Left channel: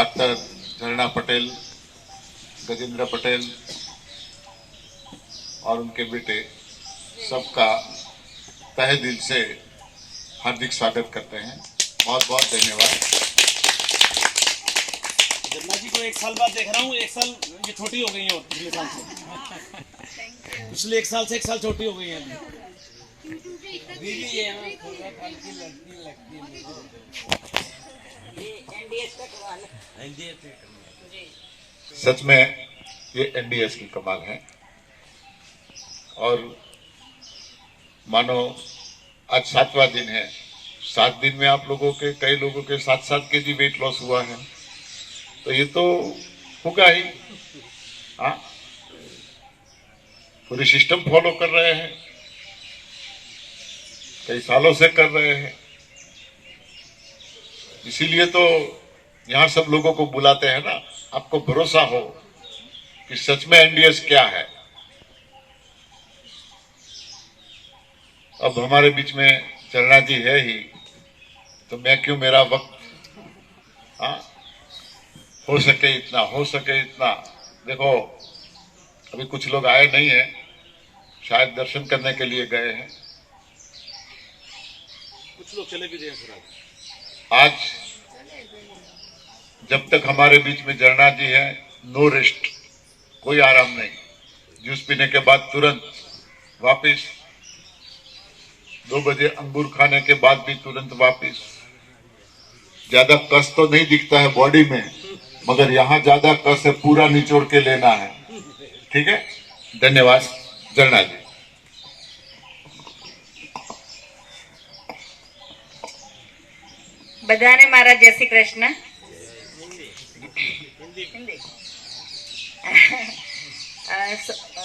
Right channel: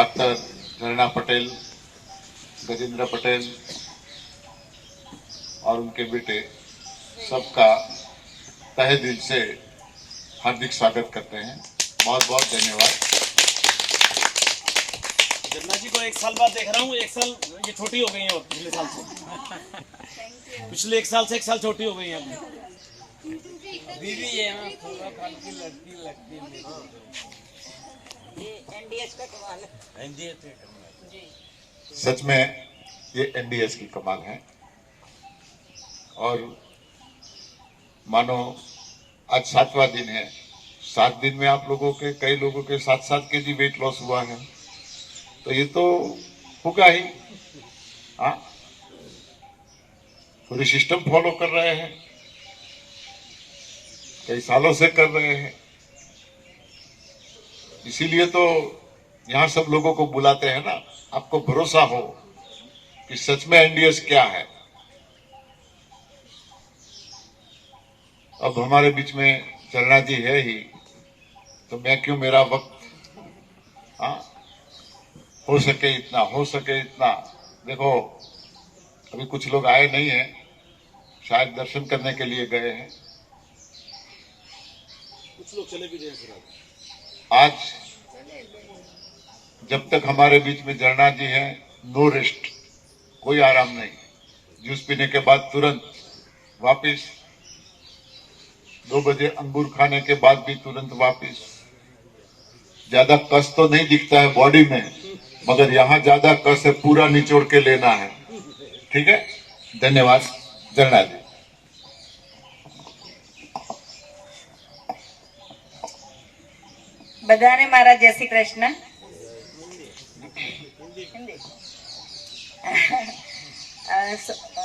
Doctor झरना पटेल, गजेंद्र पटेल और उनके बेटे सबका तहे दिल से हार्दिक स्वागत करते हैं। बहुत बहुत धन्यवाद। झरना जी को 1 साल बाद देख रहा हूँ। 1 साल ये छोटी हो गई है और पिछले साल से पिछले 1 साल से 1 साल छोटी हो गई है अभी। बीवी है ना, थोड़ा लड़की लगती है मेरी। ये एनडीएस का कमाल है। एनडीएस का कमाल जी। सच में ये एनडीएस की कमाल है। और मानो आज 7वां दिन है। 7 दिन में आप लोगों के, कई लोगों के 7-7 केजी वेट लॉस हुआ है, तो ये तो होगा ही। हाँ, पूरी सिस्टम फॉलो कर रहे हैं, कई सालों से कर रहे हैं, इसीलिए तो यहां सब लोगों को बुलाते हैं ना, आपको भरोसा हो कि सच में एनडीएस क्या है। अब हमारे बीच में झरना जी है ही, तो मैं क्यों, मेरा वक्त हो सके इतना। देखो, अभी कुछ लोग आए नहीं हैं, शायद दर्शन करने के लिए गए हैं, कुछ लोग चले भी गए फिर। आज जब तक हमारे बीच में झरना जी है, नो रेस्ट, कोई आराम नहीं। जूस पीने के बाद तुरंत वापिस, 2 बजे अंगूर खाने के बाद भी तुरंत वापिस। ज्यादा कस तो नहीं दिखता है बॉडी में, मगर यहाँ ज्यादा कस है, पूरा निचोड़ के लेना है। ठीक है, धन्यवाद झरना जी। बधाने मारा जय श्री कृष्ण।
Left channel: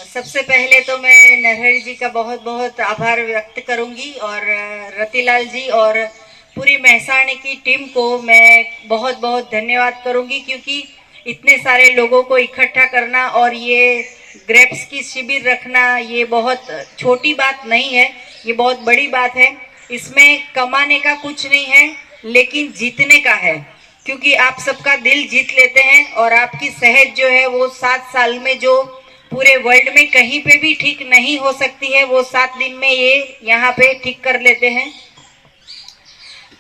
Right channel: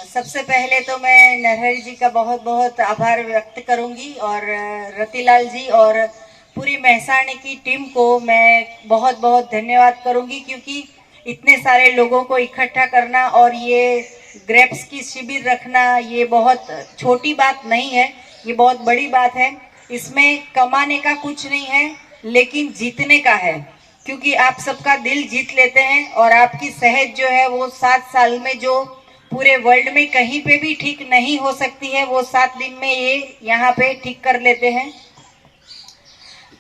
सबसे पहले तो मैं नरहरि जी का बहुत बहुत आभार व्यक्त करूंगी और रतिलाल जी और पूरी महसाणी की टीम को मैं बहुत बहुत धन्यवाद करूंगी, क्योंकि इतने सारे लोगों को इकट्ठा करना और ये ग्रेप्स की शिविर रखना, ये बहुत छोटी बात नहीं है, ये बहुत बड़ी बात है। इसमें कमाने का कुछ नहीं है, लेकिन जीतने का है, क्योंकि आप सबका दिल जीत लेते हैं और आपकी सेहत जो है वो 7 साल में, जो पूरे वर्ल्ड में कहीं पे भी ठीक नहीं हो सकती है, वो 7 दिन में ये यहाँ पे ठीक कर लेते हैं।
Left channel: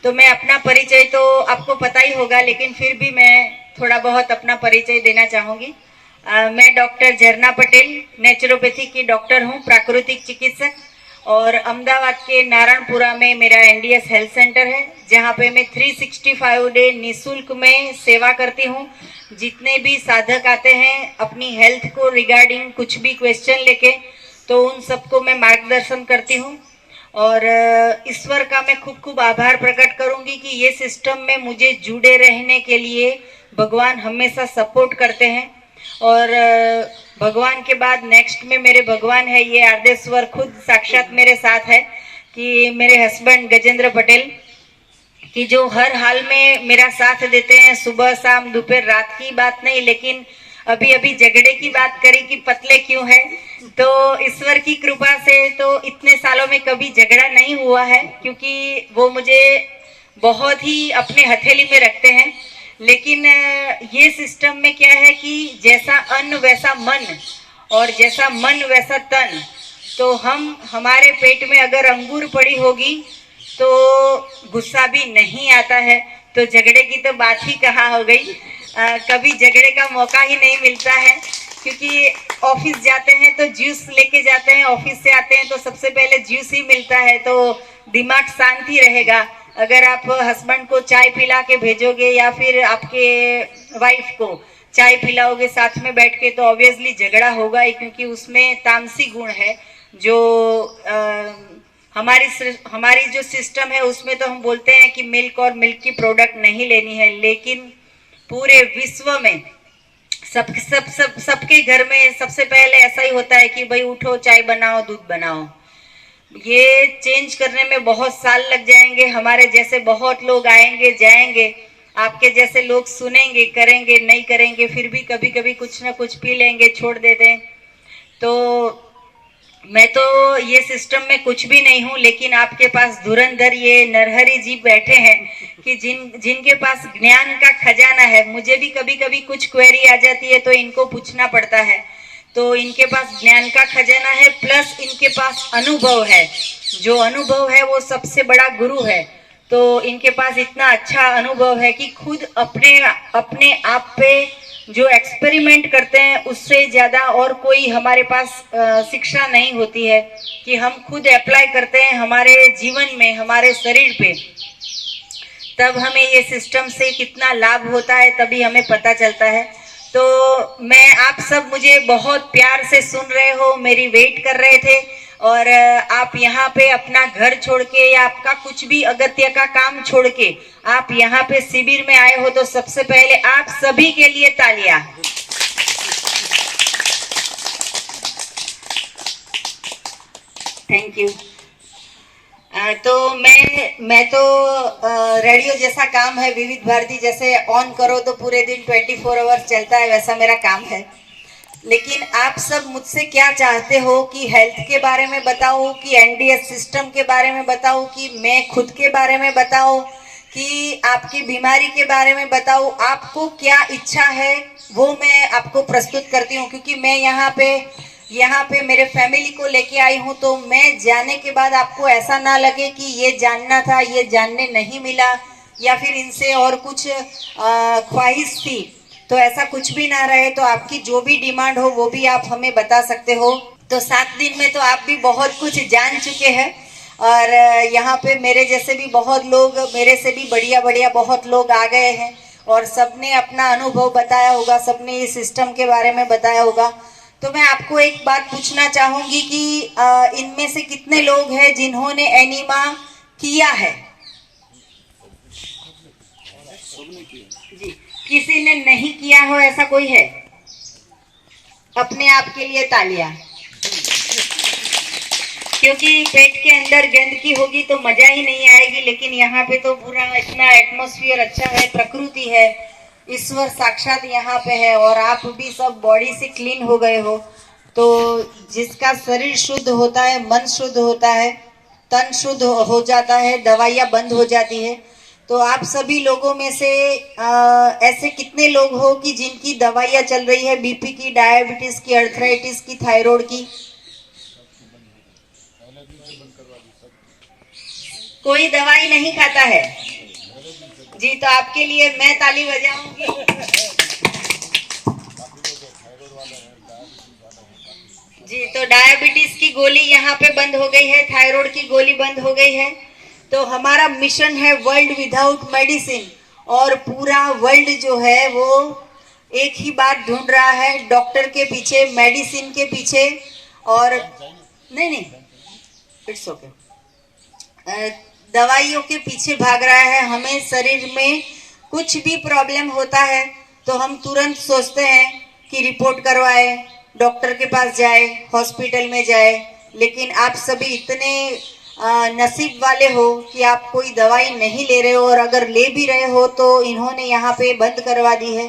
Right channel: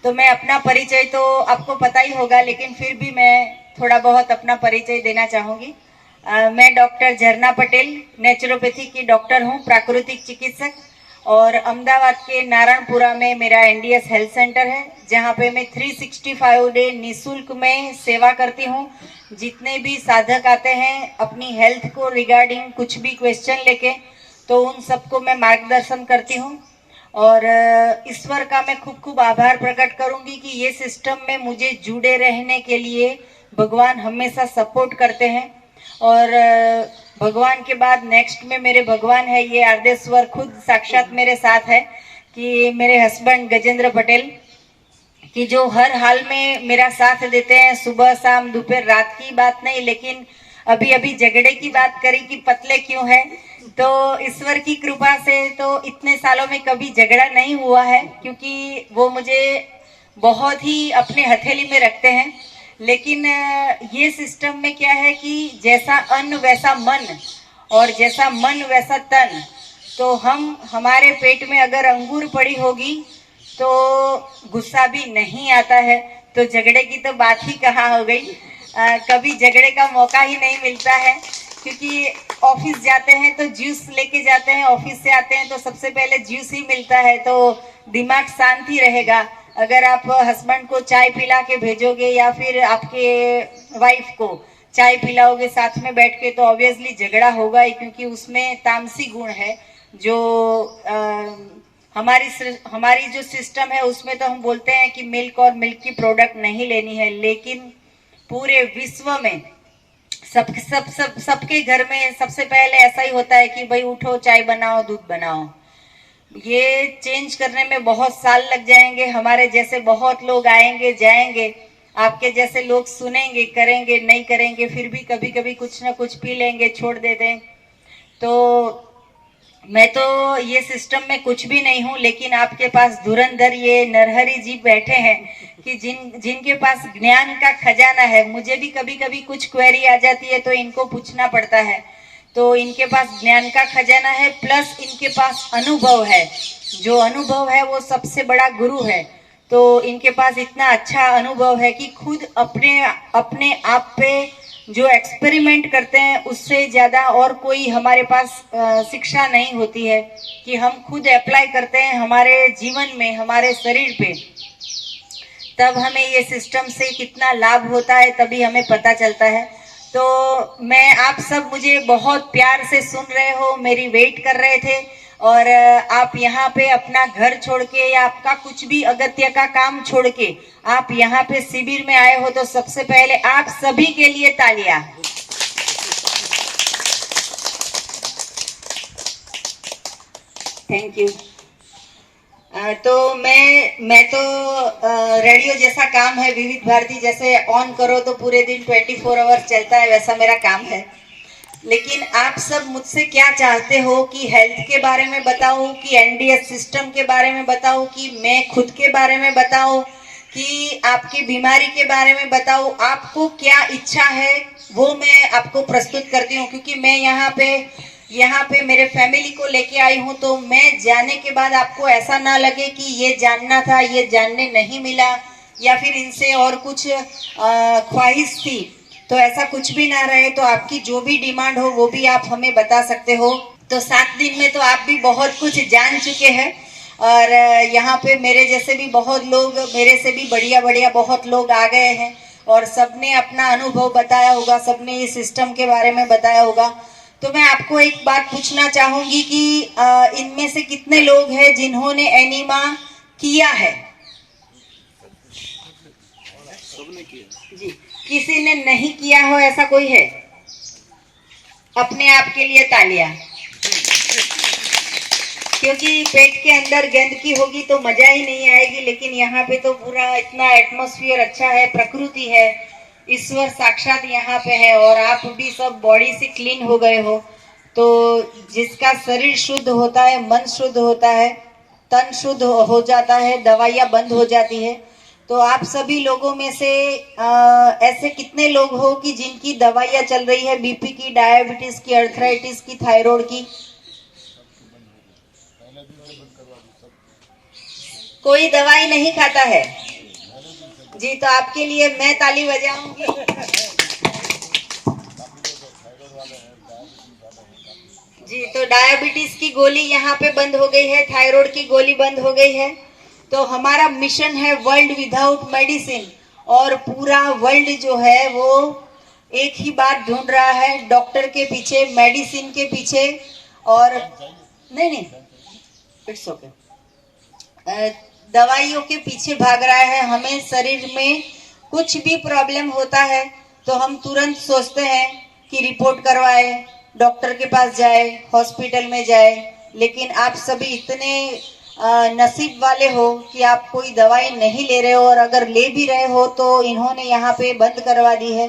तो मैं अपना परिचय तो आपको पता ही होगा, लेकिन फिर भी मैं थोड़ा बहुत अपना परिचय देना चाहूंगी। मैं डॉक्टर झरना पटेल, नेचुरोपैथी की डॉक्टर हूँ, प्राकृतिक चिकित्सक, और अहमदाबाद के नारायणपुरा में मेरा एनडीएस हेल्थ सेंटर है, जहाँ पे मैं 365 डे निःशुल्क में सेवा करती हूँ। जितने भी साधक आते हैं अपनी हेल्थ को रिगार्डिंग कुछ भी क्वेश्चन लेके, तो उन सबको मैं मार्गदर्शन करती हूँ। और ईश्वर का मैं खूब खूब आभार प्रकट करूंगी कि ये सिस्टम में मुझे जुड़े रहने के लिए भगवान हमेशा सपोर्ट करते हैं। और भगवान के बाद नेक्स्ट में मेरे भगवान है, ये आर्देश्वर खुद साक्षात मेरे साथ है, कि मेरे हस्बैंड गजेंद्र पटेल, कि जो हर हाल में मेरा साथ देते हैं, सुबह शाम दोपहर रात की बात नहीं, लेकिन अभी अभी झगड़े की बात करी कि पतले क्यों है, तो ईश्वर की कृपा से तो इतने सालों में कभी झगड़ा नहीं हुआ है, क्योंकि वो मुझे बहुत ही अपने हथेली में रखते हैं। लेकिन ये सिस्टम में क्या है कि जैसा अन्न वैसा मन, और जैसा मन वैसा तन। तो हमारे पेट में अगर अंगूर पड़ी होगी तो गुस्सा भी नहीं आता है, तो झगड़े की तो बात ही कहाँ हो गई। कभी झगड़े का मौका ही नहीं मिलता है, क्योंकि ऑफिस जाते हैं तो जूस लेके जाते हैं, ऑफिस से आते हैं तो सबसे पहले जूस ही मिलता है, तो दिमाग शांत ही रहेगा। अगर आप हस्बैंड को चाय पिला के भेजोगे या फिर आपके वाइफ को चाय पिलाओगे साथ में बैठ के, तो ऑब्वियसली झगड़ा होगा ही, क्योंकि उसमें तामसी गुण है। जो हमारी जो सिस्टम है उसमें तो हम बोलते हैं कि मिल्क और मिल्क की प्रोडक्ट नहीं लेनी है, लेकिन पूरे विश्व में सबके घर में सबसे पहले ऐसा ही होता है कि भाई उठो, चाय बनाओ, दूध बनाओ। ये चेंज करने में बहुत साल लग जाएंगे। हमारे जैसे बहुत लोग आएंगे जाएंगे, आपके जैसे लोग सुनेंगे, करेंगे, नहीं करेंगे, फिर भी कभी कभी कुछ ना कुछ पी लेंगे, छोड़ देते हैं। तो मैं तो ये सिस्टम में कुछ भी नहीं हूँ, लेकिन आपके पास धुरंधर ये नरहरि जी बैठे हैं कि जिनके पास ज्ञान का खजाना है। मुझे भी कभी कभी कुछ क्वेरी आ जाती है तो इनको पूछना पड़ता है। तो इनके पास ज्ञान का खजाना है, प्लस इनके पास अनुभव है। जो अनुभव है वो सबसे बड़ा गुरु है। तो इनके पास इतना अच्छा अनुभव है कि खुद अपने अपने आप पे जो एक्सपेरिमेंट करते हैं उससे ज्यादा और कोई हमारे पास शिक्षा नहीं होती है कि हम खुद अप्लाई करते हैं हमारे जीवन में, हमारे शरीर पे, तब हमें ये सिस्टम से कितना लाभ होता है तभी हमें पता चलता है। तो मैं, आप सब मुझे बहुत प्यार से सुन रहे हो, मेरी वेट कर रहे थे, और आप यहाँ पे अपना घर छोड़ के या आपका कुछ भी अगत्य का काम छोड़ के आप यहाँ पे शिविर में आए हो, तो सबसे पहले आप सभी के लिए तालियां। Thank you. तो मैं तो रेडियो जैसा काम है, विविध भारती जैसे ऑन करो तो पूरे दिन 24 आवर्स चलता है, वैसा मेरा काम है। लेकिन आप सब मुझसे क्या चाहते हो कि हेल्थ के बारे में बताऊं, कि एनडीएस सिस्टम के बारे में बताऊं, कि मैं खुद के बारे में बताऊं, कि आपकी बीमारी के बारे में बताऊं। आपको क्या इच्छा है वो मैं आपको प्रस्तुत करती हूँ, क्योंकि मैं यहाँ पे मेरे फैमिली को लेके आई हूँ। तो मैं जाने के बाद आपको ऐसा ना लगे कि ये जानना था, ये जानने नहीं मिला, या फिर इनसे और कुछ ख्वाहिश थी, तो ऐसा कुछ भी ना रहे। तो आपकी जो भी डिमांड हो वो भी आप हमें बता सकते हो। तो 7 दिन में तो आप भी बहुत कुछ जान चुके हैं, और यहाँ पे मेरे जैसे भी बहुत लोग, मेरे से भी बढ़िया बहुत लोग आ गए हैं, और सबने अपना अनुभव बताया होगा, सबने इस सिस्टम के बारे में बताया होगा। तो मैं आपको एक बात पूछना चाहूंगी कि इनमें से कितने लोग हैं जिन्होंने एनीमा किया है? जी, किसी ने नहीं किया हो ऐसा कोई है? अपने आप के लिए तालियां। क्योंकि पेट के अंदर गंदगी होगी तो मजा ही नहीं आएगी, लेकिन यहाँ पे तो पूरा इतना एटमॉस्फेयर अच्छा है, प्रकृति है, ईश्वर साक्षात यहाँ पे है, और आप भी सब बॉडी से क्लीन हो गए हो। तो जिसका शरीर शुद्ध होता है, मन शुद्ध होता है, तन शुद्ध हो जाता है, दवाइयाँ बंद हो जाती है। तो आप सभी लोगों में से ऐसे कितने लोग हो कि जिनकी दवाइयाँ चल रही है, बीपी की, डायबिटीज की, अर्थराइटिस की, थायराइड की? कोई दवाई नहीं खाता है जी? तो आपके लिए मैं ताली बजाऊंगी। जी, तो डायबिटीज की गोली यहाँ पे बंद हो गई है, थायराइड की गोली बंद हो गई है। तो हमारा मिशन है वर्ल्ड विदाउट मेडिसिन, और पूरा वर्ल्ड जो है वो एक ही बात ढूंढ रहा है, डॉक्टर के पीछे, मेडिसिन के पीछे। और नहीं, इट्स ओके, दवाइयों के पीछे भाग रहा है। हमें शरीर में कुछ भी प्रॉब्लम होता है तो हम तुरंत सोचते हैं कि रिपोर्ट करवाए, डॉक्टर के पास जाए, हॉस्पिटल में जाए। लेकिन आप सभी इतने नसीब वाले हो कि आप कोई दवाई नहीं ले रहे हो, और अगर ले भी रहे हो तो इन्होंने यहाँ पे बंद करवा दी है।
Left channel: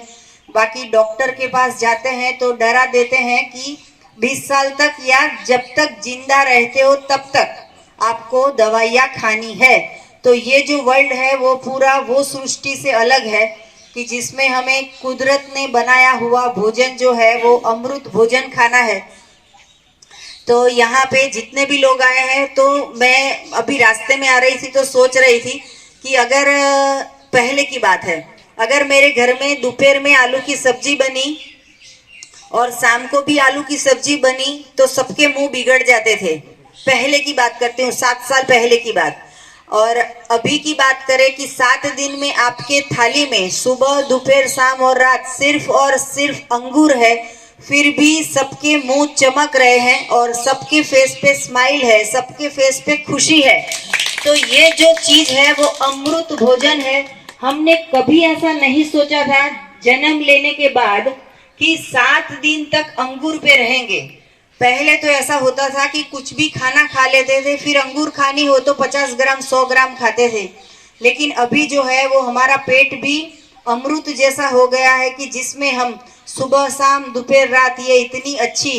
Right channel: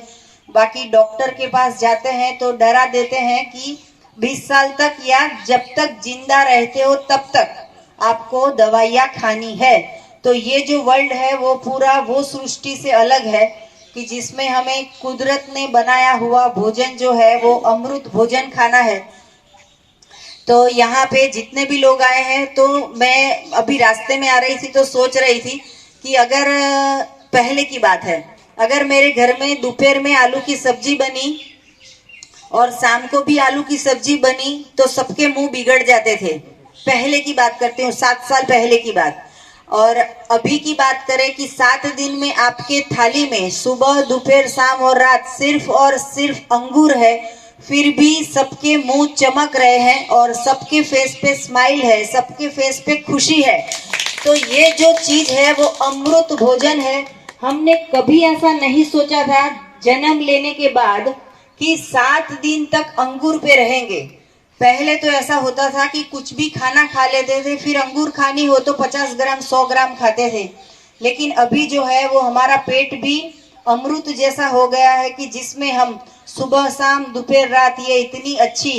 बाकी डॉक्टर के पास जाते हैं तो डरा देते हैं कि 20 साल तक या जब तक जिंदा रहते हो तब तक आपको दवाइयाँ खानी है। तो ये जो वर्ल्ड है वो पूरा वो सृष्टि से अलग है कि जिसमें हमें कुदरत ने बनाया हुआ भोजन जो है वो अमृत भोजन खाना है। तो यहाँ पे जितने भी लोग आए हैं, तो मैं अभी रास्ते में आ रही थी तो सोच रही थी कि अगर पहले की बात है, अगर मेरे घर में दोपहर में आलू की सब्जी बनी और शाम को भी आलू की सब्जी बनी तो सबके मुंह बिगड़ जाते थे। पहले की बात करते हूँ, 7 साल पहले की बात। और अभी की बात करें कि 7 दिन में आपके थाली में सुबह, दोपहर, शाम और रात सिर्फ और सिर्फ अंगूर है, फिर भी सबके मुंह चमक रहे हैं और सबके फेस पे स्माइल है, सबके फेस पे खुशी है। तो ये जो चीज है वो अमृत भोजन है। हमने कभी ऐसा नहीं सोचा था जन्म लेने के बाद कि 7 दिन तक अंगूर पे रहेंगे। पहले तो ऐसा होता था कि कुछ भी खाना खा लेते थे, फिर अंगूर खानी हो तो 50 ग्राम 100 ग्राम खाते थे। लेकिन अभी जो है वो हमारा पेट भी अमृत जैसा हो गया है कि जिसमें हम सुबह, शाम, दोपहर, रात ये इतनी अच्छी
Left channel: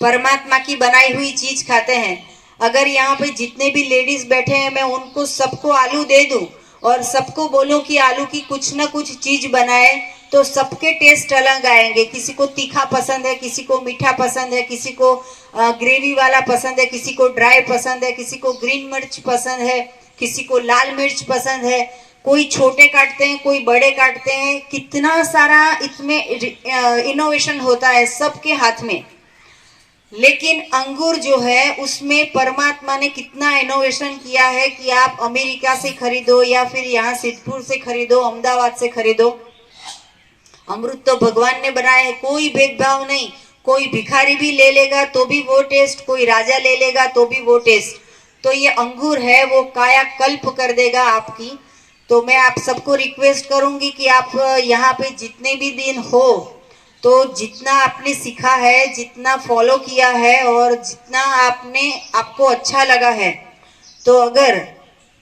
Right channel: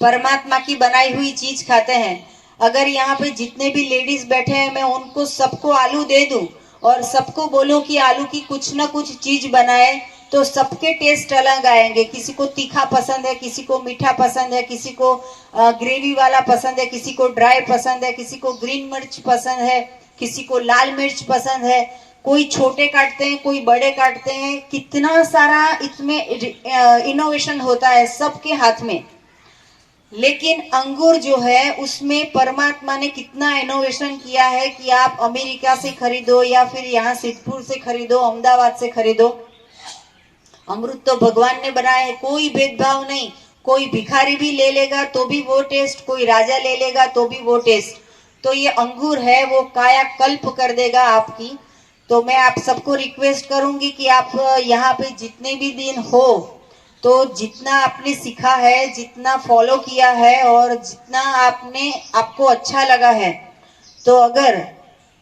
परमात्मा की बनाई हुई चीज खाते हैं। अगर यहाँ पे जितने भी लेडीज बैठे हैं, मैं उनको सबको आलू दे दूं और सबको बोलूं कि आलू की कुछ ना कुछ चीज बनाए, तो सबके टेस्ट अलग आएंगे। किसी को तीखा पसंद है, किसी को मीठा पसंद है, किसी को ग्रेवी वाला पसंद है, किसी को ड्राई पसंद है, किसी को ग्रीन मिर्च पसंद है, किसी को लाल मिर्च पसंद है। कोई छोटे काटते हैं, कोई बड़े काटते हैं। कितना सारा इसमें इनोवेशन होता है सबके हाथ में। लेकिन अंगूर जो है उसमें परमात्मा ने कितना इनोवेशन किया है कि आप अमेरिका से खरीदो या फिर यहाँ सिद्धपुर से खरीदो, अहमदाबाद से खरीदो, अमृत तो भगवान ने बनाया है। कोई भेदभाव नहीं। कोई भिखारी भी ले लेगा तो भी वो टेस्ट, कोई राजा ले लेगा तो भी वो टेस्ट। तो ये अंगूर है वो कायाकल्प कर देगा आपकी। तो मैं आप सबको रिक्वेस्ट करूंगी कि आप यहाँ पे जितने भी दिन हो, तो जितना आपने सीखा है, जितना फॉलो किया है और जितना आपको अच्छा लगा है, तो अगर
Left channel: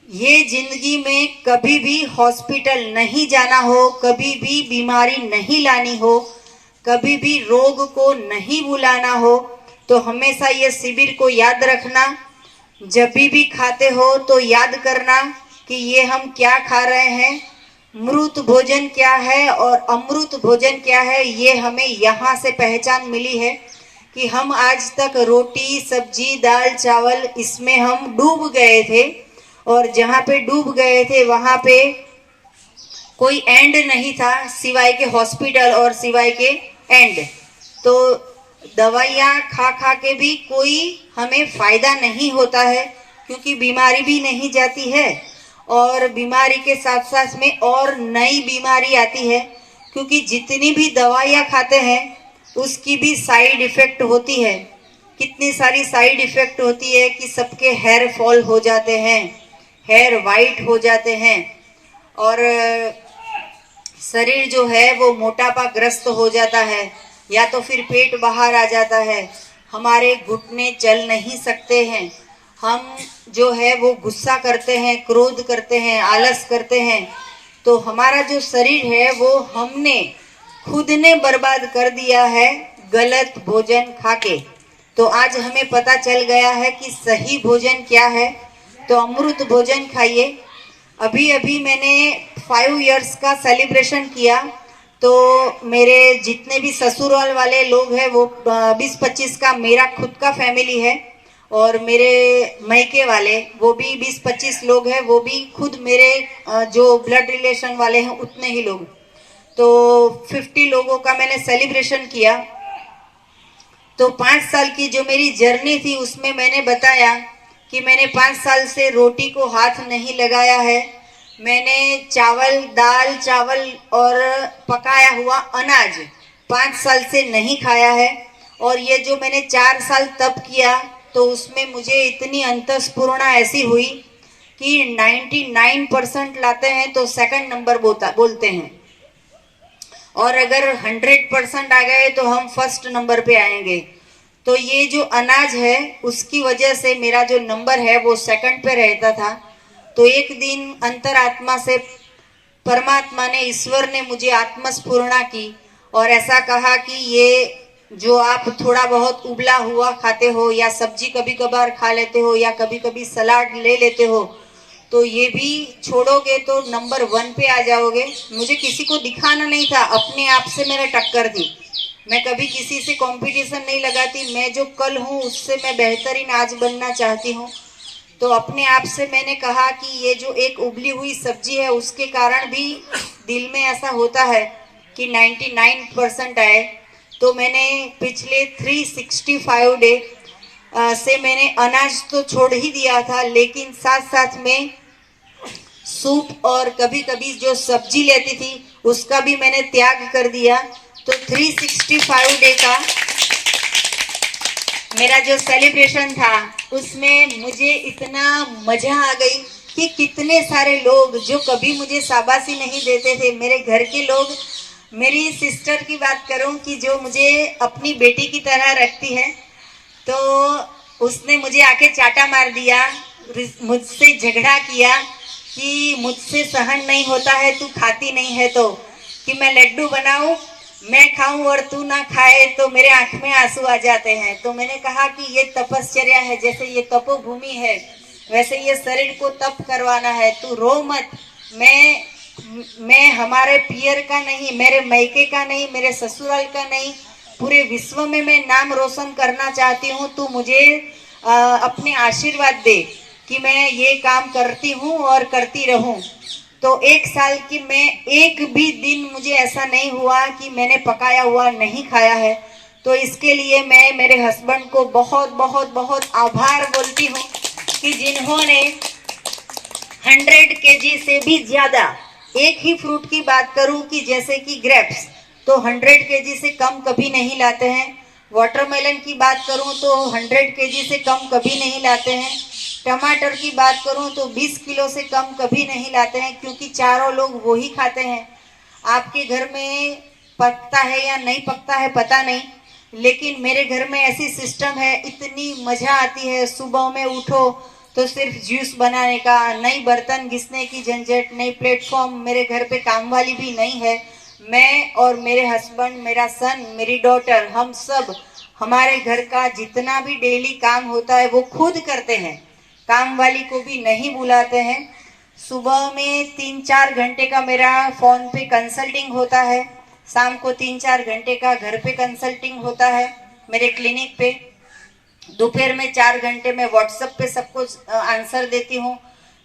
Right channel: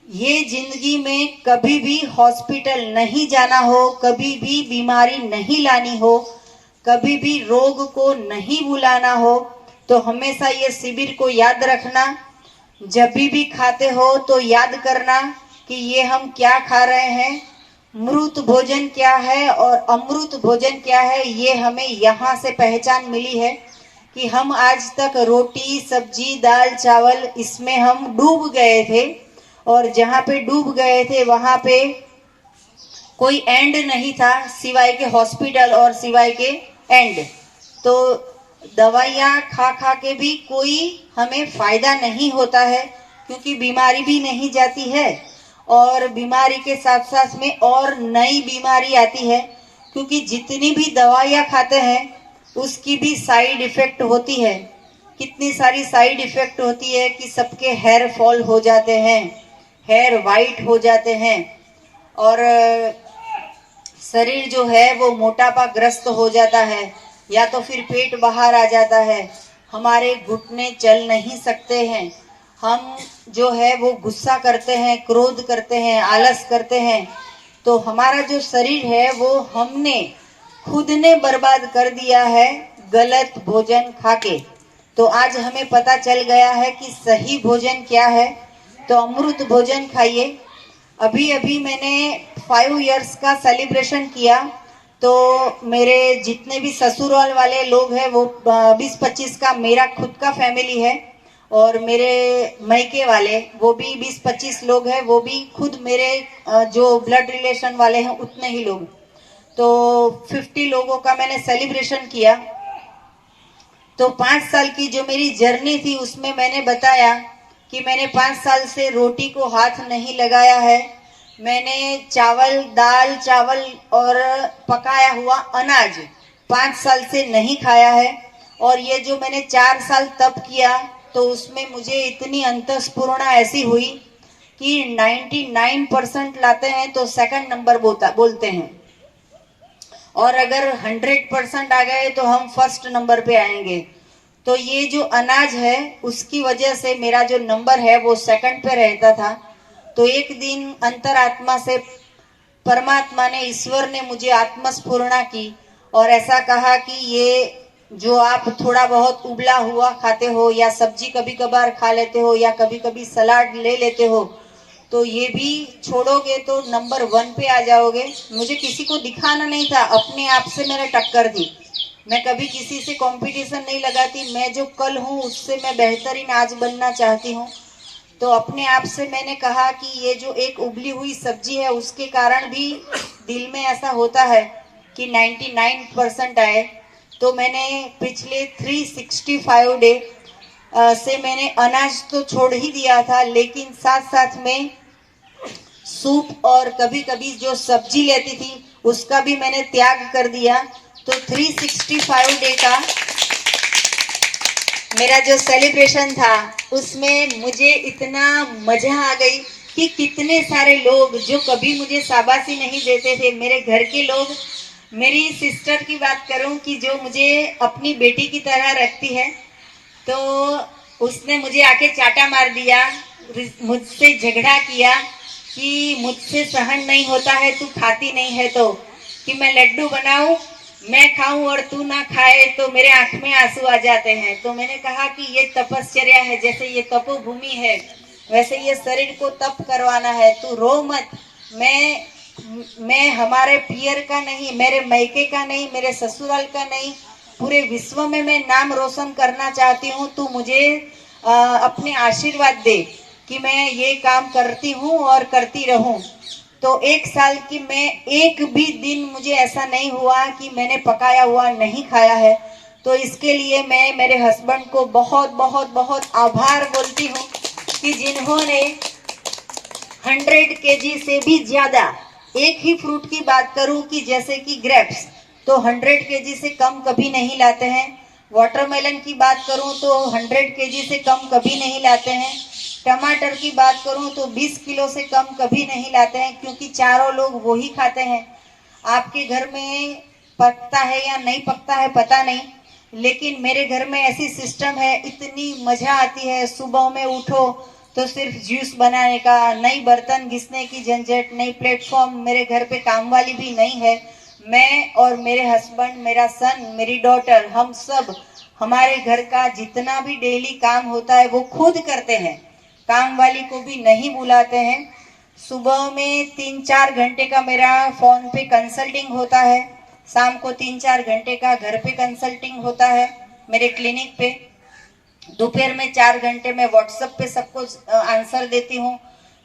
ये जिंदगी में कभी भी हॉस्पिटल नहीं जाना हो, कभी भी बीमारी नहीं लानी हो, कभी भी रोग को नहीं बुलाना हो, तो हमेशा ये शिविर को याद रखना। जब भी खाते हो तो याद करना कि ये हम क्या खा रहे हैं, मृत भोजन क्या है और अमृत भोजन क्या है। ये हमें यहाँ से पहचान मिली है कि हम आज तक रोटी, सब्जी, दाल, चावल इसमें हम डूब गए थे, और जहाँ पे डूब गए थे वहां पे कोई एंड नहीं था सिवाय के हॉस्पिटल और सिवाय के एंड। तो दवाइयाँ खा खा के भी कोई हमें फायदा नहीं होता है, क्योंकि बीमारी भी नहीं जाती है और बीमारी के साथ साथ में और नई बीमारी आती है। क्योंकि जितनी भी दवाइयाँ खाते हैं उसकी भी साइड इफेक्ट होती है। कितनी सारी साइड इफेक्ट होती है कि सबके हेयर फॉल हो जाते हैं, हेयर वाइट हो जाते हैं, और शरीर जो है वो मोटापा ग्रस्त हो जाता है, या तो फिर पेट बाहर आ जाता है, हमारे घुटने चल नहीं सकते हैं, हम जो है वो गुस्सा करते हैं, क्रोध करते हैं, आलस करते हैं। तो हमारा जो शरीर है वो हमने खुद ने बर्बाद कर दिया है गलत भोजन खाके। तो आज हमें पता चल गया है कि सही भोजन क्या है। तो अमृत भोजन खाइए। अभी अभी मैंने 5 इयर्स का सेलिब्रेशन किया, तो मेरे जितने भी ससुराल वाले लोग हैं वो 20-25 का मेरा खुद का फैमिली है, और मेरे मैके वाले वो भी 20-25 लोग हैं, वो भी खुद मेरे जो ब्लड रिलेशन वाले हैं उतने ही लोग। तो 50 लोगों का मैंने सेलिब्रेशन किया। तो 5 साल की जो मेरी जर्नी थी उसमें मैंने बताया कि मैंने 5 साल से रोटी को हाथ नहीं लगाया है। मैंने चावल, दाल चावल और पकाया हुआ अनाज 5 साल से नहीं खाया है। और ये जो मैंने 4 साल तप किया, तो उसमें मुझे इतनी अंतस्फूर्णा ऐसी हुई कि 99% लाते हैं तो सेकंड नंबर बोलते हैं, और अगर 100% आ गए तो हम फर्स्ट नंबर पे आएंगे। तो ये जो अनाज है उसकी वजह से मेरा जो नंबर है वो सेकंड पे रहता था। तो एक दिन अंतरात्मा से परमात्मा ने, ईश्वर ने मुझे आत्मस्फूर्णा की और ऐसा कहा कि ये जो आप थोड़ा बहुत उबला हुआ खाते हो, या सब्जी कभी कभार खा लेते हो, या कभी कभी सलाद ले लेते हो, तो ये भी छोड़ोगे तो नंबर 1 पे आ जाओगे। मुझे किसी को दिखाना नहीं था, अपने आप से मैंने टक्कर दी। मैं कभी किसी से कंपटीशन नहीं लगाती। मैं जो कल हूँ उससे मैं बेहतरीन आज बनना चाहती हूँ। तो अपने आप से मैंने कहा कि ये जो एक उबली हुई सब्जी है उसके कारण भी दिल में ऐसा होता है कि 99% आए। तो मैंने पिछले 365 डे से मैंने अनाज तो छोड़ ही दिया था, लेकिन साथ साथ में सूप और कभी कभी जो सब्जी लेती थी उसका भी मैंने त्याग कर दिया। तो 365 डे का मेरा जो सेलिब्रेशन था उसमें मुझे इतना मजा आ गई कि कितने सारे लोग जो कभी मुझे शाबाशी नहीं देते थे, मेरे घर के लोग, मेरी सिस्टर की बात करूं कि जो मुझे अपनी बेटी की तरह रखती है, तो उसने मुझे आके चाटा मार दिया, मुझसे झगड़ा किया कि मुझसे सहन नहीं होता है, तू खाती नहीं है तो, कि मैं लड्डू बनाऊं, मैं खाऊं और तू ना खाए तो मेरे आंख में आंसू आ जाते हैं। तो मैंने कहा कि ये तपश्चर्या है, जैसे ये तपोभूमि है वैसे ये शरीर को तप करवाना है। तू रो मत। मैं हमारे पियर का नहीं, मेरे मैके का नहीं, मेरे ससुराल का नहीं, पूरे विश्व में मैं नाम रोशन करना चाहती हूँ। तू मुझे अपने आशीर्वाद दे कि मैं ये काम करती हूँ और करती रहूं। तो 1 साल की मैं एक भी दिन मुझे ऐसा नहीं हुआ कि मैंने पकाया हुआ नहीं खाया है। तो इसके लिए मैं मेरे हस्बैंड को बहुत बहुत बहुत आभार बोलती हूँ कि जिन्होंने 100 kg से भी ज्यादा, एक ही फ्रूट की बात करूं कि जैसे कि ग्रेप्स तो 100 kg से कम कभी नहीं लाते हैं। वाटरमेलन की बात करूं तो 100 kg से कम कभी नहीं लाते हैं। टमाटर की बात करूं तो 20 किलो से कम कभी नहीं लाते हैं, क्योंकि चारों लोग वो ही खाते हैं। आपके घर में पकता है या नहीं पकता है पता नहीं, लेकिन मेरे घर में ऐसी सिस्टम है, इतनी मजा आती है। सुबह में उठो तो सिर्फ जूस बनाने का, नई बर्तन घिसने की झंझट, नई प्लेटफॉर्म, मेरे घर पे काम वाली भी नहीं है। मैं और मेरे हस्बैंड, मेरा सन, मेरी डॉटर, हम सब हमारे घर का जितना भी डेली काम होता है वो खुद करते हैं, काम वाली को भी नहीं बुलाते हैं। सुबह में 3-4 घंटे का मेरा फोन पे कंसल्टिंग होता है, शाम को 3-4 घंटे का घर पे कंसल्टिंग होता है मेरे क्लिनिक पे। दोपहर में 4 घंटे में व्हाट्सएप पे सबको आंसर देती हूँ।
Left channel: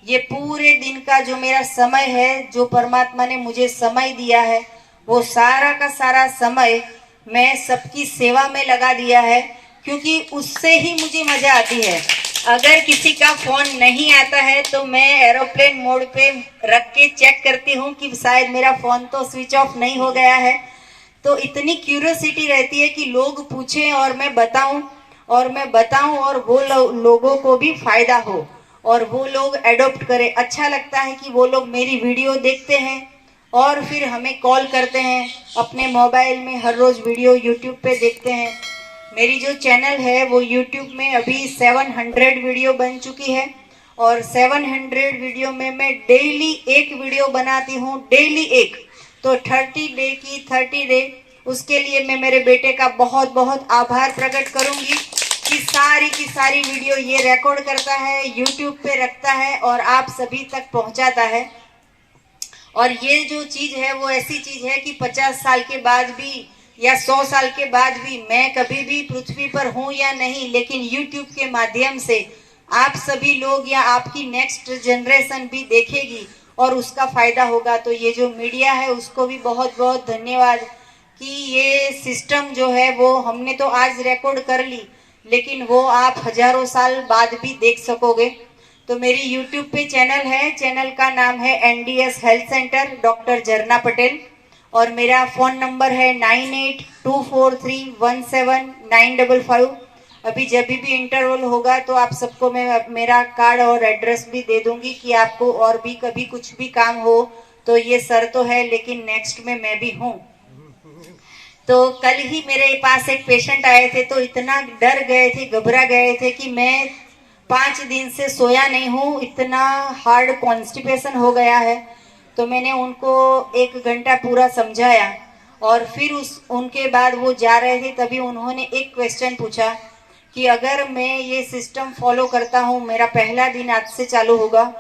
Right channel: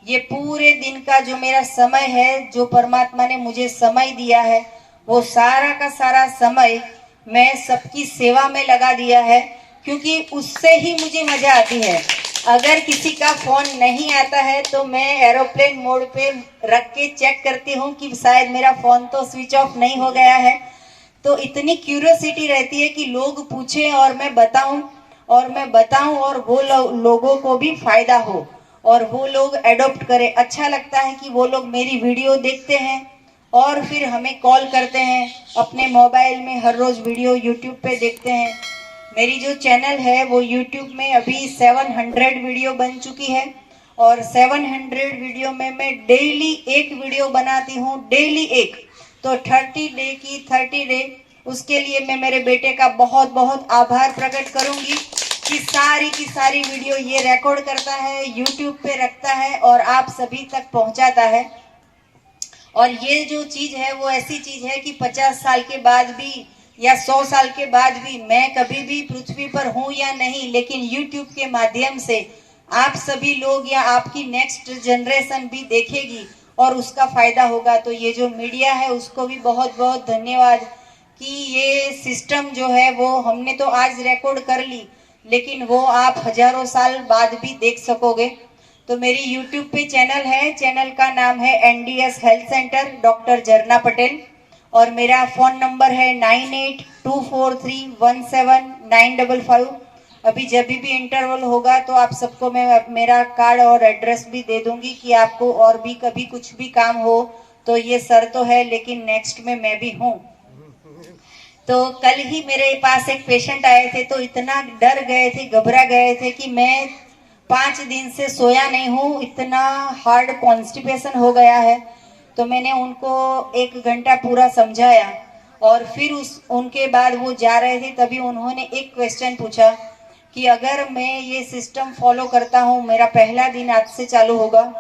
ये पूरे दिन का जो मेरा समय है, जो परमात्मा ने मुझे समय दिया है, वो सारा का सारा समय मैं सबकी सेवा में लगा दिया है, क्योंकि उससे ही मुझे मजा आती है। अगर किसी का फोन नहीं आता है तो मैं एरोप्लेन मोड पे रख के चेक करती हूँ कि शायद मेरा फोन तो स्विच ऑफ नहीं हो गया है। तो इतनी क्यूरियोसिटी रहती है कि लोग पूछें और मैं बताऊं और वो लोगों को भी फायदा हो और वो लोग एडॉप्ट करें। अच्छा लगता है कि वो लोग मेरी वीडियो देखते हैं और फिर हमें कॉल करते हैं, अपने मोबाइल में हर रोज वीडियो यूट्यूब पे देखते हैं। मेरी जो चैनल है वो यूट्यूब में अभी 700 वीडियो बन चुकी है और 700 वीडियो में मैं डेली एक वीडियो बनाती हूँ, डेली एक। तो 30 डे की 30 डे, उसके लिए मैं मेरे बेटे का बहुत बहुत आभार प्रकट करूंगी कि सारी की सारी वीडियो ये रिकॉर्ड करता है, यूट्यूब पे रखता है और आप सभी तक पहुंचाता है। और ये जो चीज है वो ऐसी चीज है कि 50 साल के बाद भी या 100 साल के बाद भी मैं कभी भी पृथ्वी पर हूं या नहीं, लेकिन यूट्यूब के माध्यम से आप सभी लोग या आपकी नेक्स्ट जनरेशन भी देखेगी और उसका फायदा होगा। तो ये जो मीडिया है उसको भी बहुत बहुत धन्यवाद कि ये सिस्टम जो है वो हमने तो आज रिकॉर्ड कर ली, लेकिन वो आप हजारों साल बाद भी देख सकोगे। तो मेरी यूट्यूब पे चैनल है, चैनल का नाम है NDS हेल्थ सेंटर डॉक्टर झरना पटेल और मेरा फोन नंबर है 9824317955। अभी जब भी इंटरवल होगा तो आप सबको मैं मेरा कार्ड और एड्रेस भी दे दूंगी कि आपको और भी कभी कुछ भी काम हो तो ये सर तो है, लेकिन नेक्स्ट में मैं भी हूँ। तो कल ही मेरे पास एक पेशेंट आए थे तो इतना डर गए थे, घबरा गए थे कि मैं 5 दिन से सोया नहीं हूँ, इतना हार्ड कॉन्स्टिपेशन हो गया है। तो मैंने उनको 1 घंटा पूरा समझाया और फिर उनके बाद वो जा रहे थे, तभी उन्होंने एक क्वेश्चन पूछा कि अगर मैं ये सिस्टम फॉलो करता हूँ, मेरा पहला दिन आज से चालू होगा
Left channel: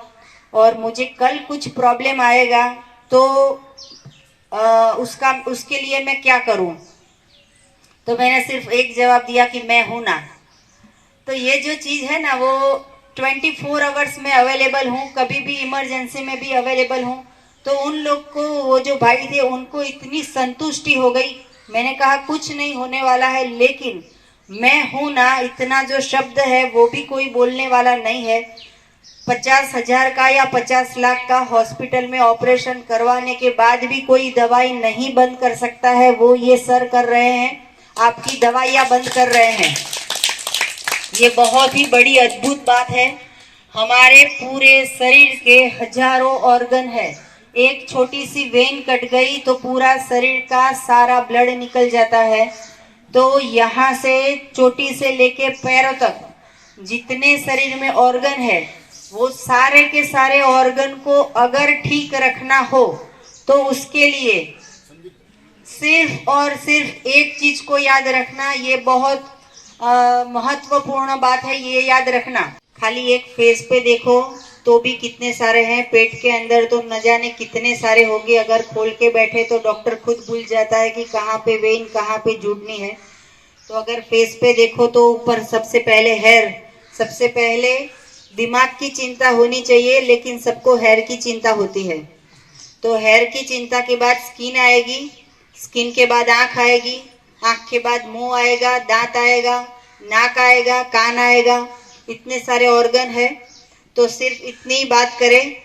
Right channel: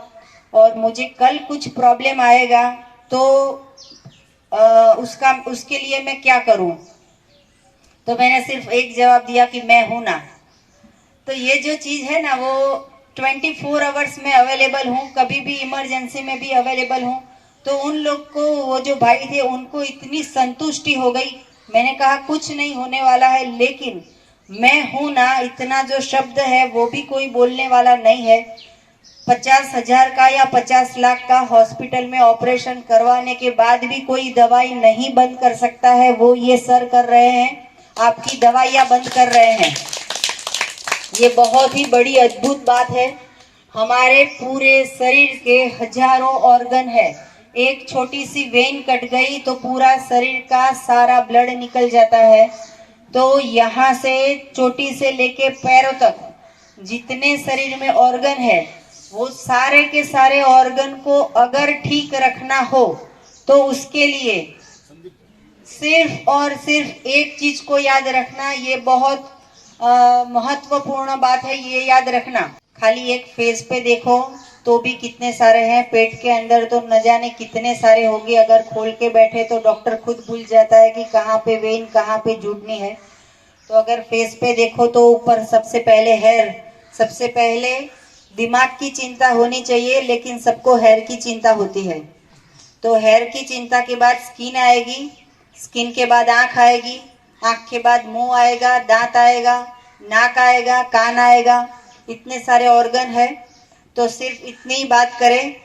और मुझे कल कुछ प्रॉब्लम आएगा तो उसके लिए मैं क्या करूं? तो मैंने सिर्फ एक जवाब दिया कि मैं हूं ना। तो ये जो चीज है ना वो 24 आवर्स में अवेलेबल हूँ, कभी भी इमरजेंसी में भी अवेलेबल हूँ। तो उन लोग को, वो जो भाई थे उनको इतनी संतुष्टि हो गई। मैंने कहा कुछ नहीं होने वाला है, लेकिन मैं हूं ना, इतना जो शब्द है वो भी कोई बोलने वाला नहीं है। 50,000 का या 50 लाख का हॉस्पिटल में ऑपरेशन करवाने के बाद भी कोई दवाई नहीं बंद कर सकता है, वो ये सर कर रहे हैं, आपकी दवाइयां बंद कर रहे हैं। ये बहुत ही बड़ी अद्भुत बात है। हमारे पूरे शरीर के हजारों ऑर्गन है, एक छोटी सी वेन कट गई तो पूरा शरीर का सारा ब्लड निकल जाता है। तो यहाँ से चोटी से लेके पैरों तक जितने शरीर में ऑर्गन है वो सारे के सारे ऑर्गन को अगर ठीक रखना हो तो उसके लिए सिर्फ और सिर्फ एक चीज को याद रखना, ये बहुत महत्वपूर्ण बात है, ये याद रखना। खाली एक फेस पे देखो तो भी कितने सारे हैं, पेट के अंदर तो न जाने कितने सारे होंगे। अगर खोल के बैठे तो डॉक्टर खुद भूल जाता है कि कहाँ पे वेन कहाँ पे जुड़नी है। तो अगर फेस पे देखो तो ऊपर सबसे पहले हेयर, सबसे पहले दिमाग की चिंता होनी चाहिए, लेकिन सबको हेयर की चिंता होती है। तो हेयर की चिंता के बाद स्किन आएगी, स्किन के बाद आंख आएगी, आंख के बाद मुंह आएगा, दांत आएगा, नाक आएगा, कान आएगा, इतने सारे ऑर्गन है। तो सिर्फ इतनी ही बात करें,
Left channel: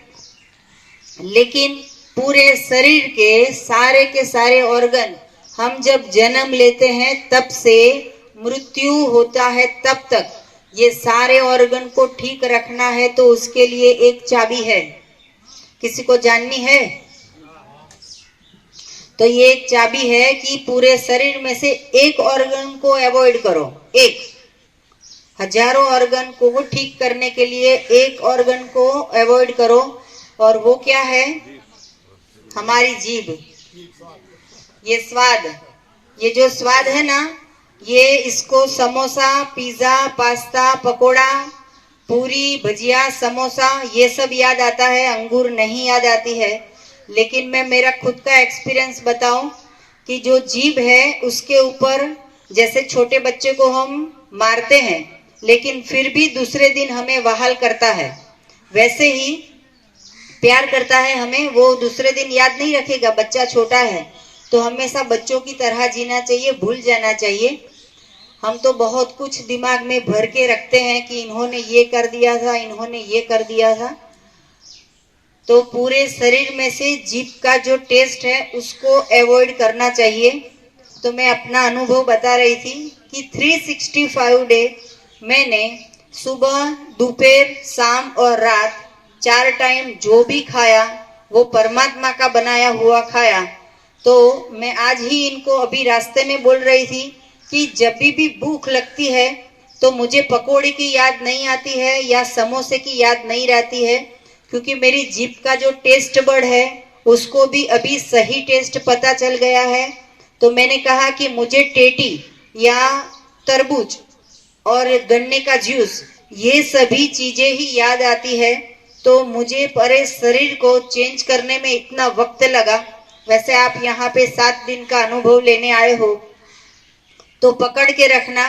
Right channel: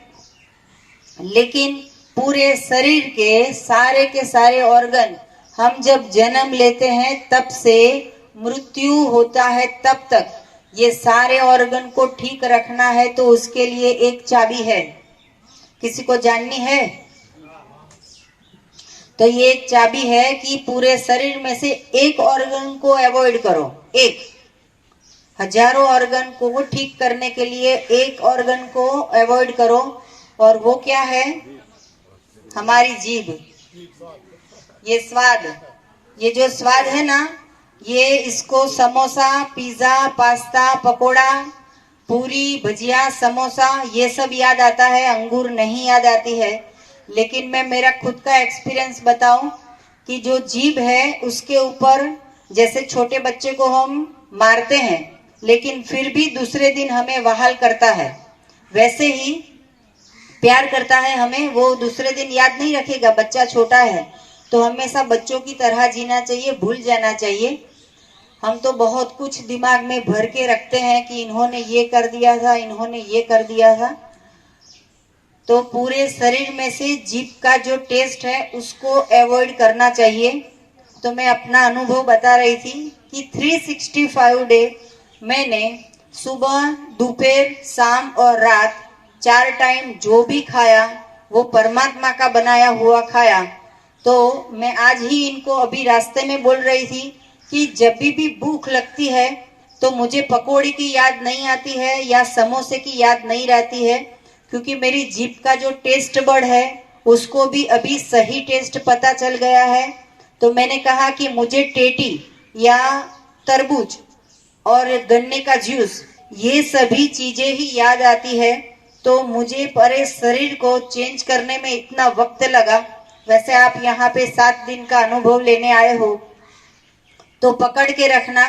लेकिन पूरे शरीर के सारे ऑर्गन हम जब जन्म लेते हैं तब से मृत्यु होता है तब तक ये सारे ऑर्गन को ठीक रखना है। तो उसके लिए एक चाबी है, किसी को जाननी है? तो ये एक चाबी है कि पूरे शरीर में से एक ऑर्गन को अवॉइड करो। एक हजारों ऑर्गन को ठीक करने के लिए एक ऑर्गन को अवॉइड करो, और वो क्या है? हमारी जीभ। ये स्वाद, ये जो स्वाद है ना, ये इसको समोसा, पिज्जा, पास्ता, पकोड़ा, पूरी, भजिया, समोसा ये सब याद आता है, अंगूर नहीं याद आती है। लेकिन मैं मेरा खुद का एक्सपीरियंस बताऊं कि जो जीभ है उसके ऊपर, जैसे छोटे बच्चे को हम मारते हैं लेकिन फिर भी दूसरे दिन हमें वहाल करता है, वैसे ही प्यार करता है हमें, वो दूसरे दिन याद नहीं रखेगा। बच्चा छोटा है तो हमेशा बच्चों की तरह जीना चाहिए, भूल जाना चाहिए। हम तो बहुत कुछ दिमाग में भर के रखते हैं कि इन्होंने ये कर दिया था, इन्होंने ये कर दिया था। तो पूरे शरीर में से जीभ का जो टेस्ट है उसको अवॉइड करना चाहिए। तो मैं अपना अनुभव बता रही थी कि 365 डे मैंने सुबह, दोपहर, शाम और रात 4 टाइम जो भी खाया वो परमात्मा का बनाया हुआ खाया। तो मैं आज ही इनको अभी रास्ते में बोल रही थी कि जब भी भूख लगती है तो मुझे पकौड़ी की याद नहीं आती है या समोसे की याद नहीं रहती है, क्योंकि मेरी जीभ का जो टेस्ट बड है उसको भी अभी सही टेस्ट पता चल गया है। तो मैंने कहा कि मुझे टेटी या तरबूज और गन्ने का जूस ये सभी चीजें ही याद आती है। तो मुझे पूरे शरीर को चेंज करने में इतना वक्त लगा। वैसे आप यहाँ पे 7 दिन का अनुभव लेने आए हो तो पकड़ के रखना।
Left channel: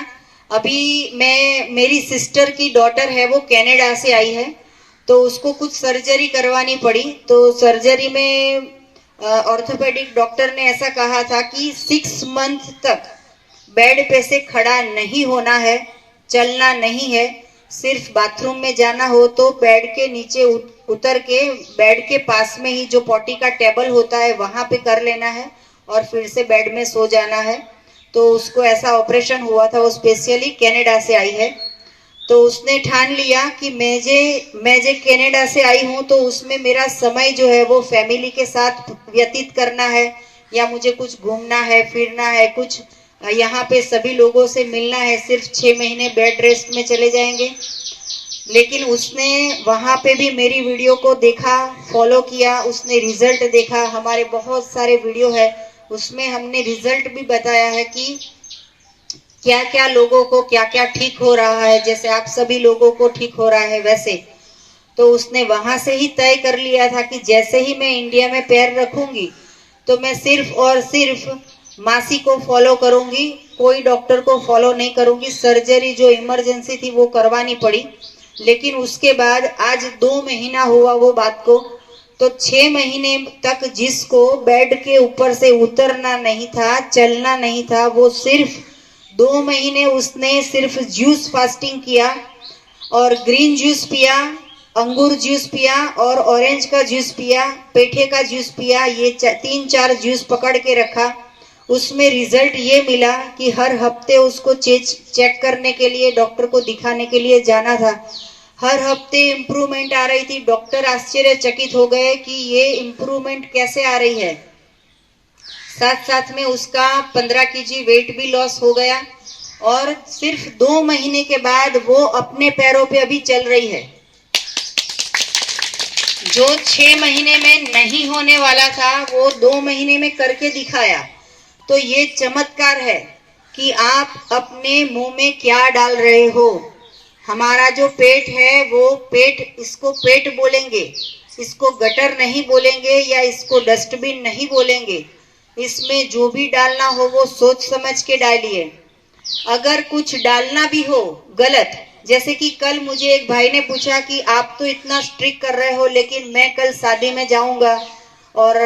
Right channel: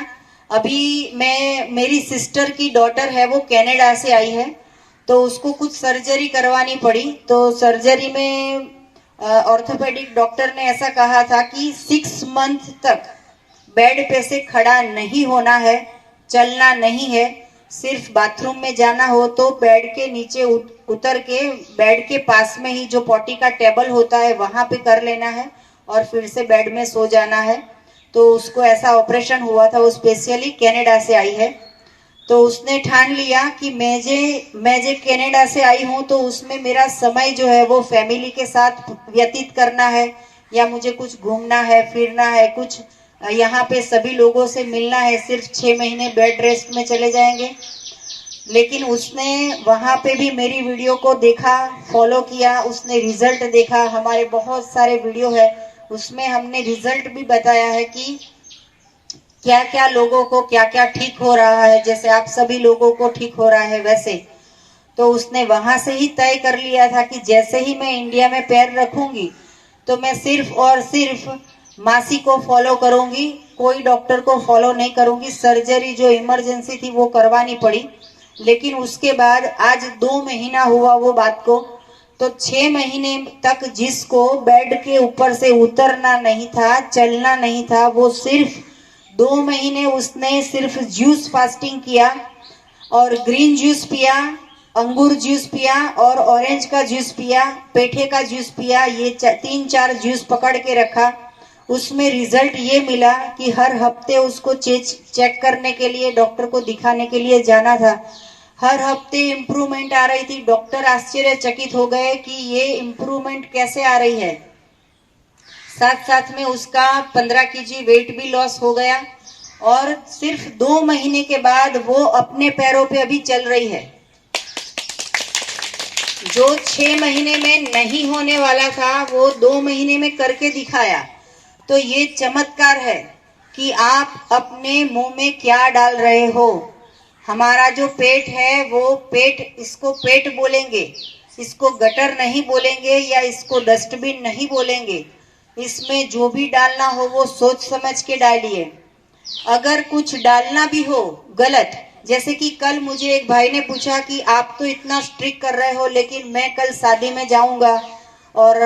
अभी मेरी सिस्टर की डॉटर है, वो कनाडा से आई है, तो उसको कुछ सर्जरी करवानी पड़ी। तो सर्जरी में ऑर्थोपेडिक डॉक्टर ने ऐसा कहा था कि 6 मंथ तक बेड पे से खड़ा नहीं होना है, चलना नहीं है, सिर्फ बाथरूम में जाना हो तो बेड के नीचे उतर के बेड के पास में ही जो पॉटी का टेबल होता है वहां पे कर लेना है और फिर से बेड में सो जाना है। तो उसको ऐसा ऑपरेशन हुआ था, वो स्पेशली कनाडा से आई है। तो उसने ठान लिया कि मैं जे कनाडा से आई हूँ तो उसमें मेरा समय जो है वो फैमिली के साथ व्यतीत करना है, या मुझे कुछ घूमना है, फिरना है, कुछ यहाँ पे सभी लोगों से मिलना है। सिर्फ 6 महीने बेड रेस्ट में चले जाएंगे। लेकिन उसने वहां पे भी मेरी वीडियो को देखा, फॉलो किया, उसने रिजल्ट देखा। हमारे बहुत सारे वीडियो है, उसमें हमने रिजल्ट भी बताया है कि क्या क्या लोगों को क्या क्या ठीक हो रहा है, जैसे आप सभी लोगों को ठीक हो रहा है वैसे। तो उसने वहां से ही तय कर लिया था कि जैसे ही मैं इंडिया में पैर रखूंगी तो मैं सिर्फ और सिर्फ मासी को फॉलो करूंगी, कोई डॉक्टर को फॉलो नहीं करूंगी। सर्जरी जो इमरजेंसी थी वो करवानी पड़ी, लेकिन उसके बाद आज 2 महीना हुआ वो बात को। तो 6 महीने तक जिसको बेड के ऊपर से उतरना नहीं था, चलना नहीं था, वो सिर्फ 2 महीने उसने सिर्फ जूस फास्टिंग किया और ग्रीन जूस पिया, अंगूर जूस पिया और ऑरेंज का जूस पिया, पेठे का जूस पिया। ये 3-4 जूस पकड़ के रखा। उसमें रिजल्ट ये मिला कि हर हफ्ते उसको चेक करने के लिए, डॉक्टर को दिखाने के लिए जाना था। हर हफ्ते इम्प्रूवमेंट आ रही थी। डॉक्टर आश्चर्यचकित हो गए कि ये इम्प्रूवमेंट कैसे आ रही है। साथ साथ में उसका 15 kg वेट भी लॉस हो गया और सिर्फ 2 महीने के बाद वो अपने पैरों पे अभी चल रही है। जो 6 महीने में नहीं होने वाला था वो 2 महीने में करके दिखाया। तो ये चमत्कार है कि आप अपने मुंह में क्या डाल रहे हो। हमारा जो पेट है वो पेट, इसको पेट बोलेंगे, इसको गटर नहीं बोलेंगे या इसको डस्टबिन नहीं बोलेंगे। इसमें जो भी डालना हो वो सोच समझ के डालिए। अगर कुछ डालना भी हो गलत, जैसे कि कल मुझे एक भाई ने पूछा कि आप तो इतना स्ट्रिक्ट कर रहे हो, लेकिन मैं कल शादी में जाऊंगा और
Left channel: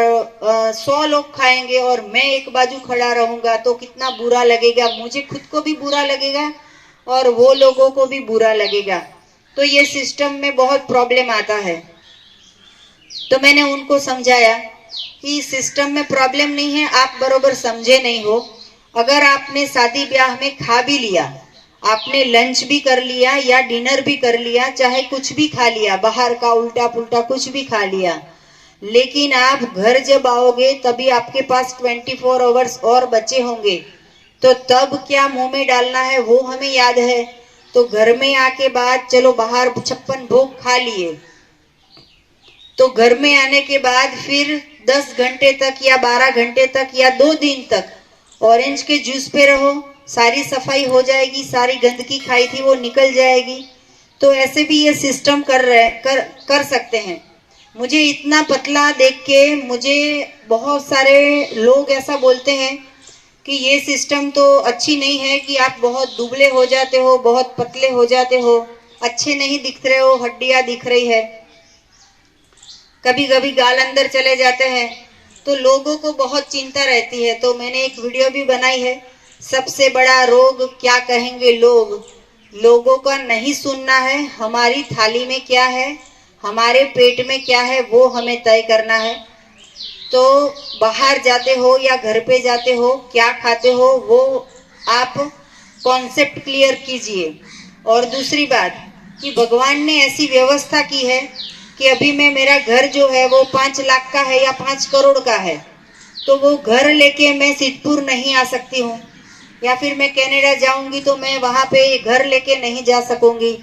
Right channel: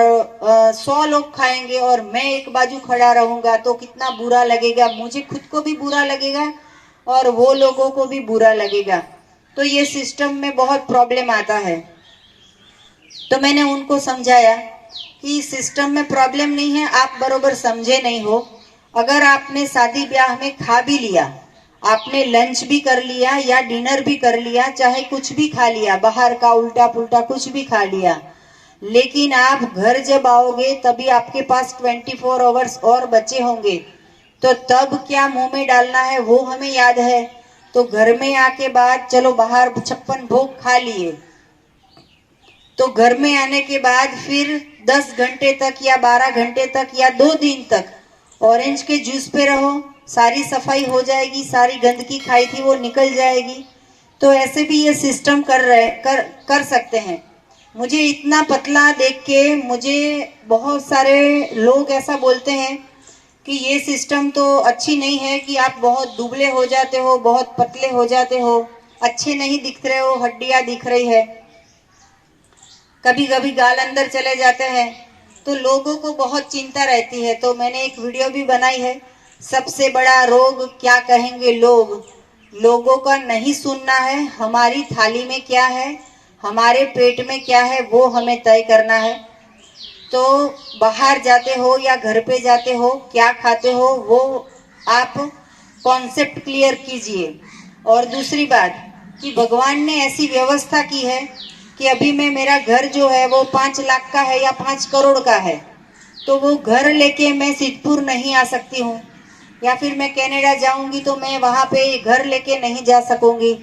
100 लोग खाएंगे और मैं एक बाजू खड़ा रहूंगा तो कितना बुरा लगेगा, मुझे खुद को भी बुरा लगेगा और वो लोगों को भी बुरा लगेगा। तो ये सिस्टम में बहुत प्रॉब्लम आता है। तो मैंने उनको समझाया कि सिस्टम में प्रॉब्लम नहीं है, आप बरोबर समझे नहीं हो। अगर आपने शादी ब्याह में खा भी लिया, आपने लंच भी कर लिया या डिनर भी कर लिया, चाहे कुछ भी खा लिया, बाहर का उल्टा पुल्टा कुछ भी खा लिया, लेकिन आप घर जब आओगे तभी आपके पास 24 आवर्स और बचे होंगे, तो तब क्या मुंह में डालना है वो हमें याद है। तो घर में आके बाद चलो बाहर 56 भोग खा लिए, तो घर में आने के बाद फिर 10 घंटे तक या 12 घंटे तक या 2 दिन तक ऑरेंज के जूस पे रहो, सारी सफाई हो जाएगी, सारी गंदगी खाई थी वो निकल जाएगी। तो ऐसे भी ये सिस्टम कर सकते हैं। मुझे इतना पतला देख के मुझे बहुत सारे लोग ऐसा बोलते हैं कि ये सिस्टम तो अच्छी नहीं है, कि आप बहुत दुबले हो जाते हो, बहुत पतले हो जाते हो, अच्छे नहीं दिख रहे हो, हड्डियां दिख रही है, कभी कभी गाल अंदर चले जाते हैं, तो लोगों को बहुत चिंता रहती है। तो मैंने एक वीडियो भी बनाई है, सबसे बड़ा रोग क्या कहेंगे लोग। लोगों का नहीं सुनना है, हमारी थाली में क्या है, हमारे पेट में क्या है वो हमें तय करना है। तो बाहर जाते हो या घर पे जाते हो, क्या खाते हो वो आप कॉन्सेप्ट क्लियर कीजिए। और दूसरी बात कि भगवान ने ऐसी व्यवस्था की है कि अभी मैं, मेरा घर जो है वो 5 लाख का है या 5 करोड़ का है, तो वो घर लेके मैं सिद्धपुर नहीं आ सकती हूँ, या फिर मैं कनाडा जाऊंगी तो मैं वहां पे घर लेके नहीं जा सकूंगी।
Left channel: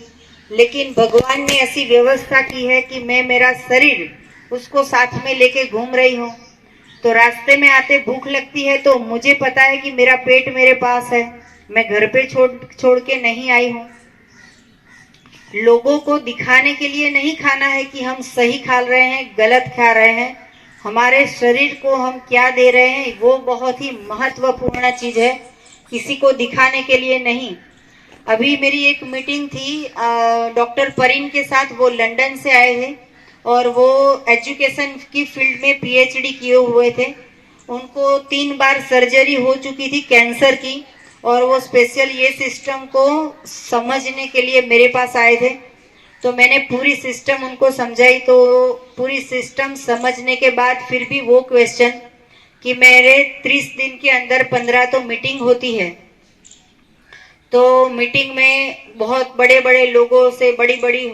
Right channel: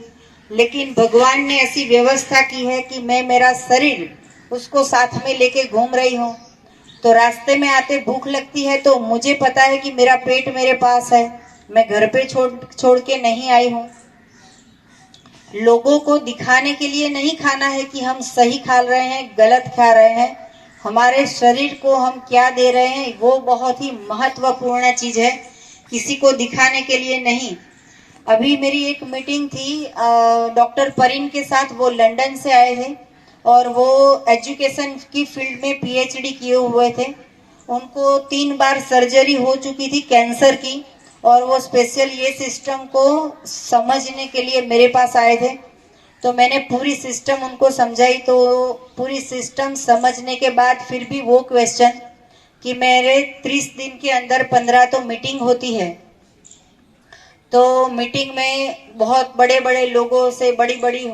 लेकिन भगवान ने ऐसी व्यवस्था की है कि मैं मेरा शरीर उसको साथ में लेके घूम रही हूँ। तो रास्ते में आते भूख लगती है तो मुझे पता है कि मेरा पेट मेरे पास है, मैं घर पे छोड़ के नहीं आई हूँ। लोगों को दिखाने के लिए नहीं खाना है कि हम सही खा रहे हैं, गलत खा रहे हैं। हमारे शरीर को हम क्या दे रहे हैं वो बहुत ही महत्वपूर्ण चीज है, किसी को दिखाने के लिए नहीं। अभी मेरी एक मीटिंग थी डॉक्टर परीन के साथ, वो लंदन से आए थे और वो एजुकेशन की फील्ड में पीएचडी किए हुए थे। उनको 3 बार सर्जरी हो चुकी थी कैंसर की, और वो स्पेशल ये सिस्टम को समझने के लिए मेरे पास आए थे। तो मैंने पूरी सिस्टम उनको समझाई। तो पूरी सिस्टम समझने के बाद फिर भी वो क्वेश्चन कि मेरे 30 दिन के अंदर 15 तो मीटिंग होती है, तो मीटिंग में बहुत बड़े बड़े लोगों से, बड़ी बड़ी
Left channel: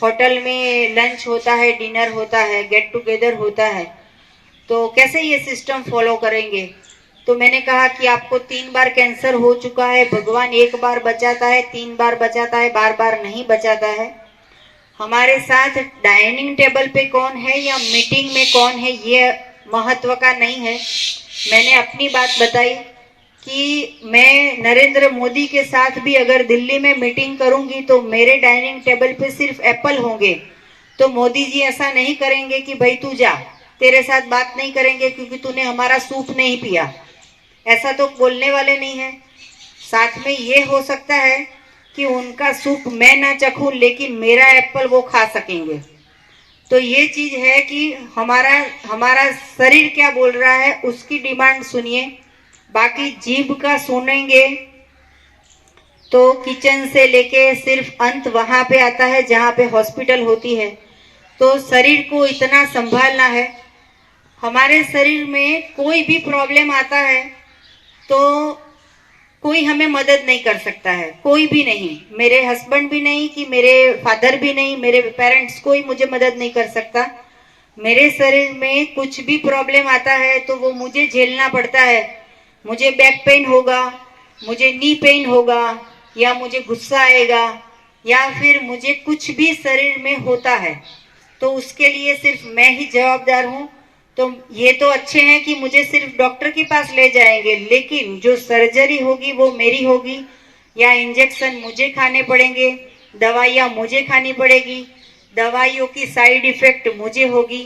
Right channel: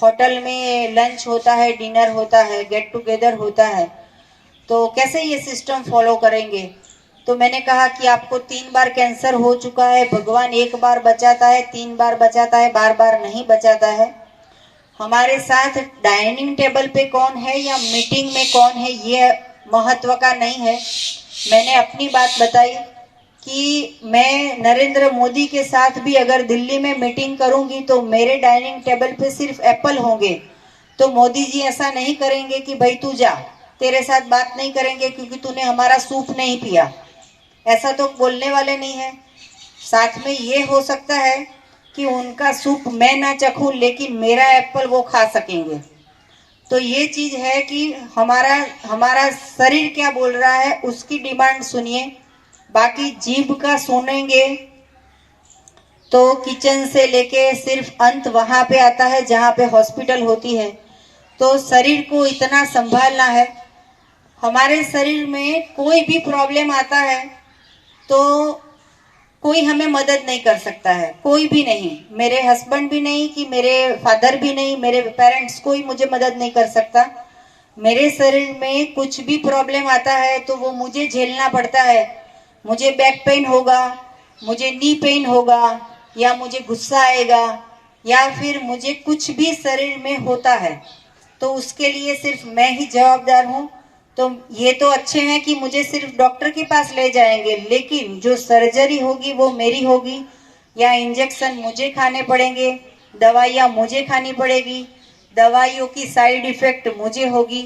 होटल में लंच होता है, डिनर होता है, गेट टुगेदर होता है, तो कैसे ये सिस्टम फॉलो करेंगे। तो मैंने कहा कि आपको 3 बार कैंसर हो चुका है, भगवान 1 बार बचाता है, 3 बार बचाता है, बार बार नहीं बचाता है। हमारे साथ डाइनिंग टेबल पे कौन है या मीटिंग में कौन है ये महत्व का नहीं है। मैंने अपनी बात बताई कि मैं नरेंद्र मोदी के साथ भी अगर दिल्ली में मीटिंग करूंगी तो मेरे डाइनिंग टेबल पे सिर्फ एप्पल होंगे। तो मोदी जी ऐसा नहीं करेंगे कि भाई तू जा, तेरे साथ बात नहीं करेंगे क्योंकि तूने हमारा सूप नहीं पिया, ऐसा तो बोलने वाले नहीं है। साथ में ये हो सकता है कि उनका सूप मैं ना चखूं लेकिन मेरा एप्पल वो खा सकेंगे। तो ये चीज है कि हमारा शरीर क्या बोल रहा है उसकी डिमांड सुनिए, बाकी जीभ का सुनेंगे तो किचन से लेके सिर्फ अंत वहां पे आता है जहां पे हॉस्पिटल होती है। तो शरीर को इतना संभालना है। हमारे शरीर में कोई भी प्रॉब्लम आता है तो कोई हमें मदद नहीं कर सकता है, कोई भी नहीं, मेरे हस्बैंड भी नहीं, कि मेरे फादर भी नहीं, मेरे पेरेंट्स, कोई मुझे मदद नहीं कर सकता। मेरे शरीर में कुछ भी प्रॉब्लम आता है तो वो मुझे झेलना पड़ता है। मुझे बैक पेन होगा, मुझे नी पेन होगा, या मुझे गुस्सा आएगा, या फिर मुझे कुछ भी शरीर में होता है तो उसके लिए सिर्फ मैं ही जवाबदार हूँ। तो ये तो अच्छे हैं कि मुझे सिर्फ डॉक्टर के पास ले जाएंगे, लेकिन जो सर्जरी होगी वो मेरी होगी, या इंजेक्शन मुझे खाने पड़ेंगे, दवाइयाँ मुझे खानी पड़ेगी, दवाइयों की साइड इफेक्ट मुझे होगी।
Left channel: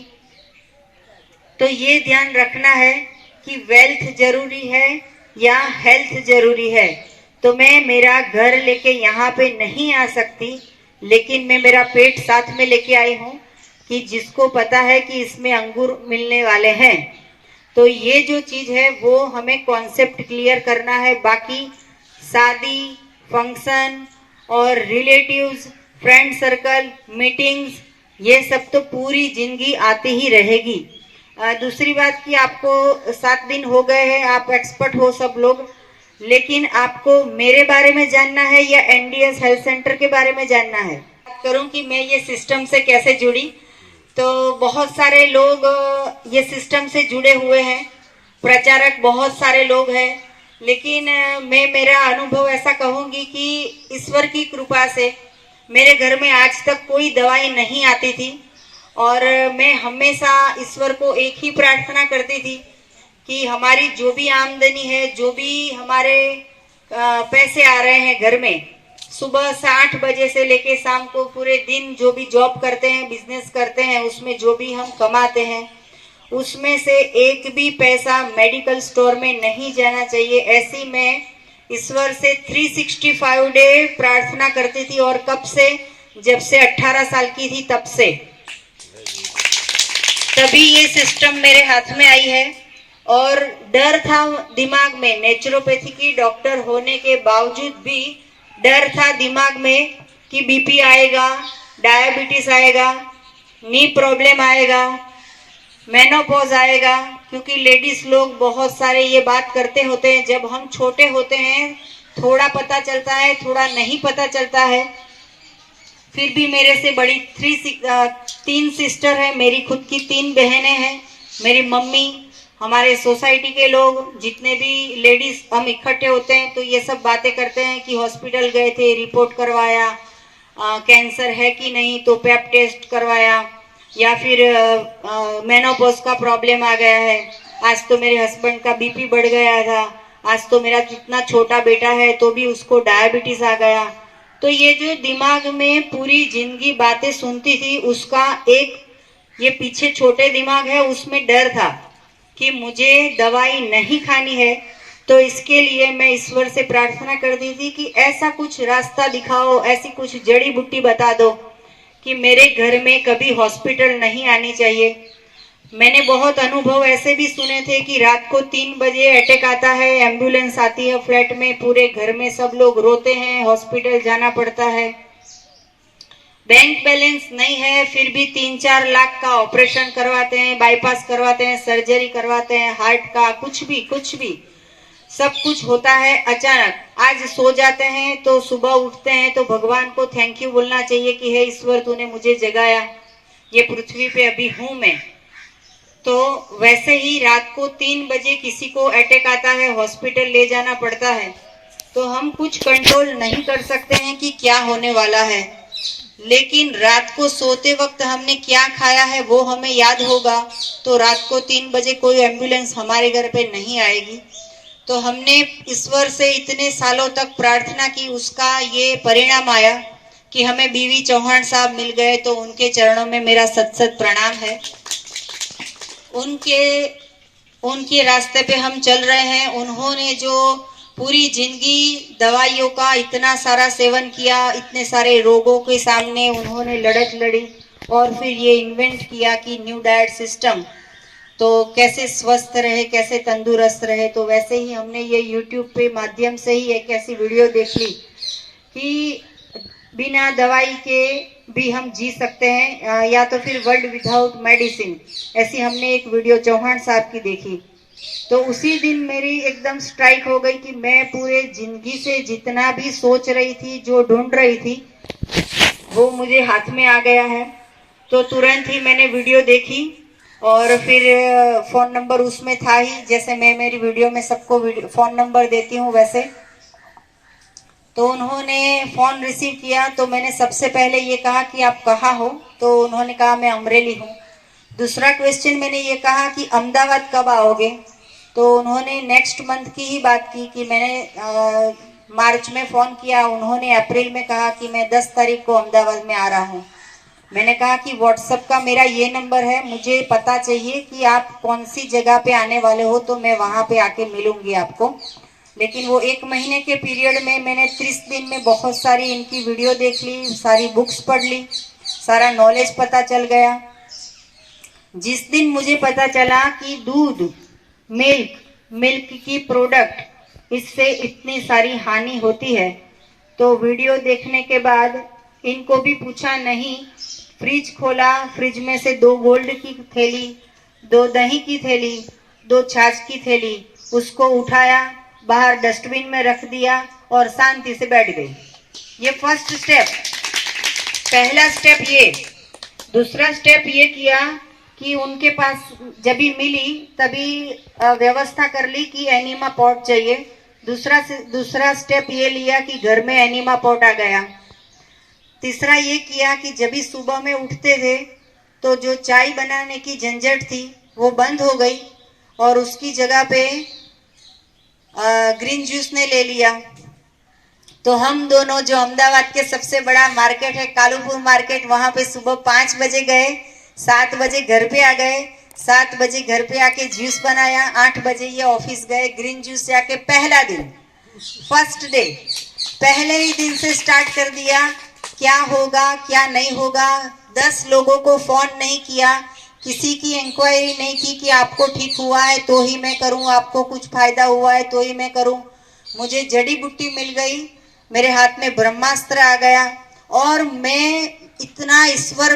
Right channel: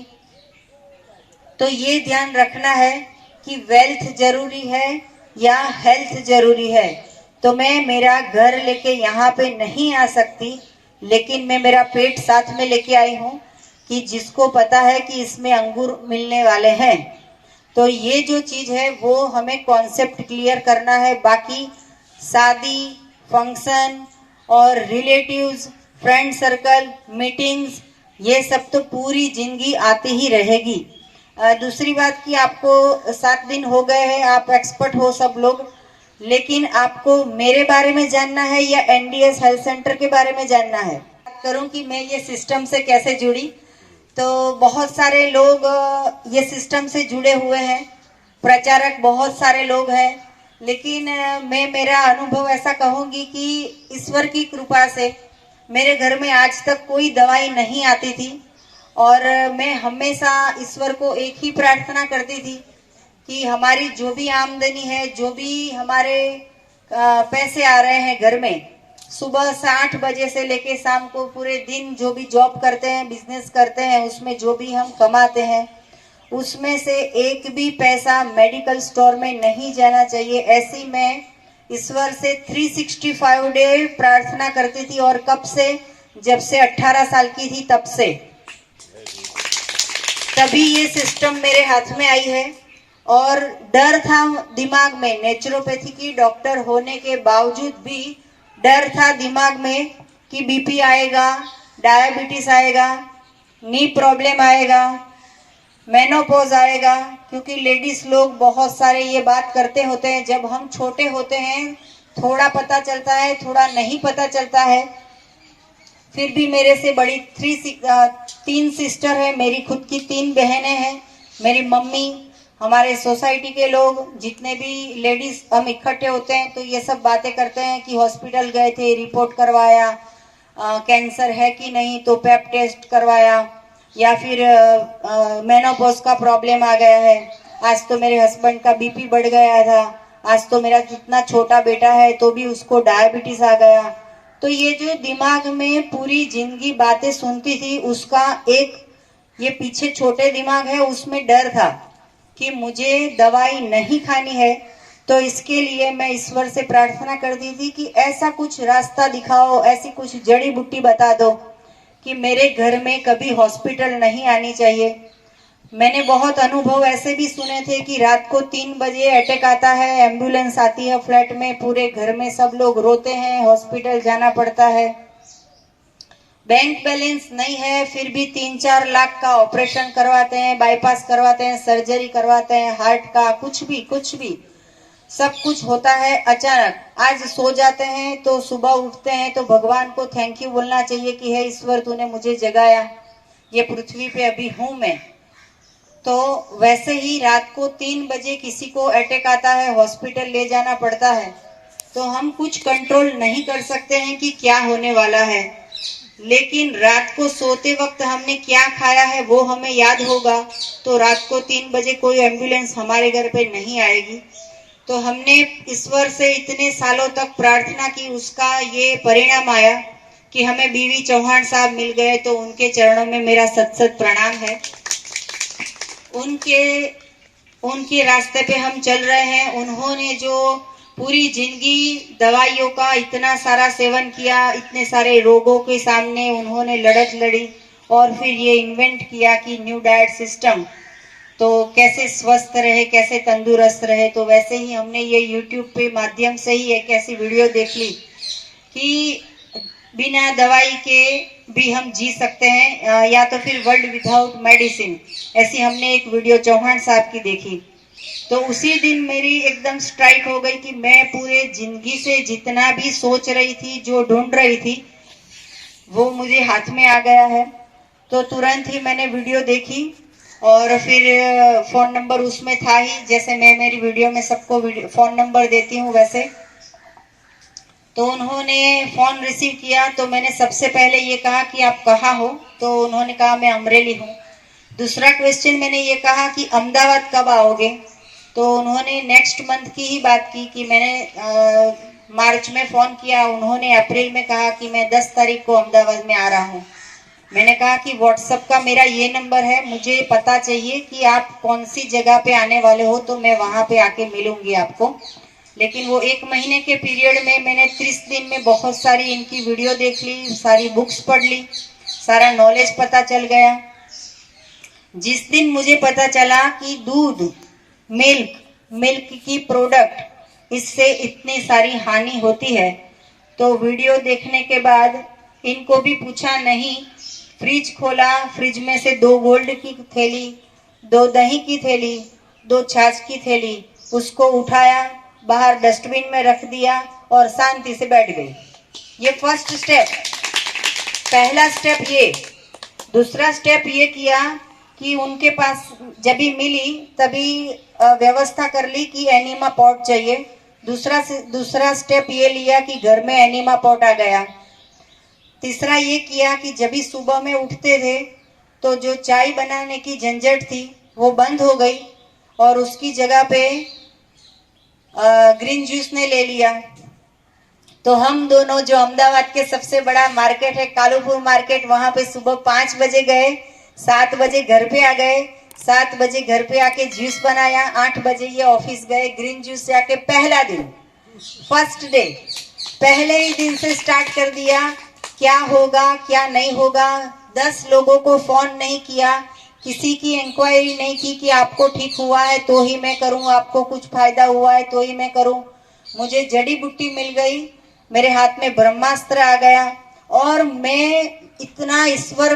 तो ये ध्यान रखना है कि वेल्थ जरूरी है या हेल्थ जरूरी है। तो मैं मेरा घर लेके यहाँ पे नहीं आ सकती, लेकिन मैं मेरा पेट साथ में लेके आई हूँ कि जिसको पता है कि इसमें अंगूर मिलने वाले हैं। तो ये जो चीज है वो हमें कॉन्सेप्ट क्लियर करना है। बाकी शादी, फंक्शन और रिलेटिव्स, फ्रेंड सर्कल, मीटिंग्स, ये सब तो पूरी जिंदगी आती ही रहेगी। दूसरी बात कि आपको 7 दिन हो गए हैं, आप एक्सपर्ट हो सब लोग, लेकिन आपको मेरे बारे में जानना है या एनडीएस हेल्थ सेंटर के बारे में जानना है? बात करूं कि मैं ये सिस्टम से कैसे जुड़ी, तो बहुत सारे लोग ये सिस्टम से जुड़े हुए हैं, प्रचारक बहुत सारे लोग हैं, लेकिन मैं मेरा अनुभव ऐसा कहूंगी कि ईश्वर की कृपा से मेरे घर में आज तक कोई दवाई नहीं आती थी। और मैं हमेशा ईश्वर को एक ही प्रार्थना करती थी कि हमारी जो भी आमदनी है, जो भी हमारे पैसे आ रहे हैं घर में, सुबह 8 बजे से लेके शाम को पूरे दिन जो भी जॉब करते हैं, बिजनेस करते हैं, उसमें जो भी हम कमाते हैं, उसमें से एक भी पैसा मेडिकल स्टोर में नहीं जाना चाहिए। ऐसी मैं ईश्वर से 365 डे प्रार्थना करती थी। और कब से? जब से 18 साल की थी तब से, तभी ये सिस्टम मेरे हाथ में आई है। और डर था दिमाग में, नेचुरोपैथी की डॉक्टर होने के बावजूद भी डर था दिमाग में कि बीपी आएगा, डायबिटीज आएगा, नी प्रॉब्लम आएगा, मेनोपॉज आएगा। क्योंकि लेडीज लोग बहुत सारे ये बात करते होते हैं, जब हम छोटे होते हैं थोड़ा पता चलता है, थोड़ा नहीं पता चलता है। फिर भी मेरे से बड़ी 3 सिस्टर है, मेरी खुद की 3 बहनें हैं, मेरी मम्मी, हमारे सोसाइटी के लोग, जितने भी लेडीज हम इकट्ठे होते हैं तो ये सब बातें करते हैं कि हॉस्पिटल गए थे, रिपोर्ट करवाया, कैंसर है कि नहीं तो पैप टेस्ट करवाया, या फिर मेनोपॉज का प्रॉब्लम आ गया है, आज तो मेरे हस्बैंड का बीपी बढ़ गया था, आज तो मेरा कितना छोटा बेटा है तो भी उसको डायबिटीज आ गया। तो ये जो दिमाग में पूरी जिंदगी बातें सुनती थी, उसका एक ये पीछे छोटे दिमाग है, उसमें डर था कि मुझे दवाई नहीं खानी है। तो इसके लिए मैं ईश्वर से प्रार्थना करती थी कि ऐसा कुछ रास्ता दिखाओ, ऐसी कुछ जड़ी बूटी बता दो कि मेरे घर में कभी हॉस्पिटल नहीं आनी चाहिए। मैंने बहुत अनुभव ऐसे भी सुने थे कि रात को 3 बजे अटैक आता है, एम्बुलेंस आती है फ्लैट में, पूरे घर में सब लोग रोते हैं, हॉस्पिटल जाना पड़ता है, बैंक बैलेंस नहीं है, फिर भी 3-4 लाख का ऑपरेशन करवाते हैं, बाईपास करवाते हैं, सर्जरी करवाते हैं, हार्ट का, कुछ भी सब कुछ होता है अचानक। आज सो जाते हैं तो सुबह उठते हैं तो भगवान को थैंक यू बोलना चाहिए कि हे ईश्वर, तूने मुझे जगाया, ये पृथ्वी पे अभी हूं मैं। तो वैसे ही रात को 3 बजे किसी को अटैक आता है, हॉस्पिटल ले जाना पड़ता है, तो हम कुछ कंट्रोल नहीं कर सकते हैं कि क्या होने वाला है, लेकिन रात को सोते वक्त हमने क्या खाया है वो हमें याद होगा। तो रात को 3 बजे कोई एम्बुलेंस हमारे घर पे नहीं आएगी। तो हमने ईश्वर से इतने सालों तक प्रार्थना की, उसका ये परिणाम आया कि हमें बीवी चौहान साहब मिल गए। तो उनके चरणों में मेरा सत सत प्रणाम है। उनके रास्ते पे हम चल रहे हैं। उन्होंने जो पूरी जिंदगी दवाइयों का इतना सारा सेवन किया, इतने सारे रोगों के सामने उन्होंने लड़त लड़ी और फिर ये इन्वेंट किया कि न्यू डाइट सिस्टम, तो कैसे स्वस्थ रहे, कैसे तंदुरुस्त रहे। तो वैसे ही हमने ये यूट्यूब पे माध्यम से ही एक ऐसी वीडियो देख ली कि बिना दवाई के भी हम जी सकते हैं, या तो फिर वर्ल्ड विदाउट मेडिसिन, ऐसी हमने एक वीडियो चौहान साहब की देखी। तो उसी दिन मेरी एकदम स्ट्राइक हो गई कि मैं पूरे जिंदगी से जितना भी सोच रही थी, जो ढूंढ रही थी, वो मुझे हाथ में आ गया है। तो तुरंत ही मैंने वीडियो देखी और फिर फोन नंबर उसमें था ही, जैसे मैं मेरी वीडियो में सबको फोन नंबर देती हूँ वैसे। तो उन्होंने फोन रिसीव किया तो मैंने सबसे पहले ये कहा कि आप कहाँ हो? तो उन्होंने कहा मैं अमरेली हूँ। दूसरा क्वेश्चन मैंने ये कहा कि अहमदाबाद कब आओगे, तो उन्होंने नेक्स्ट मंथ की ही बात की कि मैंने मार्च में फोन किया, उन्होंने अप्रैल में कहा कि मैं 10 तारीख को अहमदाबाद में आ रहा हूँ। मैंने कहा कि व्हाट्सएप का मेरा ये नंबर है, मुझे पता चाहिए कि आप कौन सी जगह पे आने वाले हो, तो मैं वहां पे आके मिलूंगी आपको। लेकिन वो 1 महीने के पीरियड में मैंने 30 दिन में बहुत सारी इनकी वीडियो देख ली, सारी बुक्स पढ़ ली, सारा नॉलेज पता चल गया। जिस दिन मुझे पता चला कि दूध, मिल्क की प्रोडक्ट, इससे इतनी सारी हानि होती है, तो वीडियो देखने के बाद इनको भी पूछा नहीं, फ्रिज खोला, फ्रिज में से 2 गोल्ड की थैली, 2 दही की थैली, 2 छाछ की थैली, उसको उठाया, बाहर डस्टबिन में रख दिया और शांति से बैठ गई। ये फर्स्ट स्टेप, पहला स्टेप ये। दूसरा स्टेप ये किया कि उनके पास जब भी मिली तभी व्यवस्था कर ली कि एनिमा पॉट चाहिए। दूसरा स्टेप ये लिया कि घर में एनिमा पॉट आ गया। तीसरा ये किया कि जब भी सुबह में उठते थे तो जो चाय बनाने की झंझट थी वो बंद हो गई और उसकी जगह पे ग्रीन जूस ने ले लिया। तो हम दोनों, जो अहमदाबाद के सबसे बड़ा मार्केट है कालूपुर मार्केट, वहां पे सुबह 5 बजे गए, 7 बजे घर पे आ गए, 7 बजे घर पे आके जूस बनाया, 8 बजे ये ऑफिस गए। ग्रीन जूस से आके पहला दिन, फर्स्ट डे, पहले ही दिन से स्टार्ट कर दिया, क्या होगा क्या नहीं होगा। 10 लोगों को फोन नहीं किया, किसी की इंक्वायरी नहीं की कि आपको ठीक हुआ है तो ही मैं करूं, आपको कुछ फायदा हुआ है तो ही मैं करूं। मुझे जड़ी बूटी मिल गई, मेरे हाथ में ब्रह्मास्त्र आ गया और मैं इतना ईश्वर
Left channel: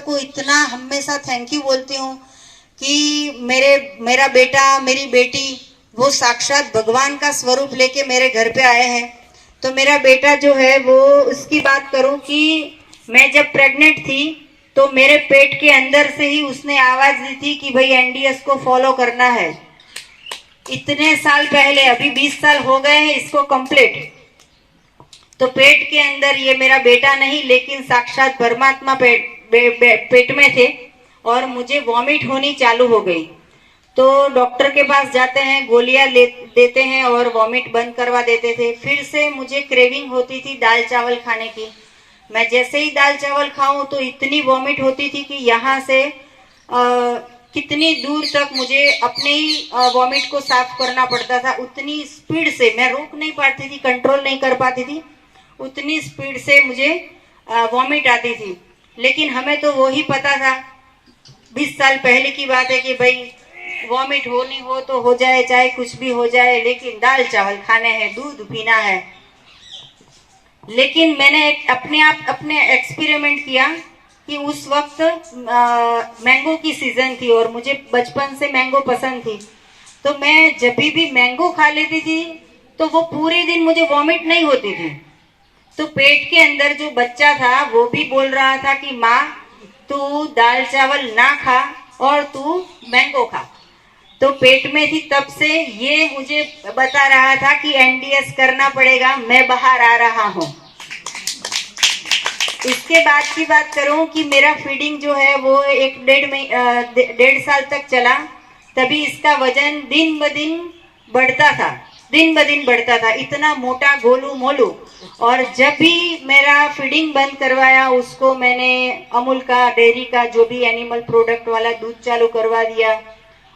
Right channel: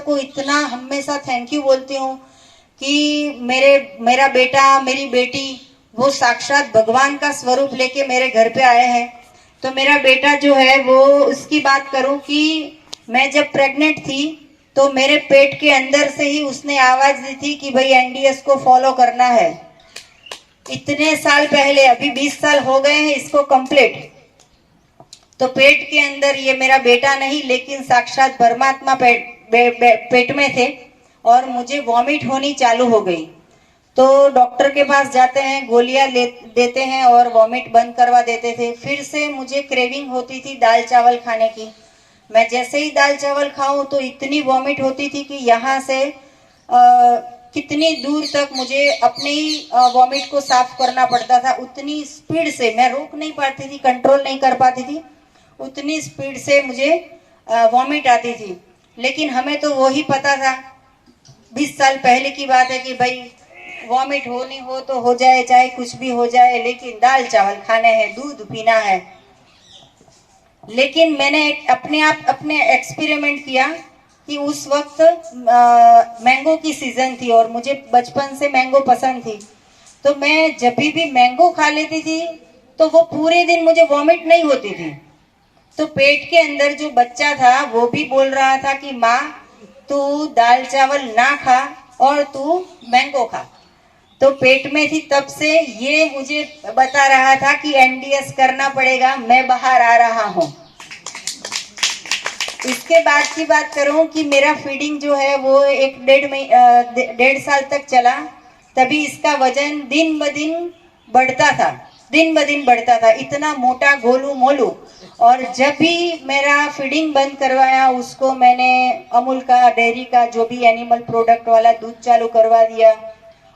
को इतना हमेशा थैंक यू बोलती हूँ कि मेरा बेटा, मेरी बेटी, वो साक्षात भगवान का स्वरूप लेके मेरे घर पे आए हैं। तो मेरा बेटा जो है वो, उसकी बात करूं कि मैं जब प्रेग्नेंट थी तो मेरे पेट के अंदर से ही उसने आवाज दी थी कि भाई एनडीएस को फॉलो करना है। इतने साल पहले, अभी 20 साल हो गए हैं इसको कंप्लीट। तो पेट के अंदर ये मेरा बेटा नहीं लेकिन साक्षात परमात्मा पेट में थे और मुझे वॉमिट होनी चालू हो गई। तो डॉक्टर के पास जाते हैं, गोलियां देते हैं और वॉमिट बंद करवा देते थे। फिर से मुझे क्रेविंग होती थी दाल चावल खाने की। मैं जैसे ही दाल चावल खाऊं तो इतनी वॉमिट होती थी कि यहाँ से कितनी दूर तक मुझे अपने ही वॉमिट को साफ करना पड़ता था। उतनी स्पीड से मैं रोक नहीं पाती थी, कंट्रोल नहीं कर पाती थी, उतनी स्पीड से मुझे वॉमिट आती थी। लेकिन हमें तो वही पता था, 20 साल पहले की बात है कि भाई वॉमिट होनी हो तो हो जाए, चाहे कुछ भी हो जाए, लेकिन दाल चावल खाने हैं, दूध पीना है। लेकिन मैंने अपने एक्सपेरिमेंट किया कि उस वक्त मैंगो की सीजन थी और मुझे बचपन से मैंगो पसंद थी। तो मैं जब भी मैंगो खा लेती थी तो वो पूरे दिन मुझे वॉमिट नहीं होती थी। तो पेट के अंदर जो बच्चा था वो भी बोल रहा था कि माँ तू दाल चावल ना खा और तू मैंगो खा। तो पेट में थी तब से ये मुझे बता रहा था कि एनडीएस करना पड़ेगा, मैं बाहर आ रहा हूँ। इसके बाद की बात करूं कि मेरा फीडिंग जो है वो 1.5 साल तक चला। तभी इसका वजन दिन ब दिन बढ़ता था, इतना मोटा गोलू मोलू। और जब भी मेरा फीडिंग बंद करवाया, उसको मैंने अमूल का, डेयरी का, जो भी एनिमल प्रोडक्ट वाला दूध चालू करवा दिया।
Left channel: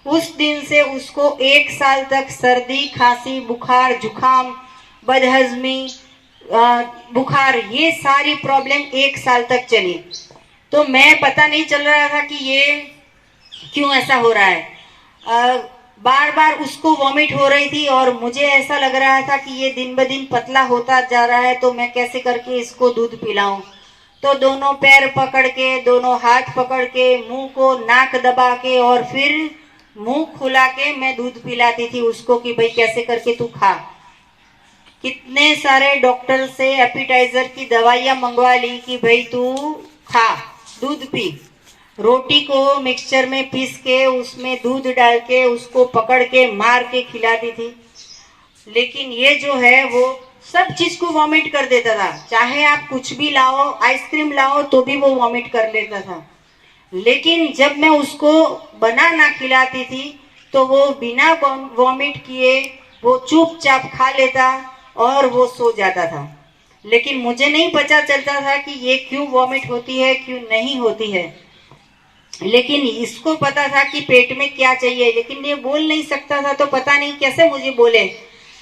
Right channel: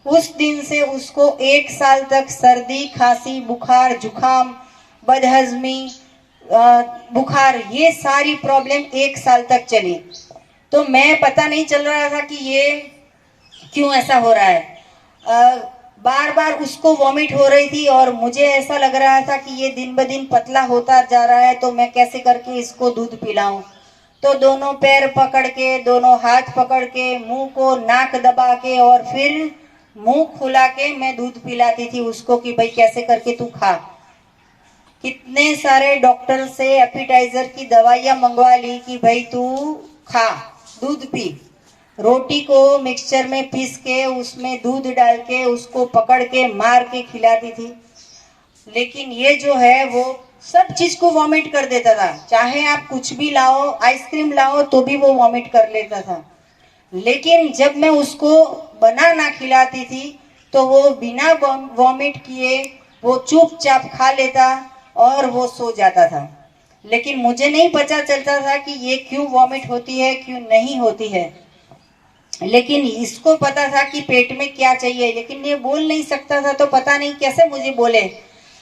उस दिन से उसको 1 साल तक सर्दी, खांसी, बुखार, जुखाम, बदहजमी, बुखार, ये सारी प्रॉब्लम 1 साल तक चली। तो मैं पता नहीं चल रहा था कि ये क्यों ऐसा हो रहा है। बार बार उसको वॉमिट हो रही थी और मुझे ऐसा लग रहा था कि ये दिन ब दिन पतला होता जा रहा है, तो मैं कैसे करके इसको दूध पिलाऊं। तो दोनों पैर पकड़ के, दोनों हाथ पकड़ के, मुंह को नाक दबा के और फिर मुंह खुला के मैं दूध पिलाती थी उसको कि भाई कैसे करके तू खा। कितने सारे डॉक्टर से एपिटाइजर की दवाइयां मंगवा ली कि भाई तू खा, दूध पी। रोटी को मिक्सचर में पीस के उसमें दूध डाल के उसको पकड़ के मार के खिलाती थी। लेकिन ये जो है वो सब चीज को वॉमिट कर देता था। चाहे आप कुछ भी लाओ, आइसक्रीम लाओ तो भी वो वॉमिट कर लेता था। लेकिन जब मैं उसको बनाना खिलाती थी तो वो बिना वॉमिट किए वो चुपचाप खा लेता और वो सो जाता था। लेकिन मुझे नहीं पता चलता था कि ये क्यों वॉमिट होती है, क्यों नहीं होती है। लेकिन इसको पता था कि पेट में क्या चाहिए, लेकिन ये बोल नहीं सकता था, तो पता नहीं कैसे मुझे बोले।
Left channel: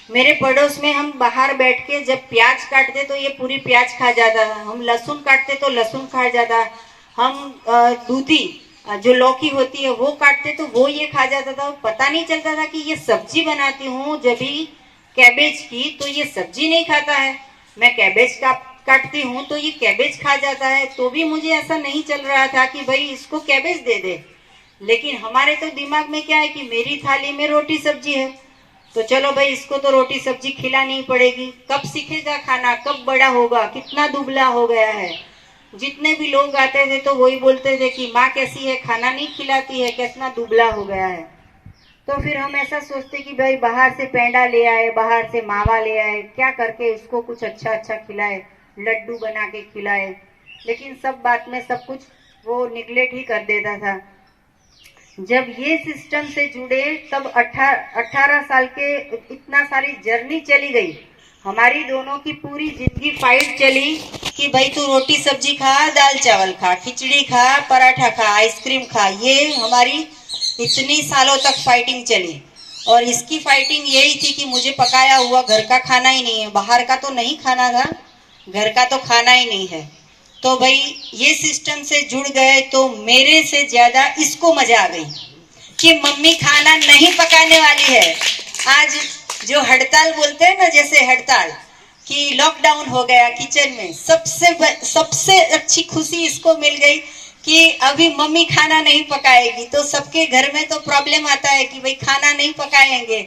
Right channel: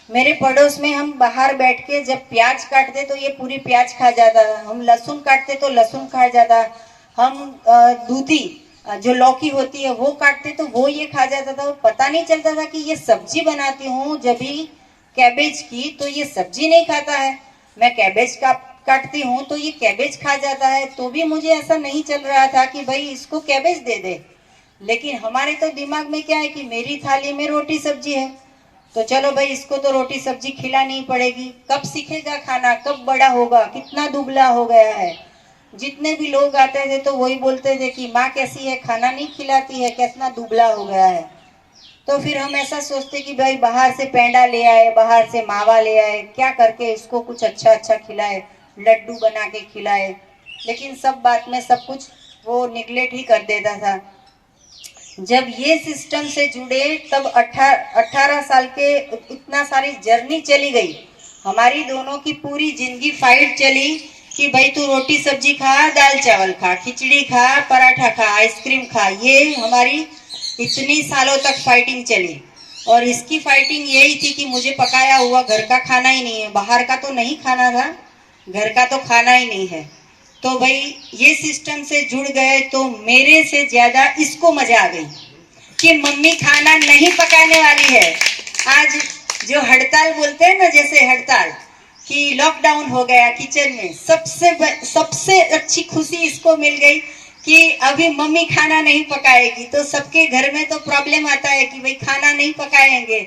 मेरे पड़ोस में हम बाहर बैठ के जब प्याज काटते तो ये पूरी प्याज खा जाता, हम लहसुन काटते तो लहसुन खा जाता, हम दूधी जो लौकी होती है वो काटते तो वो ये खा जाता था। पता नहीं चलता था कि ये सब्जी बनाती हूँ जब भी कैबेज की, तो ये सब्जी नहीं खाता है। मैं कैबेज का काटती हूँ तो ये कैबेज खा जाता है, तो भी मुझे ऐसा नहीं चल रहा था कि भाई इसको कैबेज दे दे। लेकिन हमारे तो दिमाग में क्या है कि मेरी थाली में रोटी सब्जी है, तो चलो भाई इसको तो रोटी सब्जी खिलानी ही पड़ेगी। कब सीखेगा खाना, कब बड़ा होगा, कितना दुबला हो गया है। जितने भी लोग आते थे तो वही बोलते थे कि माँ कैसी है, खाना नहीं खिलाती है, कितना दुबला हो गया है। तो फिर हम ऐसा सोचते कि भाई बाहर से पेंडा ले आए, बाहर से मावा ले आए, क्या करके इसको कुछ अच्छा अच्छा खिलाए, लड्डू बना के खिलाए। लेकिन सब बात में सब कुछ वो निगलेक्ट ही कर देता था। जब ये सिस्टम से जुड़े तब 18 साल के इतना सारी जर्नी चली गई। हमारी दोनों की पूरी जिंदगी फाइट चली कि भाई तू रोटी सब्जी खा, दाल चावल खा, खिचड़ी खा, पराठा खा, आइसक्रीम खा। ये हमारी इतनी सालों तक फाइटिंग चली। और इसकी फाइटिंग यही थी कि मुझे पकाया हुआ घर का खाना ही नहीं है, बाहर का तो नहीं खाना था, घर का तो खाना ही नहीं है। तो भाई ये सिस्टम से जुड़ गए तो मेरे से ज्यादा इसको मजा आ गई कि मम्मी खाना नहीं पकाने वाली है। आज जो हड़ताल बोलते हैं ना, जैसे हड़ताल कि लॉकडाउन हो गया किचन में, सबसे अच्छी खुशी इसको मिल गई कि अभी मम्मी खाना नहीं पकाएगी। तो सबके घर में तो प्रॉब्लम आता है कि भाई खाना नहीं पकाएंगे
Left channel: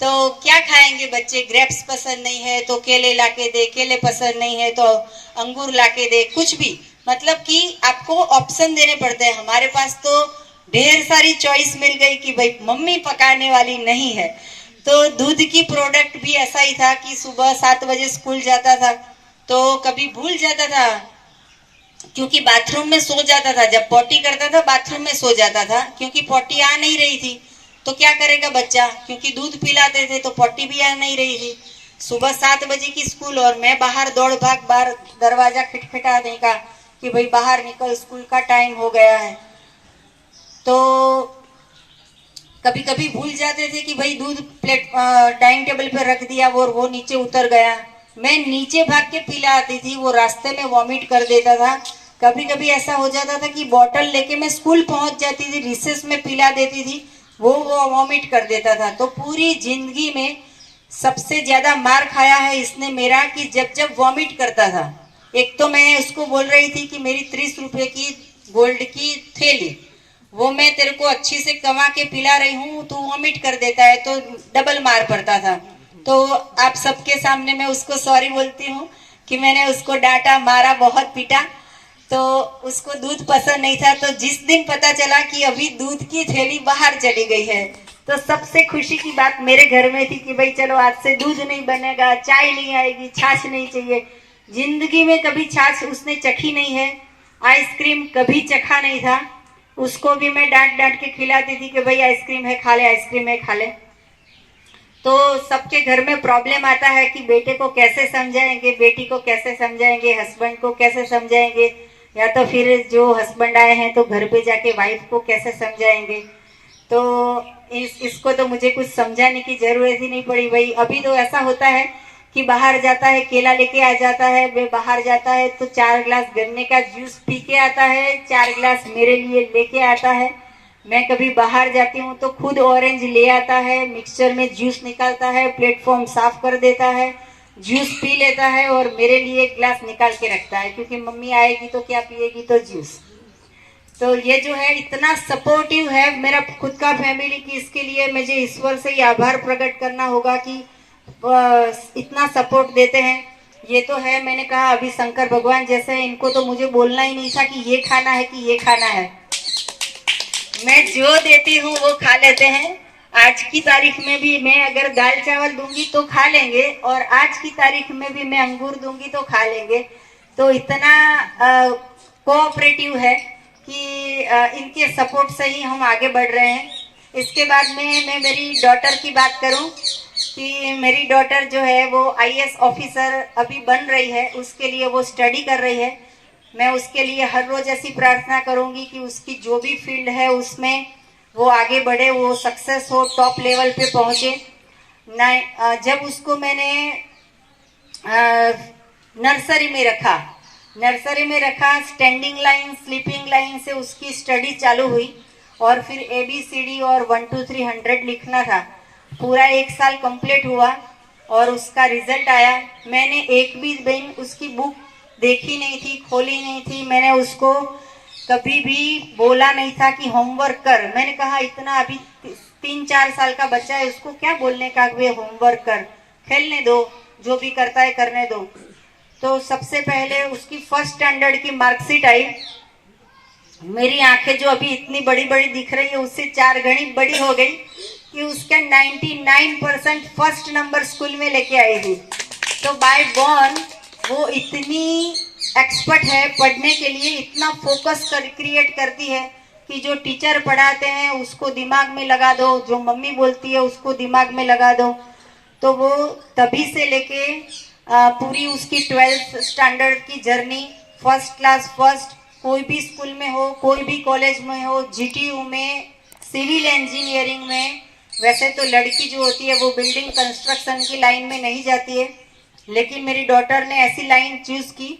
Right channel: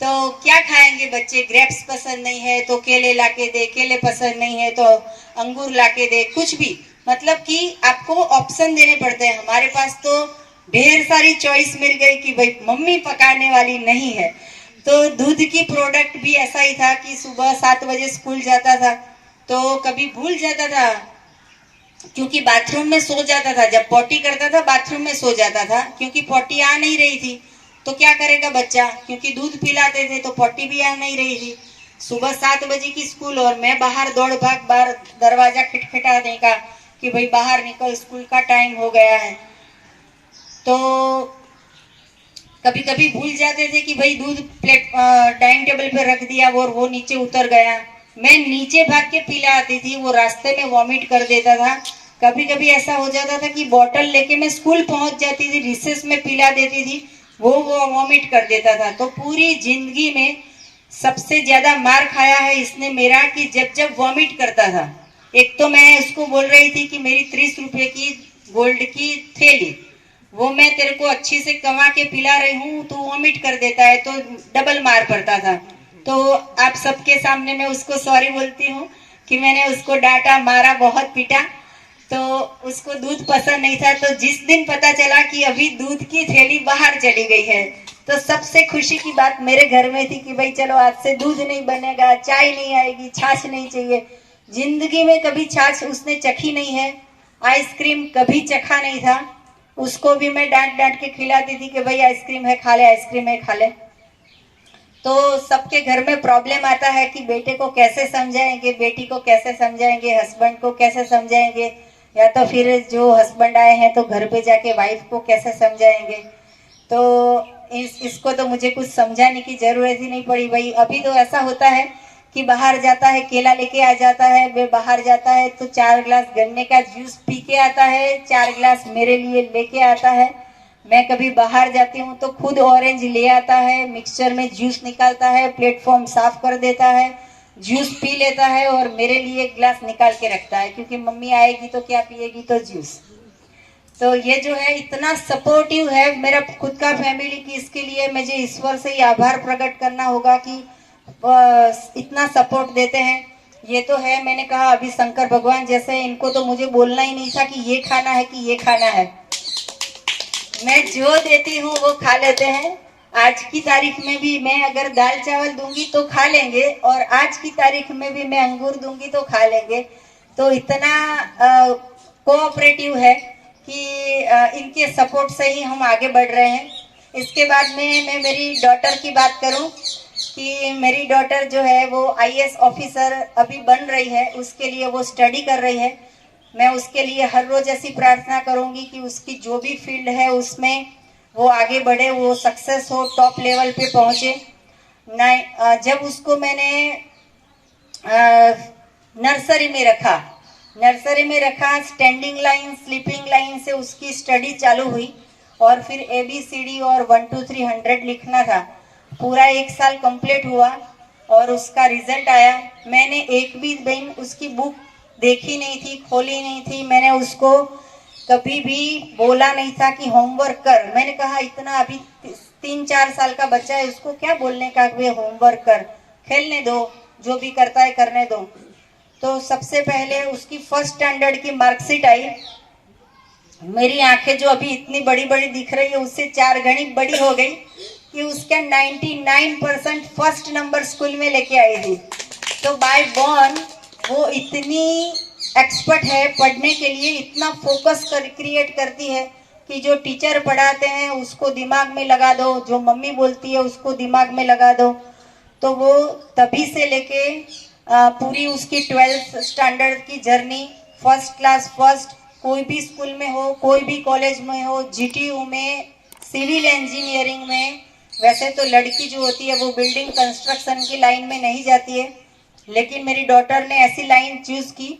तो क्या खाएंगे बच्चे, ग्रेप्स पसंद नहीं है तो केले लाके दे, केले पसंद नहीं है तो अंगूर लाके दे, कुछ भी। मतलब कि आपको ऑप्शन देने पड़ते हैं। हमारे पास तो ढेर सारी चॉइस मिल गई कि भाई मम्मी पकाने वाली नहीं है। तो दूध की प्रोडक्ट भी ऐसा ही था कि सुबह 7 बजे स्कूल जाता था तो कभी भूल जाता था, क्योंकि बाथरूम में सो जाता था। जब पॉटी करता था बाथरूम में सो जाता था, क्योंकि पॉटी आ नहीं रही थी। तो क्या करेगा बच्चा, क्योंकि दूध पिलाते थे तो पॉटी भी आ नहीं रही थी। सुबह 7 बजे की स्कूल और मैं बाहर दौड़ भाग, बाहर दरवाजा खटखटा देगा कि भाई बाहर निकल, स्कूल का टाइम हो गया है। तो कभी कभी भूल जाते थे कि भाई दूध प्लेट डाइनिंग टेबल पे रख दिया वो नीचे उतर गया। मैं नीचे भाग के पिला आती थी, वो रास्ते में वॉमिट कर देता था। कभी कभी ऐसा हो जाता था कि बॉटल लेके मैं स्कूल पहुंच जाती थी, रिसेस में पिला देती थी, वो वॉमिट कर देता था। तो पूरी जिंदगी में सबसे ज्यादा मार खाया है इसने मेरा कि जब जब वॉमिट करता था। एक तो मैं उसको बोल रही थी कि मेरी 30 रुपए की गोल्ड की थैली वो मैं तेरे को अच्छी से कमा के पिला रही हूँ, तो वॉमिट कर देता है, तो डबल मार पड़ता था। तो आप सबके सामने मैं उसको सॉरी बोलती हूँ कि मैंने उसको डांटा, मारा, बहुत पीटा। तो उसको दूध पसंद नहीं था। तो जिस दिन पता चला कि अभी दूध की थैली बाहर चली गई है तो सबसे खुशी की बात मेरे घर में थी कि भाई चलो आज से दूध नहीं बनेगा, चाय नहीं आएगी, छाछ नहीं चाहिए। जिंदगी में कभी छाछ उसने चखी नहीं है, आइसक्रीम कभी चखा नहीं था। उसको भी मैं डांट डांट के खिलाती थी कि भाई आइसक्रीम है खा ले, आइसक्रीम है खा ले। तो सबके घर में प्रॉब्लम आता है कि बेटे को कैसे समझाएंगे, बेटी को कैसे समझाएंगे, हस्बैंड को कैसे समझाएंगे, या तो फिर जो हस्बैंड आए हैं तो घर पे जाके वाइफ को कैसे समझाएंगे। तो इसको तो मुझे कुछ समझाने की जरूरत ही नहीं पड़ी। भाई अभी तो ऐसा होता है कि बाहर जाता है, केला लेके आ जाता है, वे बाहर जाता है तो 4 गिलास गन्ने का जूस पी के आता है, 4 गिलास मेरे लिए लेके आता है। मैं कभी बाहर जाती हूँ तो खुद ऑरेंज ले आता है, मिक्सचर में जूस निकालता है, प्लेटफॉर्म साफ कर देता है, जूस पी लेता है और मेरे लिए एक गिलास निकाल के रखता है, क्योंकि मम्मी आएगी तो क्या पिएगी, तो जूस। तो ये जो है इतना सपोर्टिव है मेरा खुद का फैमिली की, इसके लिए मुझे ईश्वर से ही आभार प्रकट करना होगा कि इतना सपोर्ट देते हैं। ये तो है, मैंने कहा अभी शंकर भगवान जैसे हैं, इनको तो मुझे बोलना ही नहीं था कि ये खाना है कि ये खाना है। मैं जो देती हूँ वो खा लेते हैं। आज की तारीख में भी मैं अगर दाल चावल दूंगी तो खा लेंगे, और आज की तारीख में भी मैं अंगूर दूंगी तो खा लेंगे। तो इतना कोऑपरेटिव है कि इनके सपोर्ट से ही हम आगे बढ़ रहे हैं। इसके बाद में मैं मेरी डॉटर की बात करूं कि मेरी डॉटर जो है वो आईएएस ऑफिसर अभी बन रही है, उसके लिए वो स्टडी कर रही है। मैं उसके लिए हर रोज ऐसी प्रार्थना करूंगी कि उसकी जो भी फील्ड है उसमें वो आगे बढ़े, वो सक्सेस हो, टॉप लेवल पे पहुंचे। जब उसको मैंने नर्सरी में रखा, स्टैंडिंग लाइन, स्लीपिंग लाइन से उसकी स्टडी चालू हुई और फिर ABCD और 1 2 3 100 लिखना था। पूरा 1 साल कंप्लीट हुआ और उसका रिजल्ट आया। मैंने एक भी दिन उसकी बुक देखी नहीं थी, खोली नहीं थी। मैंने उसको कभी भी बोला नहीं था कि होमवर्क कर। मैंने कहा इतना अभी 3 4 साल का बच्चा है, उसको क्या बोलने का कि होमवर्क कर, खेलने दो, जो भी करता है करने दो। तो सबसे पहले उसकी फर्स्ट स्टैंडर्ड की मार्कशीट आई। मेरी आंखें जो अभी इतनी बड़ी बड़ी दिख रही है उससे 4 गणी बड़ी हो गई कि उसका 99% फर्स्ट नंबर स्कूल में लेके आई थी। तो बाय बॉर्न वो इतनी एक्सपर्ट है पढ़ने के लिए, इतना फोकस क्रिएट करती है कि जो टीचर पढ़ाते हैं उसको दिमाग में लगा दो, जो मम्मी बोलती है उसको दिमाग में लगा दो। तो वो तभी से लेके पूरी उसकी 12th स्टैंडर्ड की जर्नी, फर्स्ट क्लास फर्स्ट, कोई भी स्कूल में हो, कोई भी कॉलेज में हो, GTU में, सिविल इंजीनियरिंग में। वैसे तो लड़की जो होती है वो बिल्डिंग कंस्ट्रक्शन की लाइन में नहीं जाती है, लेकिन मेरी डॉटर ने ऐसी लाइन चूज की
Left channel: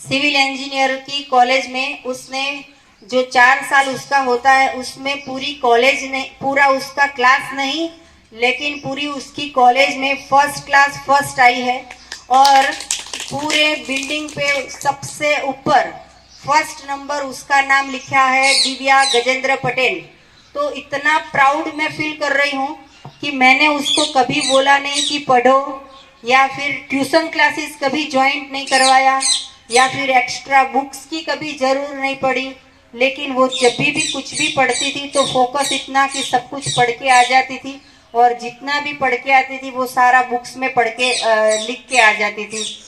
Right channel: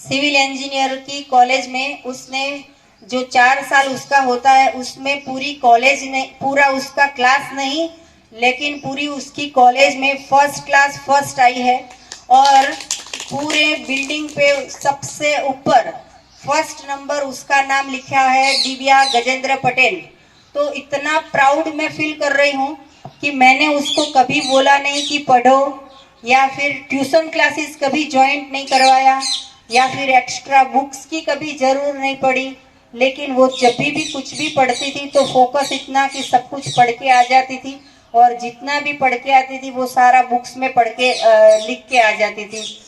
सिविल इंजीनियर की कॉलेज में। उसने जो 4 साल उसका होता है उसमें पूरी कॉलेज नहीं, पूरा उसका क्लास नहीं, लेकिन पूरी उसकी कॉलेज में फर्स्ट क्लास फर्स्ट आई है और पूरे बिल्डिंग पे सबसे ऊपर फर्स्ट नंबर उसका नाम लिखा है, दिव्या गजेंद्र पटेल। तो इतना प्राउड मैं फील कर रही हूँ कि मैंने उसको कभी बोला नहीं कि पढ़ो, या फिर ट्यूशन क्लासेस कभी ज्वाइन नहीं करवाया, या फिर एक्स्ट्रा बुक्स की कभी जरूर नहीं पड़ी। लेकिन वो जब भी कुछ भी पढ़ती थी तो फोकस इतना कि सब कुछ पढ़ के आ जाती थी, और जितना भी पढ़ के आती थी वो सारा बुक्स में पढ़ के लिख के आ जाती थी।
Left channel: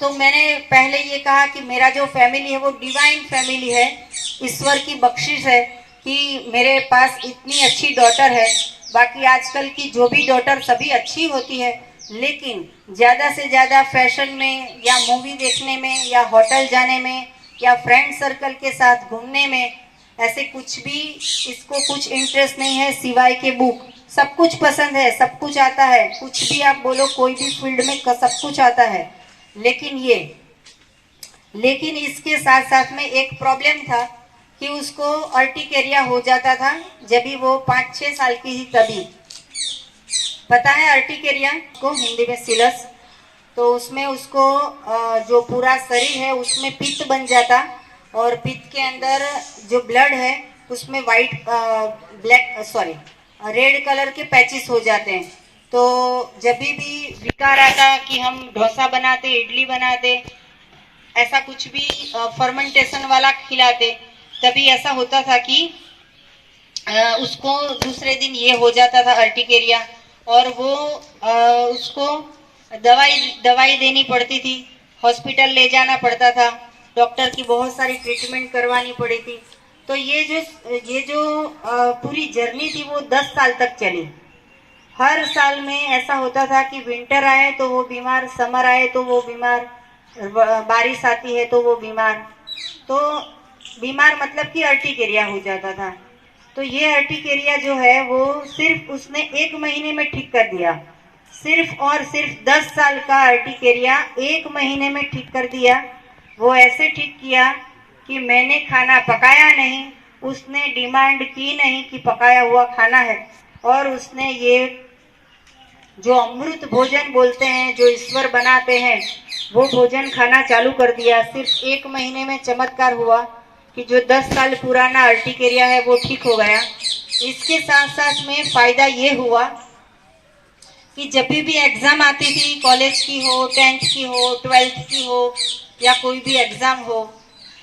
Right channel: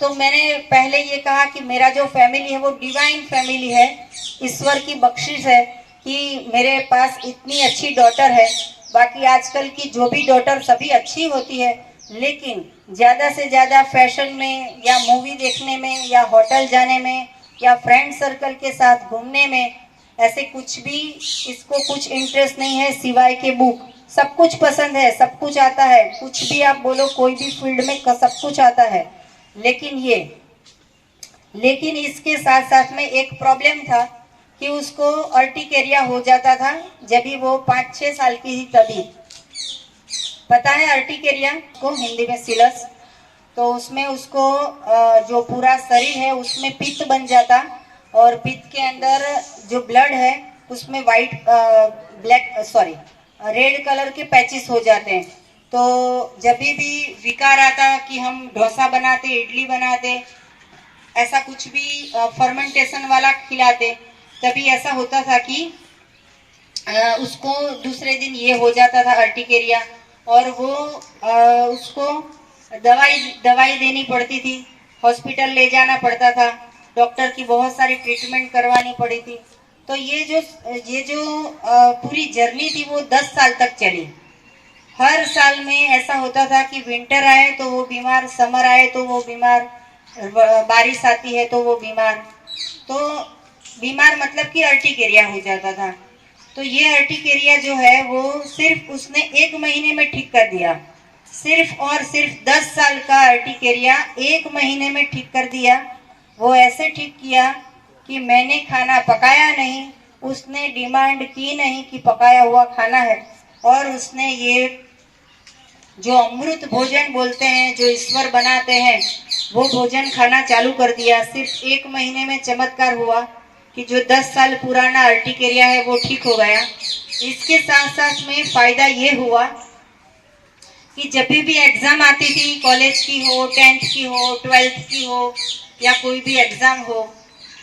तो मैंने पहले ये कहा कि मेरा जो फैमिली है वो डिवाइन फैमिली है, ईश्वर की बख्शिश है कि मेरे पास इतनी अच्छी डॉटर है। बाकी आजकल की जो भी डॉटर सभी अच्छी होती है, लेकिन ज़्यादा से ज़्यादा फैशन में या मूवी देखने में या होटल जाने में या फ्रेंड सर्कल के साथ घूमने में, ऐसे कुछ भी इसको कुछ इंटरेस्ट नहीं है सिवाय के बुक। सब कुछ पसंद है, सब कुछ आता है, कुछ भी आप बोलो, कोई भी फील्ड में सब कुछ आता है। लेकिन इसके साथ साथ में एक प्रॉब्लम था कि उसको अर्टिकेरिया हो जाता था जब भी वो 5 6 साल की थी तभी। पता है अर्टिकेरिया को हिंदी में सिलस। तो उसमें उसको जो पूरा शरीर है उसमें पित्त बन जाता, और पित्त के अंदर जो ब्लड है उसमें रेड कलर के पैचेस हो जाते हैं। तो जब भी विकार आता कि हम डोसा बनाते, इडली बनाते, ऐसा कुछ भी फर्मेंटेशन वाला खिलाते, तभी ऐसा होता था कि उसको दूसरे दिन ये हो जाता था अर्टिकेरिया, और वो उसको दवाई देनी पड़ती थी, हॉस्पिटल ले जाना पड़ता था, डॉक्टर की बहुत सारी ट्रीटमेंट करवानी पड़ी थी। तो ये जो पूरी जर्नी थी वो 10 साल तक चली। हर साल में ऐसा होता था कि विंटर आए तो वो बीमार, समर आए तो वो बीमार, बारिश आती है तो वो बीमार। तो बीमार मतलब कि अर्टिकेरिया हो जाता था। तो ये अर्टिकेरिया जो है वो सिर्फ उसने 1 महीने में ठीक कर दिया। सिर्फ और सिर्फ 10 साल का अर्टिकेरिया 1 महीने में ठीक कर दिया। वो ऐसे ठीक किया कि मैंने खाना पकाया नहीं, उसने डिमांड की नहीं कि पकाया हुआ खाना है, और उसने ये जो अमृत भोजन बोलते हैं, जो ईश्वर बनाते हैं, वो भोजन खाना चालू कर दिया। सिर्फ 1 महीने में चमत्कार हुआ कि जो 10 साल पुराना अर्टिकेरिया है वो ठीक हो गया। इसके साथ साथ में फायदा ये हुआ कि जब भी एग्जाम आती थी, कॉलेज की हो, 10th की हो, 12th की हो, या कोई भी एग्जाम हो,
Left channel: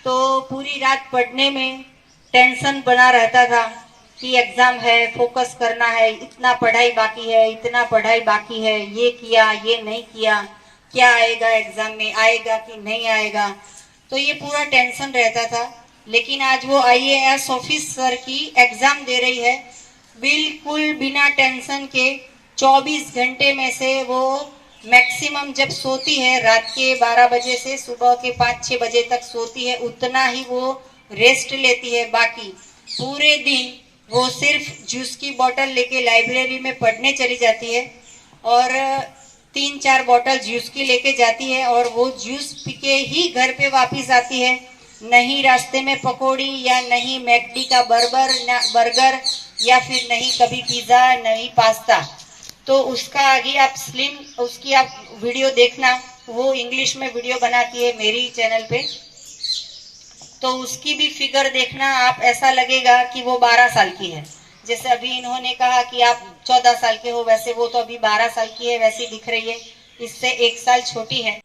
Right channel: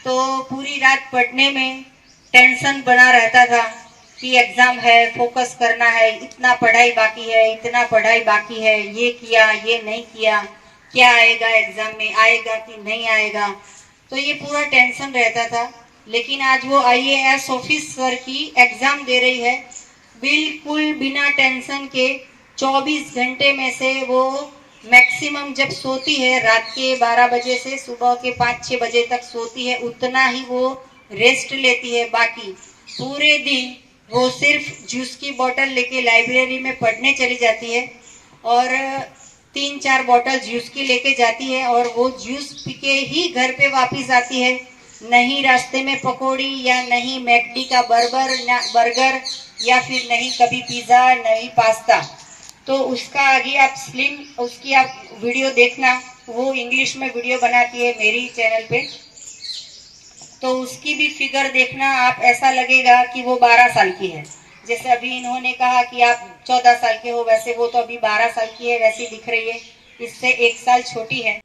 तो पूरी रात पढ़ने में टेंशन बना रहता था कि एग्जाम है, फोकस करना है, इतना पढ़ाई बाकी है, इतना पढ़ाई बाकी है, ये किया, ये नहीं किया, क्या आएगा एग्जाम में, आएगा कि नहीं आएगा। तो ये पूरा टेंशन रहता था। लेकिन आज वो IAS ऑफिसर की एग्जाम दे रही है, बिल्कुल बिना टेंशन के। 24 घंटे में से वो मैक्सिमम जब सोती है रात के 12 बजे से सुबह के 5-6 बजे तक सोती है, उतना ही वो रेस्ट लेती है। बाकी पूरे दिन वो सिर्फ जूस की बोतल लेके लाइब्रेरी में पढ़ने चली जाती है और 3-4 बोतल जूस की लेके जाती है और वो जूस पी के ही घर पे वापस आती है। नहीं रास्ते में पकौड़ी या नहीं मैकडी का बर्गर या फिर नहीं कभी पिज्जा, नहीं पास्ता। तो उसका आगे आप उसकी आप वीडियो देखना, वो इंग्लिश में वीडियो बनाती है मेरी चैनल पे, तो उसकी भी फिगर देखना आप। ऐसा लगेगा कि वो 12 साल की है। जैसे अभी इन्होंने कहा कि आप 14 साल के हो, वैसे वो तो अभी 12 साल की है, वैसी दिख रही है। इससे 1 साल छोटी है।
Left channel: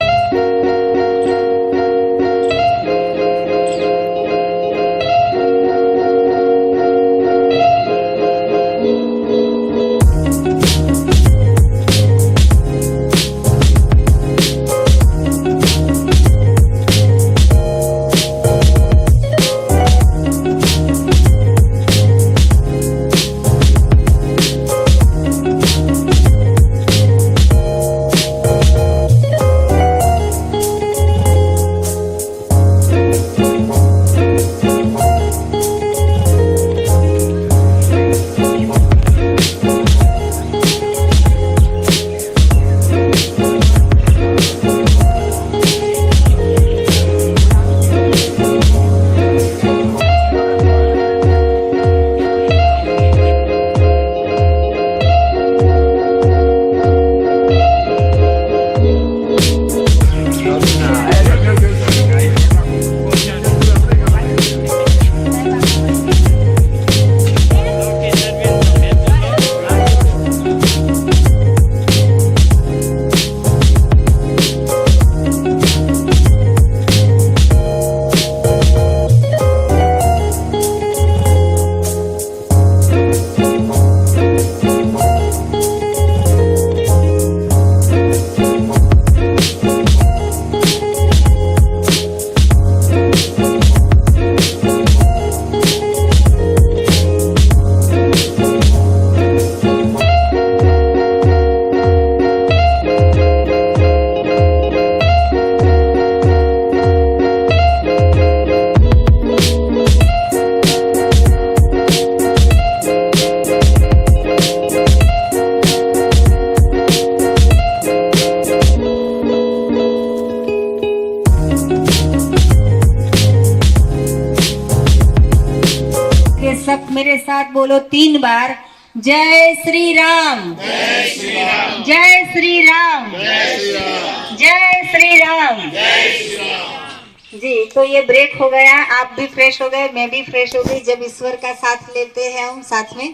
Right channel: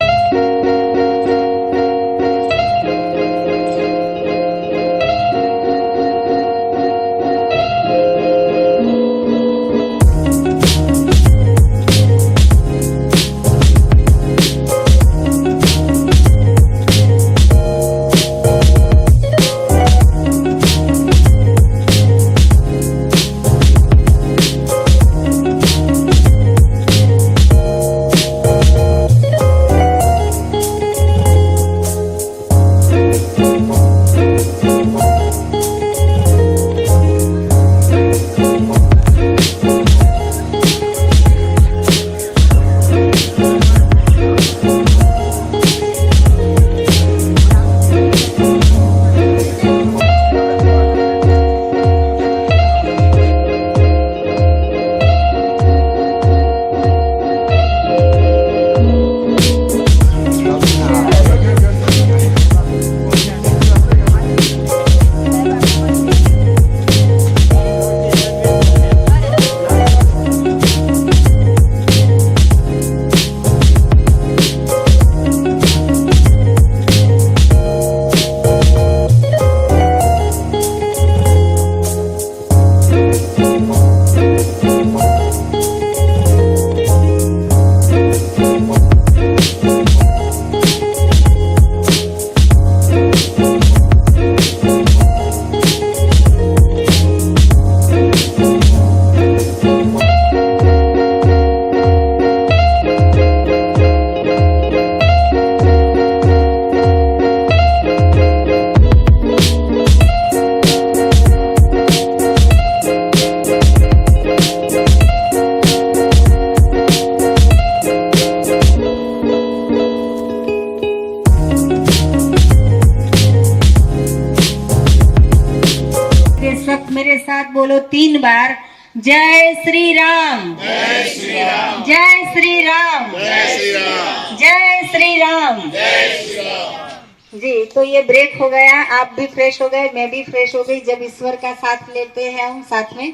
सब मेरे साथ बोलो 3 बार, जय श्री राम, जय श्री राम, जय श्री राम, जय श्री राम, जय श्री राम, जय श्री राम। जी, तो ये ब्रेक हो गया, आप भी फ्रेश हो गए, मैं भी फ्रेश हो गई। जब ईश्वर का साथ लेते हैं हम साथ में,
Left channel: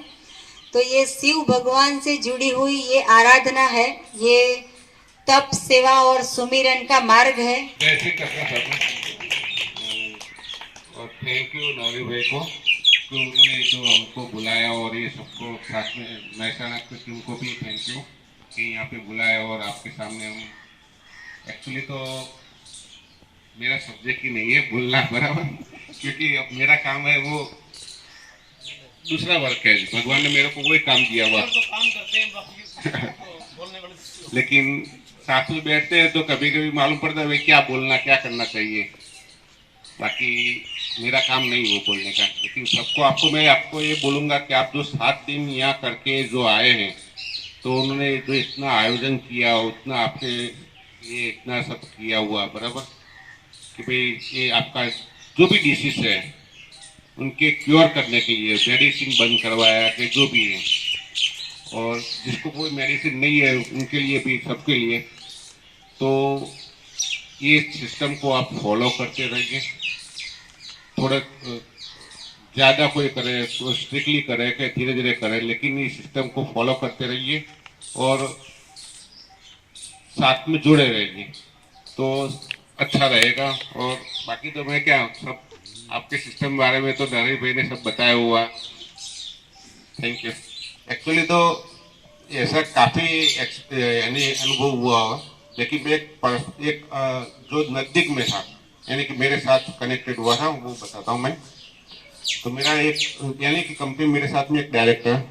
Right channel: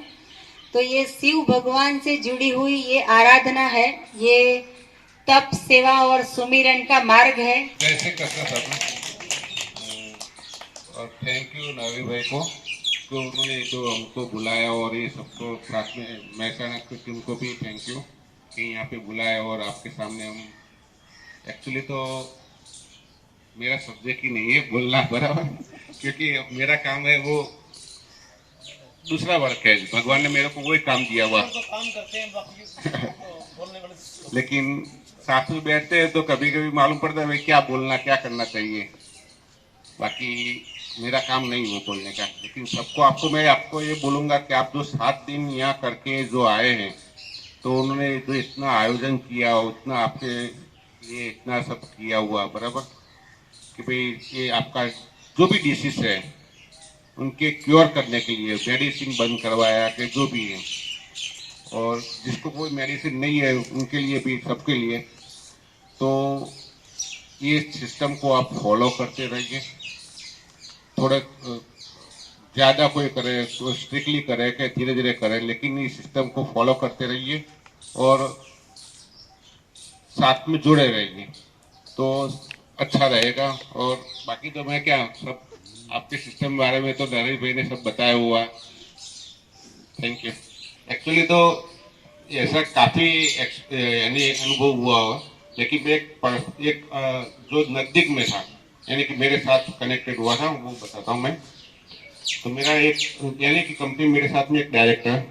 तो ये शिव भगवान से जुड़ी हुई ये आराधना है, ये तप, सेवा और सुमिरन का मार्ग है। कैसे करना था। और थैंक यू नवी भाई को, तो उन्होंने जो हमको बुलाया और ये सबको साथ में महसाना की टीम को भी थैंक यू कि यहाँ पे बुलाया और आपके सामने हम। एक्चुअली तो मेरा सब्जेक्ट ही नहीं है बोलना बराबर, क्योंकि अब मेरा काम है वो दूसरा वर्क है। भगवान ने मेरे को वही काम दिया हुआ लेकिन साथ में बैठते हैं तो कभी कभी मालूम पड़ता है क्या बोलना, क्या करना चाहिए। बाकी मेरा काम नहीं वो बोलने का, लेकिन मैं आपको ये बोलूँगा कि आप जो 7 दिन यहाँ करके जो आए हैं, तो उन्होंने जो इतना आयोजन किया, उतना आपके ये इतना सब किया हुआ बराबर, कि भाई ये आपका जो भी डिसीज है उनके क्योर करने के लिए मेडिसिन बंद करवाया कि जो भी है, और जिसको कोई मेडिसिन नहीं है उनके लिए भी, सबके लिए। तो ये सिस्टम को आप फॉलो करते रहिए। थोड़ा ज़्यादा कोई करे तो स्ट्रिक्टली करे कि धीरे धीरे करे, लेकिन इस सिस्टम को फॉलो करते रहिए और साथ में जुड़े रहिए तो अच्छा रहेगा। और बाकी तो मैं क्या, सब आपके सिस्टम के बारे में तो नरेश भाई ने सब बताया हुआ। Thank you. एक्चुअली तो ऐसा काफ़ी यानी अनुभव हुआ, लेकिन एक जो नज़दीक में था यानी कि मेरे साथ कनेक्टेड हुआ था, वो बताता हूँ मैं। तो मेरा एक यानी कि कंपनी मेरे साथ में एक डायरेक्टर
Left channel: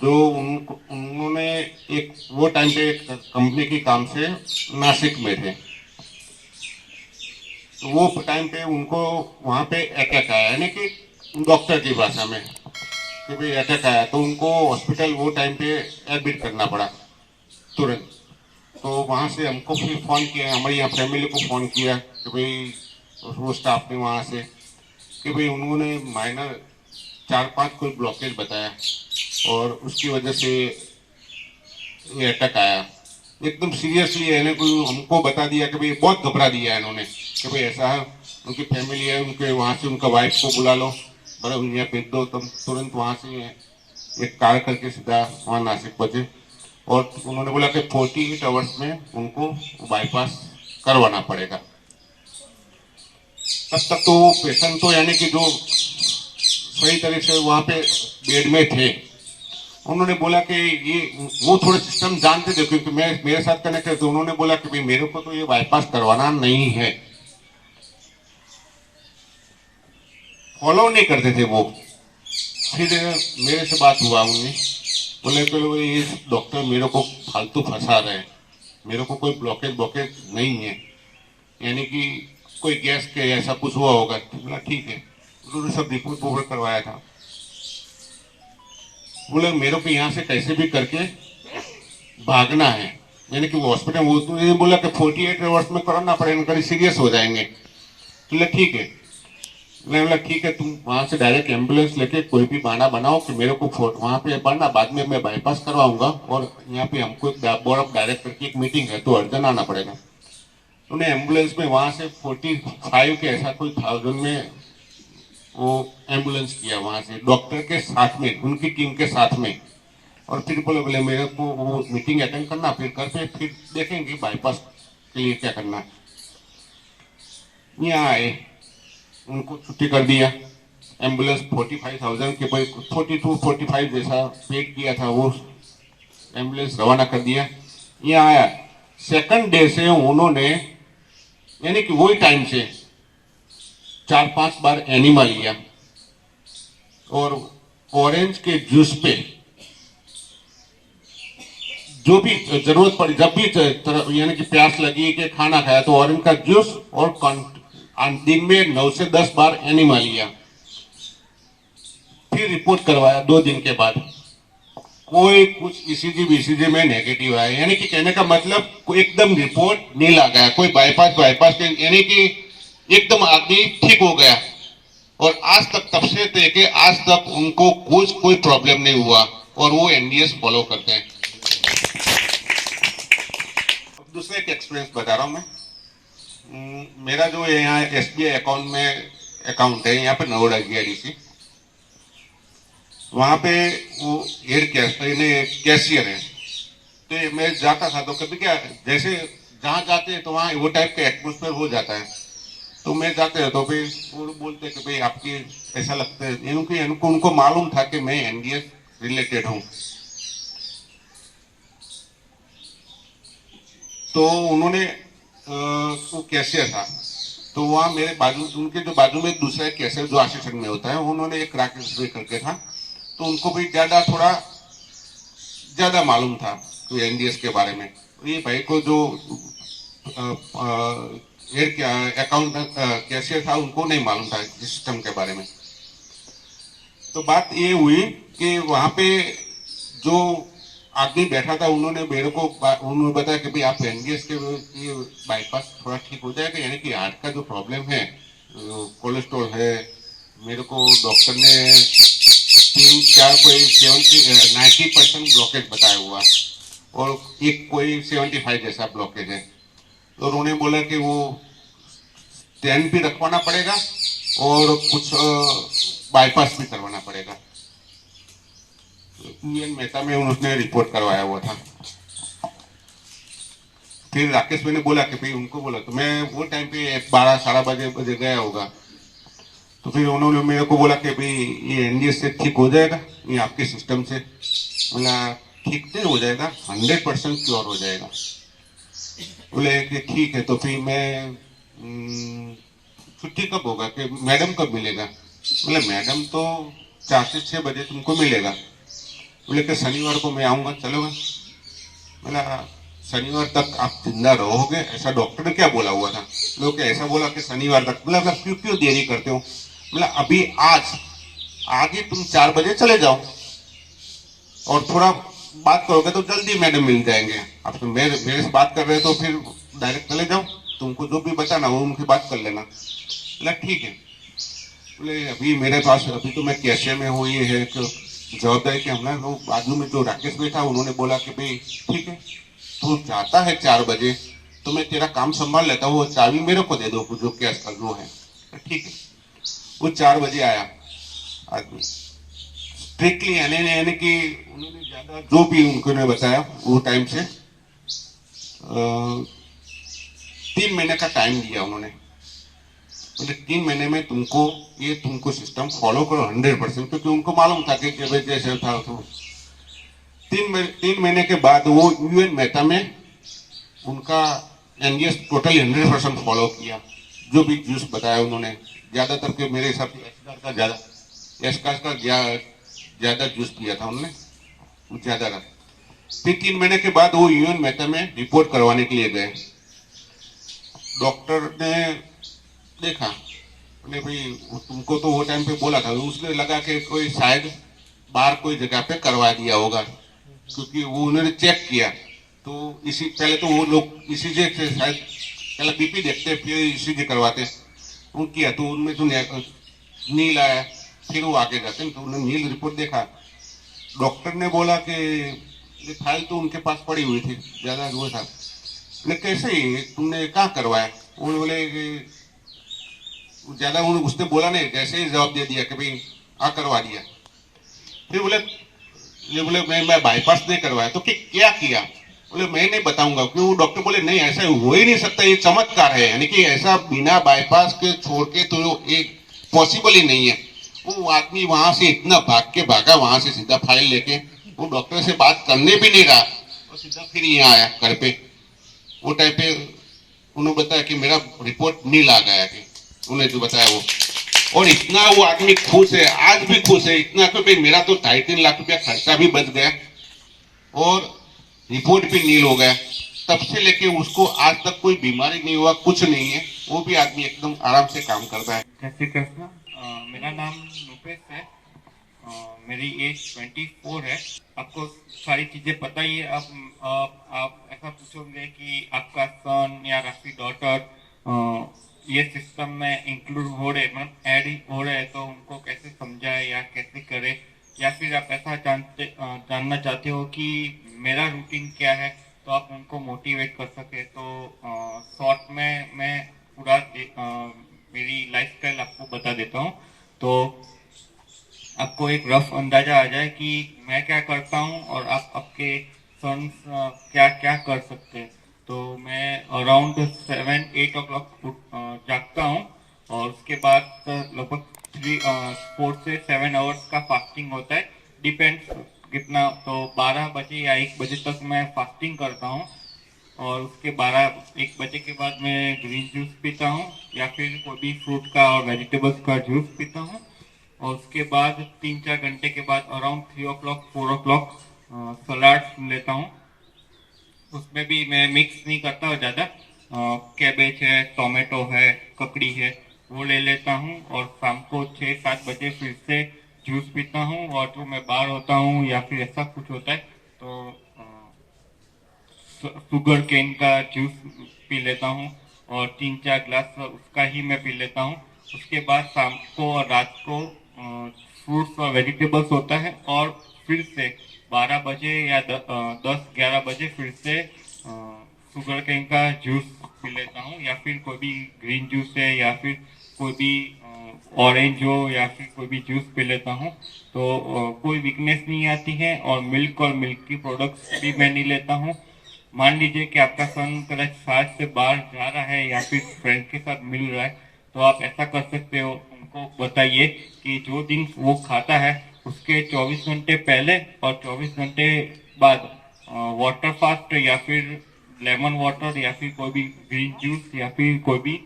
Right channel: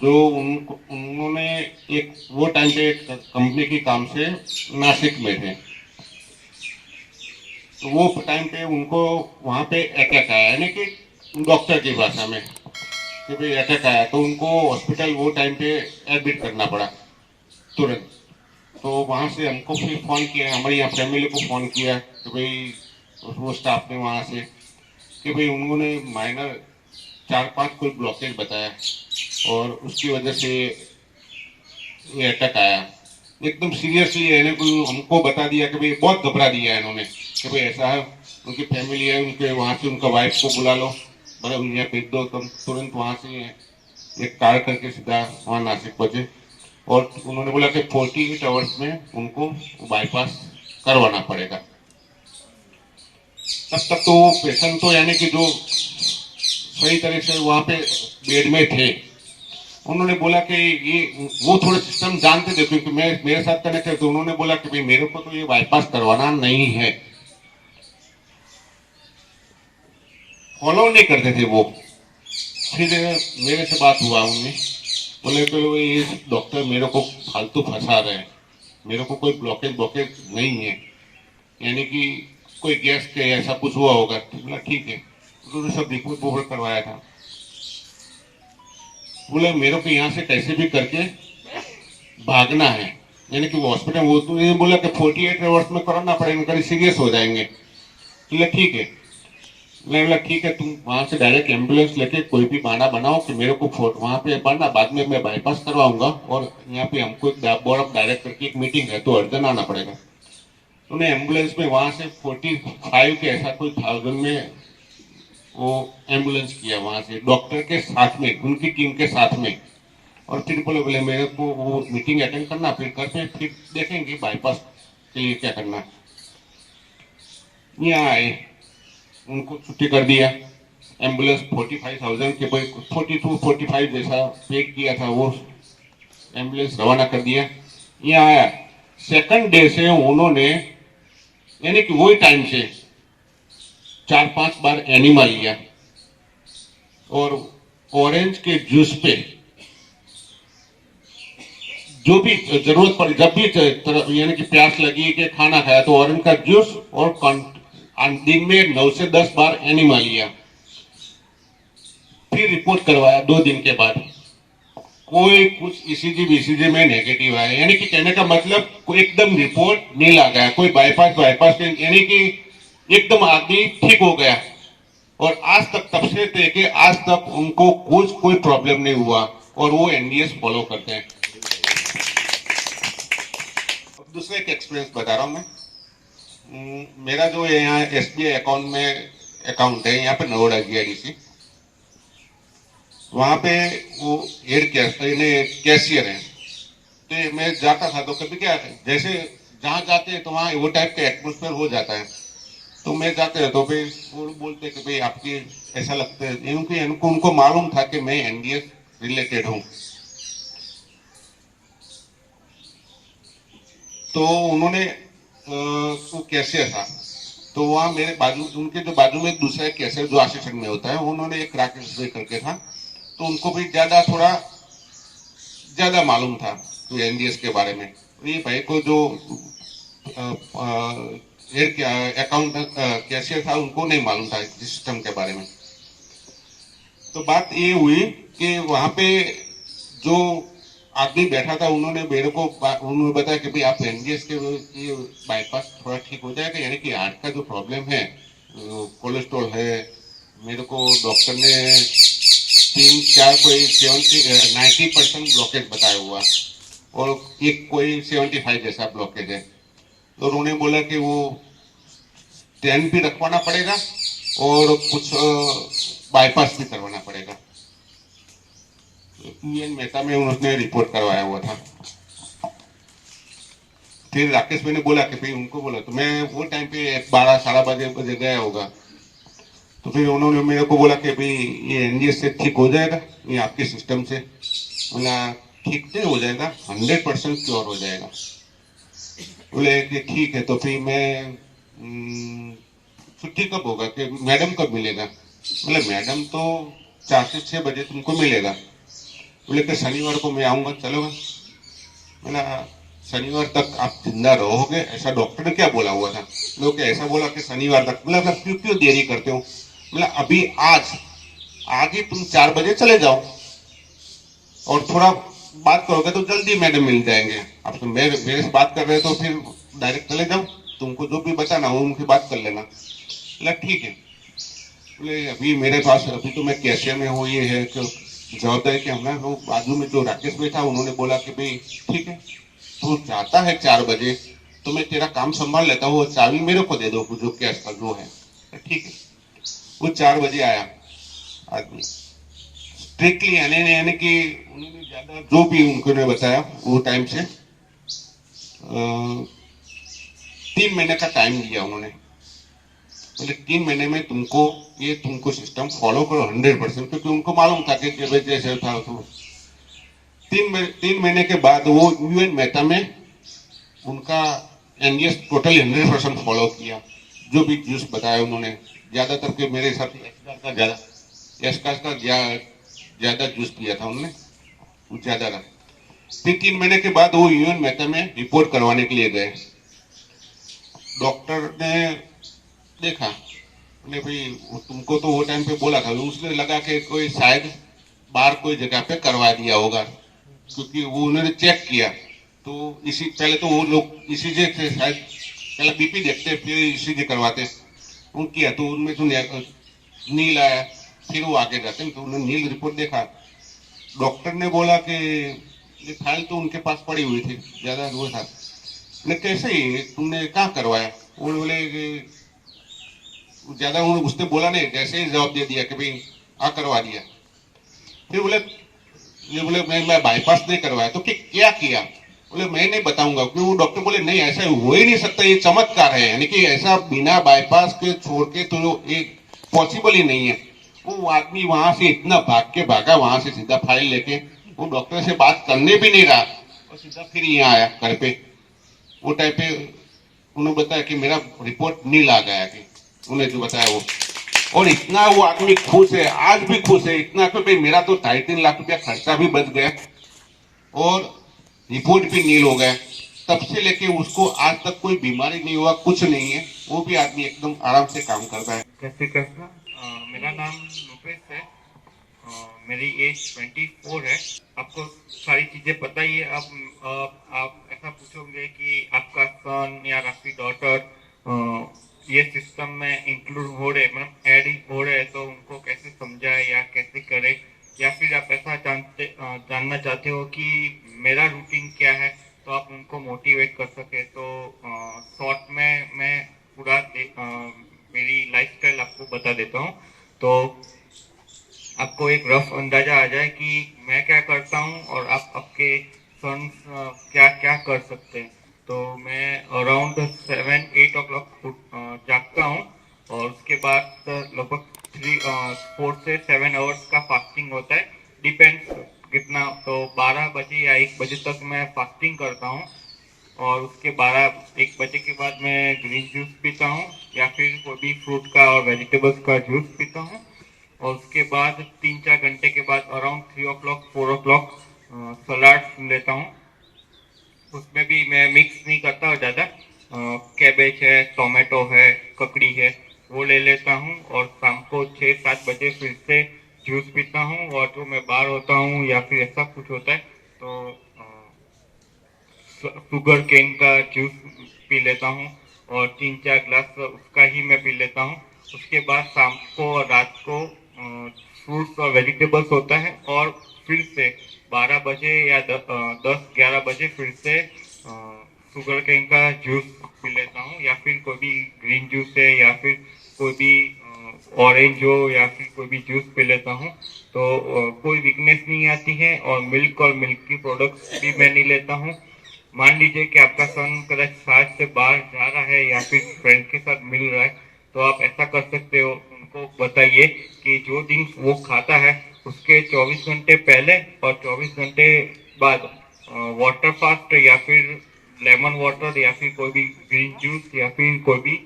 जो उन्होंने एक वो टाइम पे एक कंपनी के काम से नासिक में थे। तो वो टाइम पे उनको वहाँ पे अटैक आया, यानी कि डॉक्टर की भाषा में कि भाई अटैक आया, तो उनको हॉस्पिटल वो टाइम पे एडमिट करना पड़ा तुरंत। तो वहाँ से हमको फिर फ़ोन किया, हमारी यहाँ फैमिली को फ़ोन किया कि भाई वो स्टाफ ने वहाँ से कि भाई उन्होंने माइनर 4-5 कोई ब्लॉकेज बताया और उसकी वजह से ये अटैक आया। एकदम सीरियसली है कोई हमको बता दिया कि भाई बहुत घबरा दिया है इन्होंने कि भाई ऐसा है, उनकी फैमिली है, उनके वहाँ से उनका वाइफ को बुला लो, बड़ा यहाँ भेज दो। तुम तुरंत वहाँ से एक कार करके सीधा वहाँ नासिक पहुँचे और उन्होंने बोला कि 48 आवर्स में उनको बाईपास करवाना पड़ेगा। तब तक तो पेशेंट तो यानी कि जो सही तरह से वहाँ पे बेड में थे, उन्होंने बोला कि ये वो थोड़े सिस्टम जानते थे क्योंकि मैं मेरे साथ कनेक्ट है। तो उन्होंने बोला कि भाई मेरे को तो ये बाईपास करवाना नहीं है, फॉलो नहीं करते थे वो। फिर मेरे से बात हुआ, उन्हें बोले कि ये डॉक्टर मेरे को फालतू फंसा रहे हैं, मेरे को कोई ब्लॉकेज नहीं है, यानी कि कोई गैस के ऐसा कुछ हुआ होगा। बोला ठीक है, उन्होंने सब रिपोर्ट करवाया था। बोले मेरे को यहाँ से कैसे भी करके भागना है, यानी कि वो हॉस्पिटल, वो तो ये बोला कि 48 आवर्स में कराना पड़ेगा, कभी सीरियस हो जाएंगे। बोले ठीक है, मैं बोला ठीक है, तुम वहां से डायरेक्ट एम्बुलेंस लेके कोई भी बहाना बनाओ कि मेरे को वहां पे बनना, बाद में मैं बाईपास करवाऊंगा और यहाँ पे हमको एक बोर्ड ऑफ डायरेक्टर की एक मीटिंग है तो अर्जेंट आना पड़ेगा। उन्हें एम्बुलेंस में वहां से 45 के ऐसा कोई 1000 में वो एम्बुलेंस किया वहां से डॉक्टर के साथ में, उनकी टीम के साथ में। और फिर बोले मेरे को वो मीटिंग अटेंड करना, फिर करके फिर देखेंगे बाईपास के लिए क्या करना। यहाँ आए, उनको छुट्टी कर दिया। एम्बुलेंस 45,000 के 42-45 जैसा पेड किया था, वो एम्बुलेंस रवाना कर दिया। यहाँ आया, सेकंड डे से उन्होंने यानी कि वही टाइम से 4-5 बार एनिमा लिया और ऑरेंज के जूस पे जो भी जरूरत पड़ी, जब भी यानी कि प्यास लगी कि खाना खाया तो ऑरेंज का जूस और दिन में 9 से 10 बार एनिमा लिया। फिर रिपोर्ट करवाया 2 दिन के बाद, कोई कुछ ईसीजी में नेगेटिव आया, यानी कि कहने का मतलब कोई एकदम रिपोर्ट नहीं आ गया, कोई बाईपास यानी कि एकदम आदमी ठीक हो गया। और आज तक तब से लेके आज तक उनको कोई प्रॉब्लम नहीं हुआ और वो एनडीएस फॉलो करते हैं। दूसरे एक एक्सपीरियंस बता रहा हूँ मैं। मेरा जो यहाँ एसबीआई अकाउंट है यहाँ पे नवोड़ा जीआईडीसी, वहाँ पे वो हेड कैशियर है। तो मैं जाता था तो कभी क्या, जैसे जहाँ जाते हैं तो वहाँ वो टाइप का एटमोस्फेयर हो जाता है। तो मैं जाते रहता हूँ, फिर वो बोलते कि भाई आपकी ऐसा लगता है, क्योंकि उनको मालूम था कि मैं एनडीएस रिलेटेड हूँ। तो उन्होंने वो कैशियर था, तो वहाँ मेरे बाजू, उनके जो बाजू में दूसरा कैशियर जो असिस्टेंट में होता है, उन्होंने एक राकेश भाई करके था, तो उनको भी ज्यादा मालूम था तो एनडीएस के बारे में। ये भाई को जो अकाउंट कैशियर था उनको नहीं मालूम था सिस्टम के बारे में। तो बात ये हुई कि वहां पे जो आदमी बैठा था, उन्होंने मेरे को बताया कि भाई आप एनडीएस के बाईपास थोड़ा ठीक हो जाएगा, यानी कि हार्ट का जो प्रॉब्लम है, कोलेस्ट्रॉल है, मेरे को डॉक्टर ने 3-4 कोई 90% ब्लॉकेज बताया हुआ और एक कोई 75 जैसा ब्लॉकेज है। तो उन्होंने बोला कि वो स्टेंट भी रखवाना पड़ेगा और कुछ बाईपास भी करवाना पड़ेगा। यूएन मेहता में उन्होंने रिपोर्ट करवाया हुआ था। फिर राकेश भाई ने बोला कि भाई उनको बोला, तो मैं वो टाइम पे 12-12 बजे गया होगा। तो फिर उन्होंने मेरे को बोला कि भाई ये एनडीएस से ठीक हो जाएगा, ये आपके सिस्टम से। बोला ठीक से हो जाएगा, 100% क्योर हो जाएगा। बोले कि ठीक है। तो फिर मैं छुट्टी कब होगा कि मैडम कब मिलेगा? बोले मैडम तो 4 से 6 बजे तुमको मिलेगा। बोले कि शनिवार को मैं आऊंगा, चलोगा? बोला शनिवार तक आप जिंदा रहोगे, ऐसा डॉक्टर ने क्या बोला हुआ था? लोग ऐसा बोला कि शनिवार तक। बोला क्यों क्यों देरी करते हो? बोला अभी आज आगे तुम 4 बजे चले जाओ और थोड़ा बात करोगे तो जल्दी मैडम मिल जाएंगे। अब तुम मेरे से बात कर रहे हो तो फिर डायरेक्ट चले जाओ, तुमको जो भी बताना हो उनकी बात कर लेना। बोला ठीक है। बोले अभी मेरे पास अभी तो मैं कैसे में हूँ, ये है कि जवाबदारी के हमें वो बाजू में जो राकेश भाई था उन्होंने बोला कि भाई ठीक है तू जाता है 4 बजे तो मैं तेरा काम संभाल लेता हूँ, वो चाबी मेरे को दे दो जो कैश का जो है। ठीक है। वो 4 बजे आया आदमी स्ट्रिक्टली यानी कि उन्होंने ज्यादा जो भी उनको बताया वो टाइम से 3 महीने का टाइम दिया उन्होंने। बोले 3 महीने में तुमको सिस्टम फॉलो करो 100%, क्योंकि उनको मालूम था कि जैसे था तो 3 महीने के बाद वो यूएन मेहता में उनका एनडीएस टोटली 100% फॉलो किया। जो भी जूस बताया उन्होंने ज्यादातर के मेरे हिसाब से एसकास का ज्यादा जूस पिया था उन्होंने, वो ज्यादा था। फिर 3 महीने के बाद वो यूएन मेहता में रिपोर्ट करवाने के लिए गए। डॉक्टर ने देखा, बोले भाई तुमको तो वो टाइम पे बोला था, उसने लगा कि कोई शायद बाहर कोई जगह पे करवा दिया होगा, क्योंकि वो उन्होंने चेक किया तो इसी पहले तो वो लोग ईसीजी से शायद पहले बीपी देखते फिर ईसीजी करवाते, वो किया तो उनमें तो नील आया, फिर वो आगे जाते तो उन्होंने नील रिपोर्ट देखा। डॉक्टर ने बोला कि ये फाइल तो उनके पास पड़ी हुई थी, ज्यादा वो था, लेकिन कैसे ही तुमने कहाँ करवाया? वो बोले कि ज्यादा उसने बोला नहीं, जैसे ही जवाब दे दिया कि भाई करवा दिया। फिर बोले मैं बाईपास नहीं करवाया तो क्या किया? बोले मैं नहीं बताऊंगा, क्यों? वो डॉक्टर बोले नहीं ऐसा हो ही नहीं सकता, ये चमत्कार है, यानी कि ऐसा बिना बाईपास के छोड़ के तो एक पॉसिबल ही नहीं है। वो आदमी वहां से इतना भाग के भागा, वहां से सीधा फाइल लेके वो डॉक्टर से बात करने भी नहीं रहा और सीधा फिर यहाँ आया घर पे। वो टाइम पे उन्होंने बताया कि मेरा रिपोर्ट नील आ गया, कि उन्होंने जो बताया वो, और इतना वो आदमी खुश है, आज भी खुश है इतना कि मेरा तो 2.5-3 लाख रुपया खर्चा भी बच गया और रिपोर्ट भी नील हो गया। तब से लेके उसको आज तक कोई बीमारी नहीं हुआ, कुछ नहीं है, वो भी आदमी एकदम आराम से काम करता है। जय श्री कृष्ण। मेरा नाम रूपेश है, मेरी एज 24 है। आपको सारी चीजें पता ही है। आप ऐसा पूछोगे कि आपका सन या आपकी डॉटर ये सिस्टम में इंक्लूड हो रहे, मतलब ऐड हो रहे, तो उनको कैसे समझाए या कैसे करे, या फिर आप ऐसा जानना चाहते हो कि मेरा रूटीन क्या है तो आप उनको मोटिवेट कर सके। तो शॉर्ट में मैं पूरा मेरी लाइफस्टाइल आपको बता देता हूँ, तो आपको एक रफ अंदाजा आ जाए कि मैं क्या करता हूँ और आप आपके सन क्या क्या कर सकते हैं। तो मैं अराउंड 7-8 ओ क्लॉक जागता हूँ और उसके बाद लगभग 4 से 7 आवर्स का फास्टिंग होता है, डिपेंड्स कितना, तो 12 बजे या 1 बजे तक मैं फास्टिंग करता हूँ और उसके 12-1 बजे के बाद मैं ग्रीन जूस पीता हूँ या फिर कोई भी फ्रूट का और वेजिटेबल्स का जूस पीता हूँ। और उसके बाद 3-4 घंटे के बाद अराउंड 3 ओ क्लॉक 4 ओ क्लॉक सलाड लेता हूँ। उसमें भी मैं मिक्स नहीं करता और ज़्यादा, कैबेज है, टोमेटो है, ककड़ी है, वो ले लेता हूँ और शाम को 6-7 बजे फिर से जूस पीता हूँ। और जो मैं बाहर होता हूँ या फिर ऐसा कुछ होता है तो शुगर केन का जूस पी लेता हूँ और 3-4 ग्लास उसका ही मैं पी लेता हूँ। उसके बाद शाम को और रात को फ्रूट्स और वेजिटेबल्स होता है और फिर से 12 बजे या 10-11 बजे फिर से शुगर केन का जूस पी लेता हूँ या फिर कोई भी ग्रीन जूस है या फिर कोई भी ऑरेंज हो या फिर कोई भी जूस पी लेता हूँ। तो कोई वीकनेस नहीं आती है। और मिल्क की प्रोडक्ट्स भी मैं नहीं लेता हूँ। मान लीजिए कि आपका सन कदाच साथ से बाहर जा रहा है या फिर फ्रेंड के साथ मिल रहा है तो आप ऐसा कर सकते हो, उनको बताइए कि जो दिन वो खाता है उसके 24 घंटे पहले और 24 घंटे बाद वाटर फास्ट या फिर लेमन वाटर या फिर कोई भी ग्रीन जूस या फिर कोई भी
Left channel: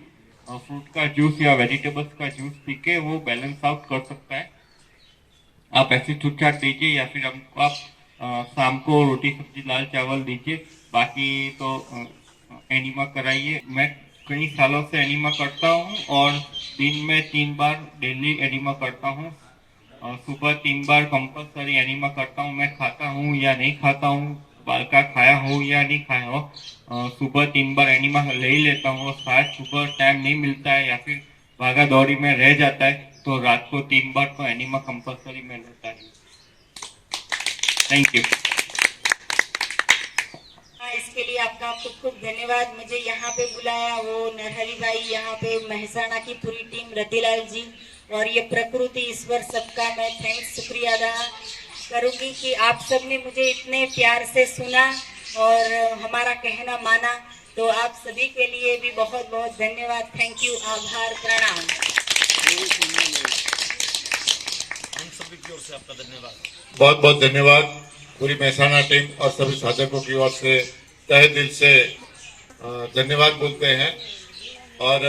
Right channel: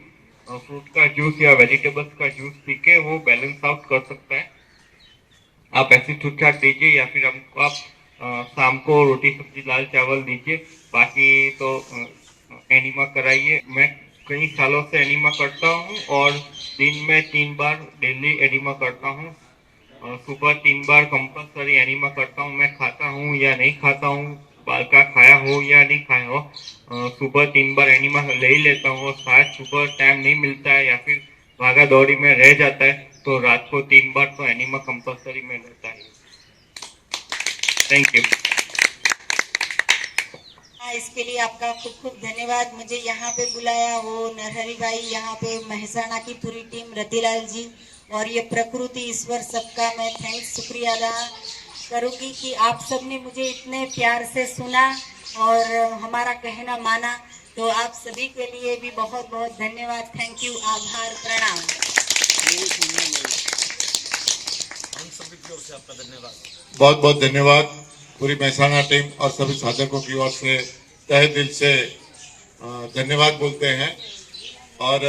फ्रूट का जूस या वेजिटेबल्स का जूस पी के वो बैलेंस आउट कर सकता है। आप ऐसी छूट छाट दीजिए या फिर हमको आप शाम को रोटी सब्जी दाल चावल दीजिए, बाकी तो एनिमा कराइए। मैं कई सालों से एनिमा करता हूँ और दिन में 3 बार डेली एनिमा करता हूँ। सुबह 3 बार कंपल्सरी एनिमा करता हूँ। मैं खाता हूँ या नहीं खाता हूँ, बाल का खाया हो या नहीं खाया हो, सुबह 3 बार एनिमा ले ही लेता हूँ। शायद सुबह टाइम नहीं मिलता है या फिर भागा दौड़ी में रह जाता है तो रात को 3 बार तो एनिमा कंपल्सरी में रहता है। Thank you. इसके लिए आपका खूब खूब धन्यवाद। मुझे यहाँ पे बुलाया वो नरहरी भाई, यहाँ पे महसाणा की पूरी टीम, रतिलाल जी और ये प्रकृति ईश्वर, सबका मैं थैंक्स शुक्रिया अदा करूँगी कि आप सब ने मुझे इतने प्यार से सुना और हमारा कहना माना। तो आप सभी के लिए भी बहुत बहुत धन्यवाद। थैंक यू, आभार, प्रणाम। हम सभी की ओर से आपका धन्यवाद। बहुत बहुत धन्यवाद पूरी महसाणा टीम और सभी साधकों की ओर से तहे दिल से धन्यवाद बोलते हैं। और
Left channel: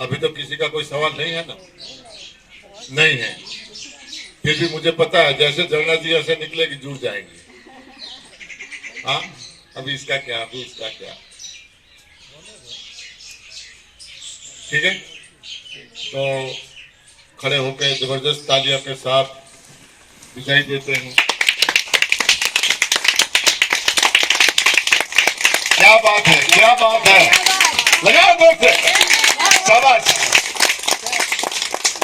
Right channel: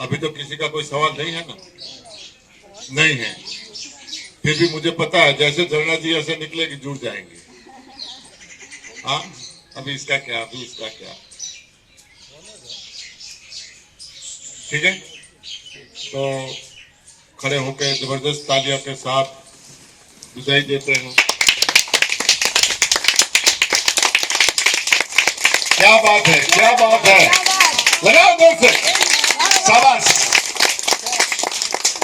अभी तो किसी का कोई सवाल नहीं है ना? नहीं है। फिर भी मुझे पता है जैसे झरना जी ऐसे निकलेगी जुड़ जाएंगे। हाँ, अभी इसका क्या, अभी इसका क्या, ठीक है। तो खड़े होकर जबरदस्त तालियों के साथ विदाई देते हैं। क्या बात है, क्या बात है, लगाओ जोर से, शाबाश,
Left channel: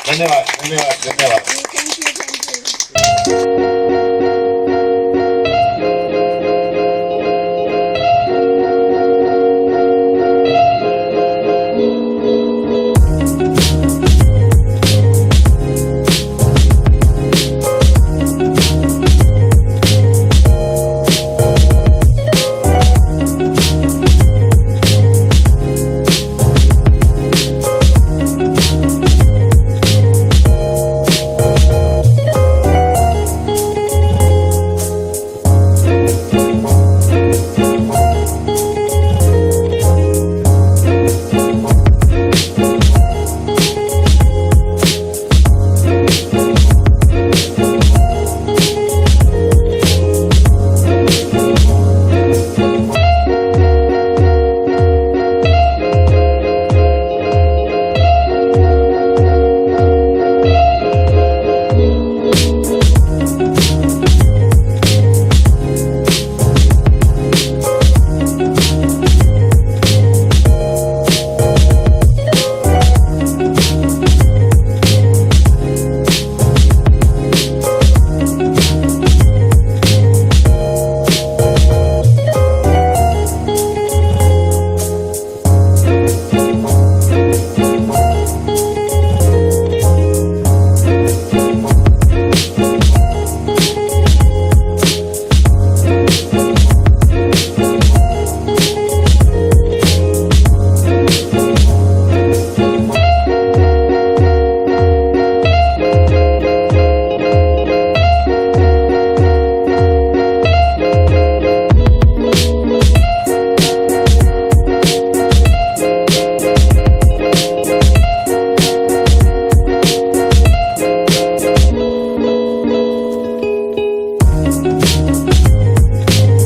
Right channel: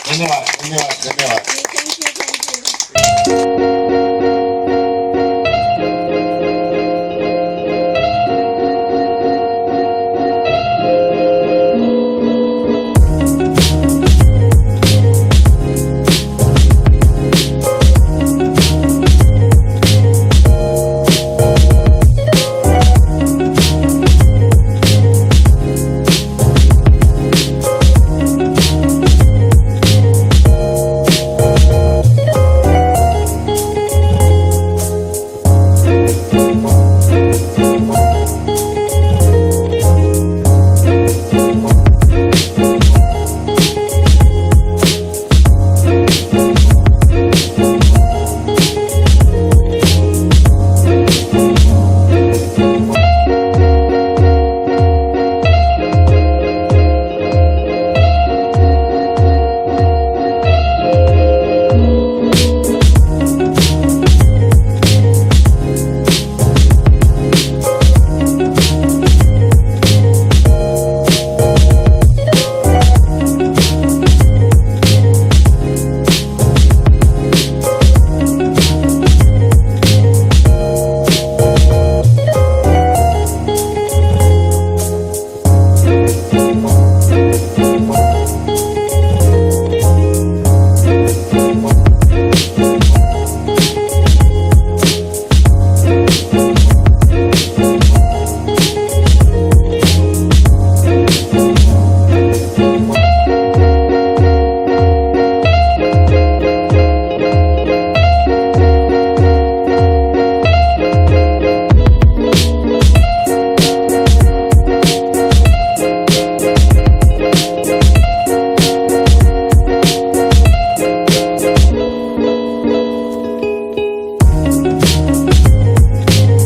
धन्यवाद धन्यवाद धन्यवाद।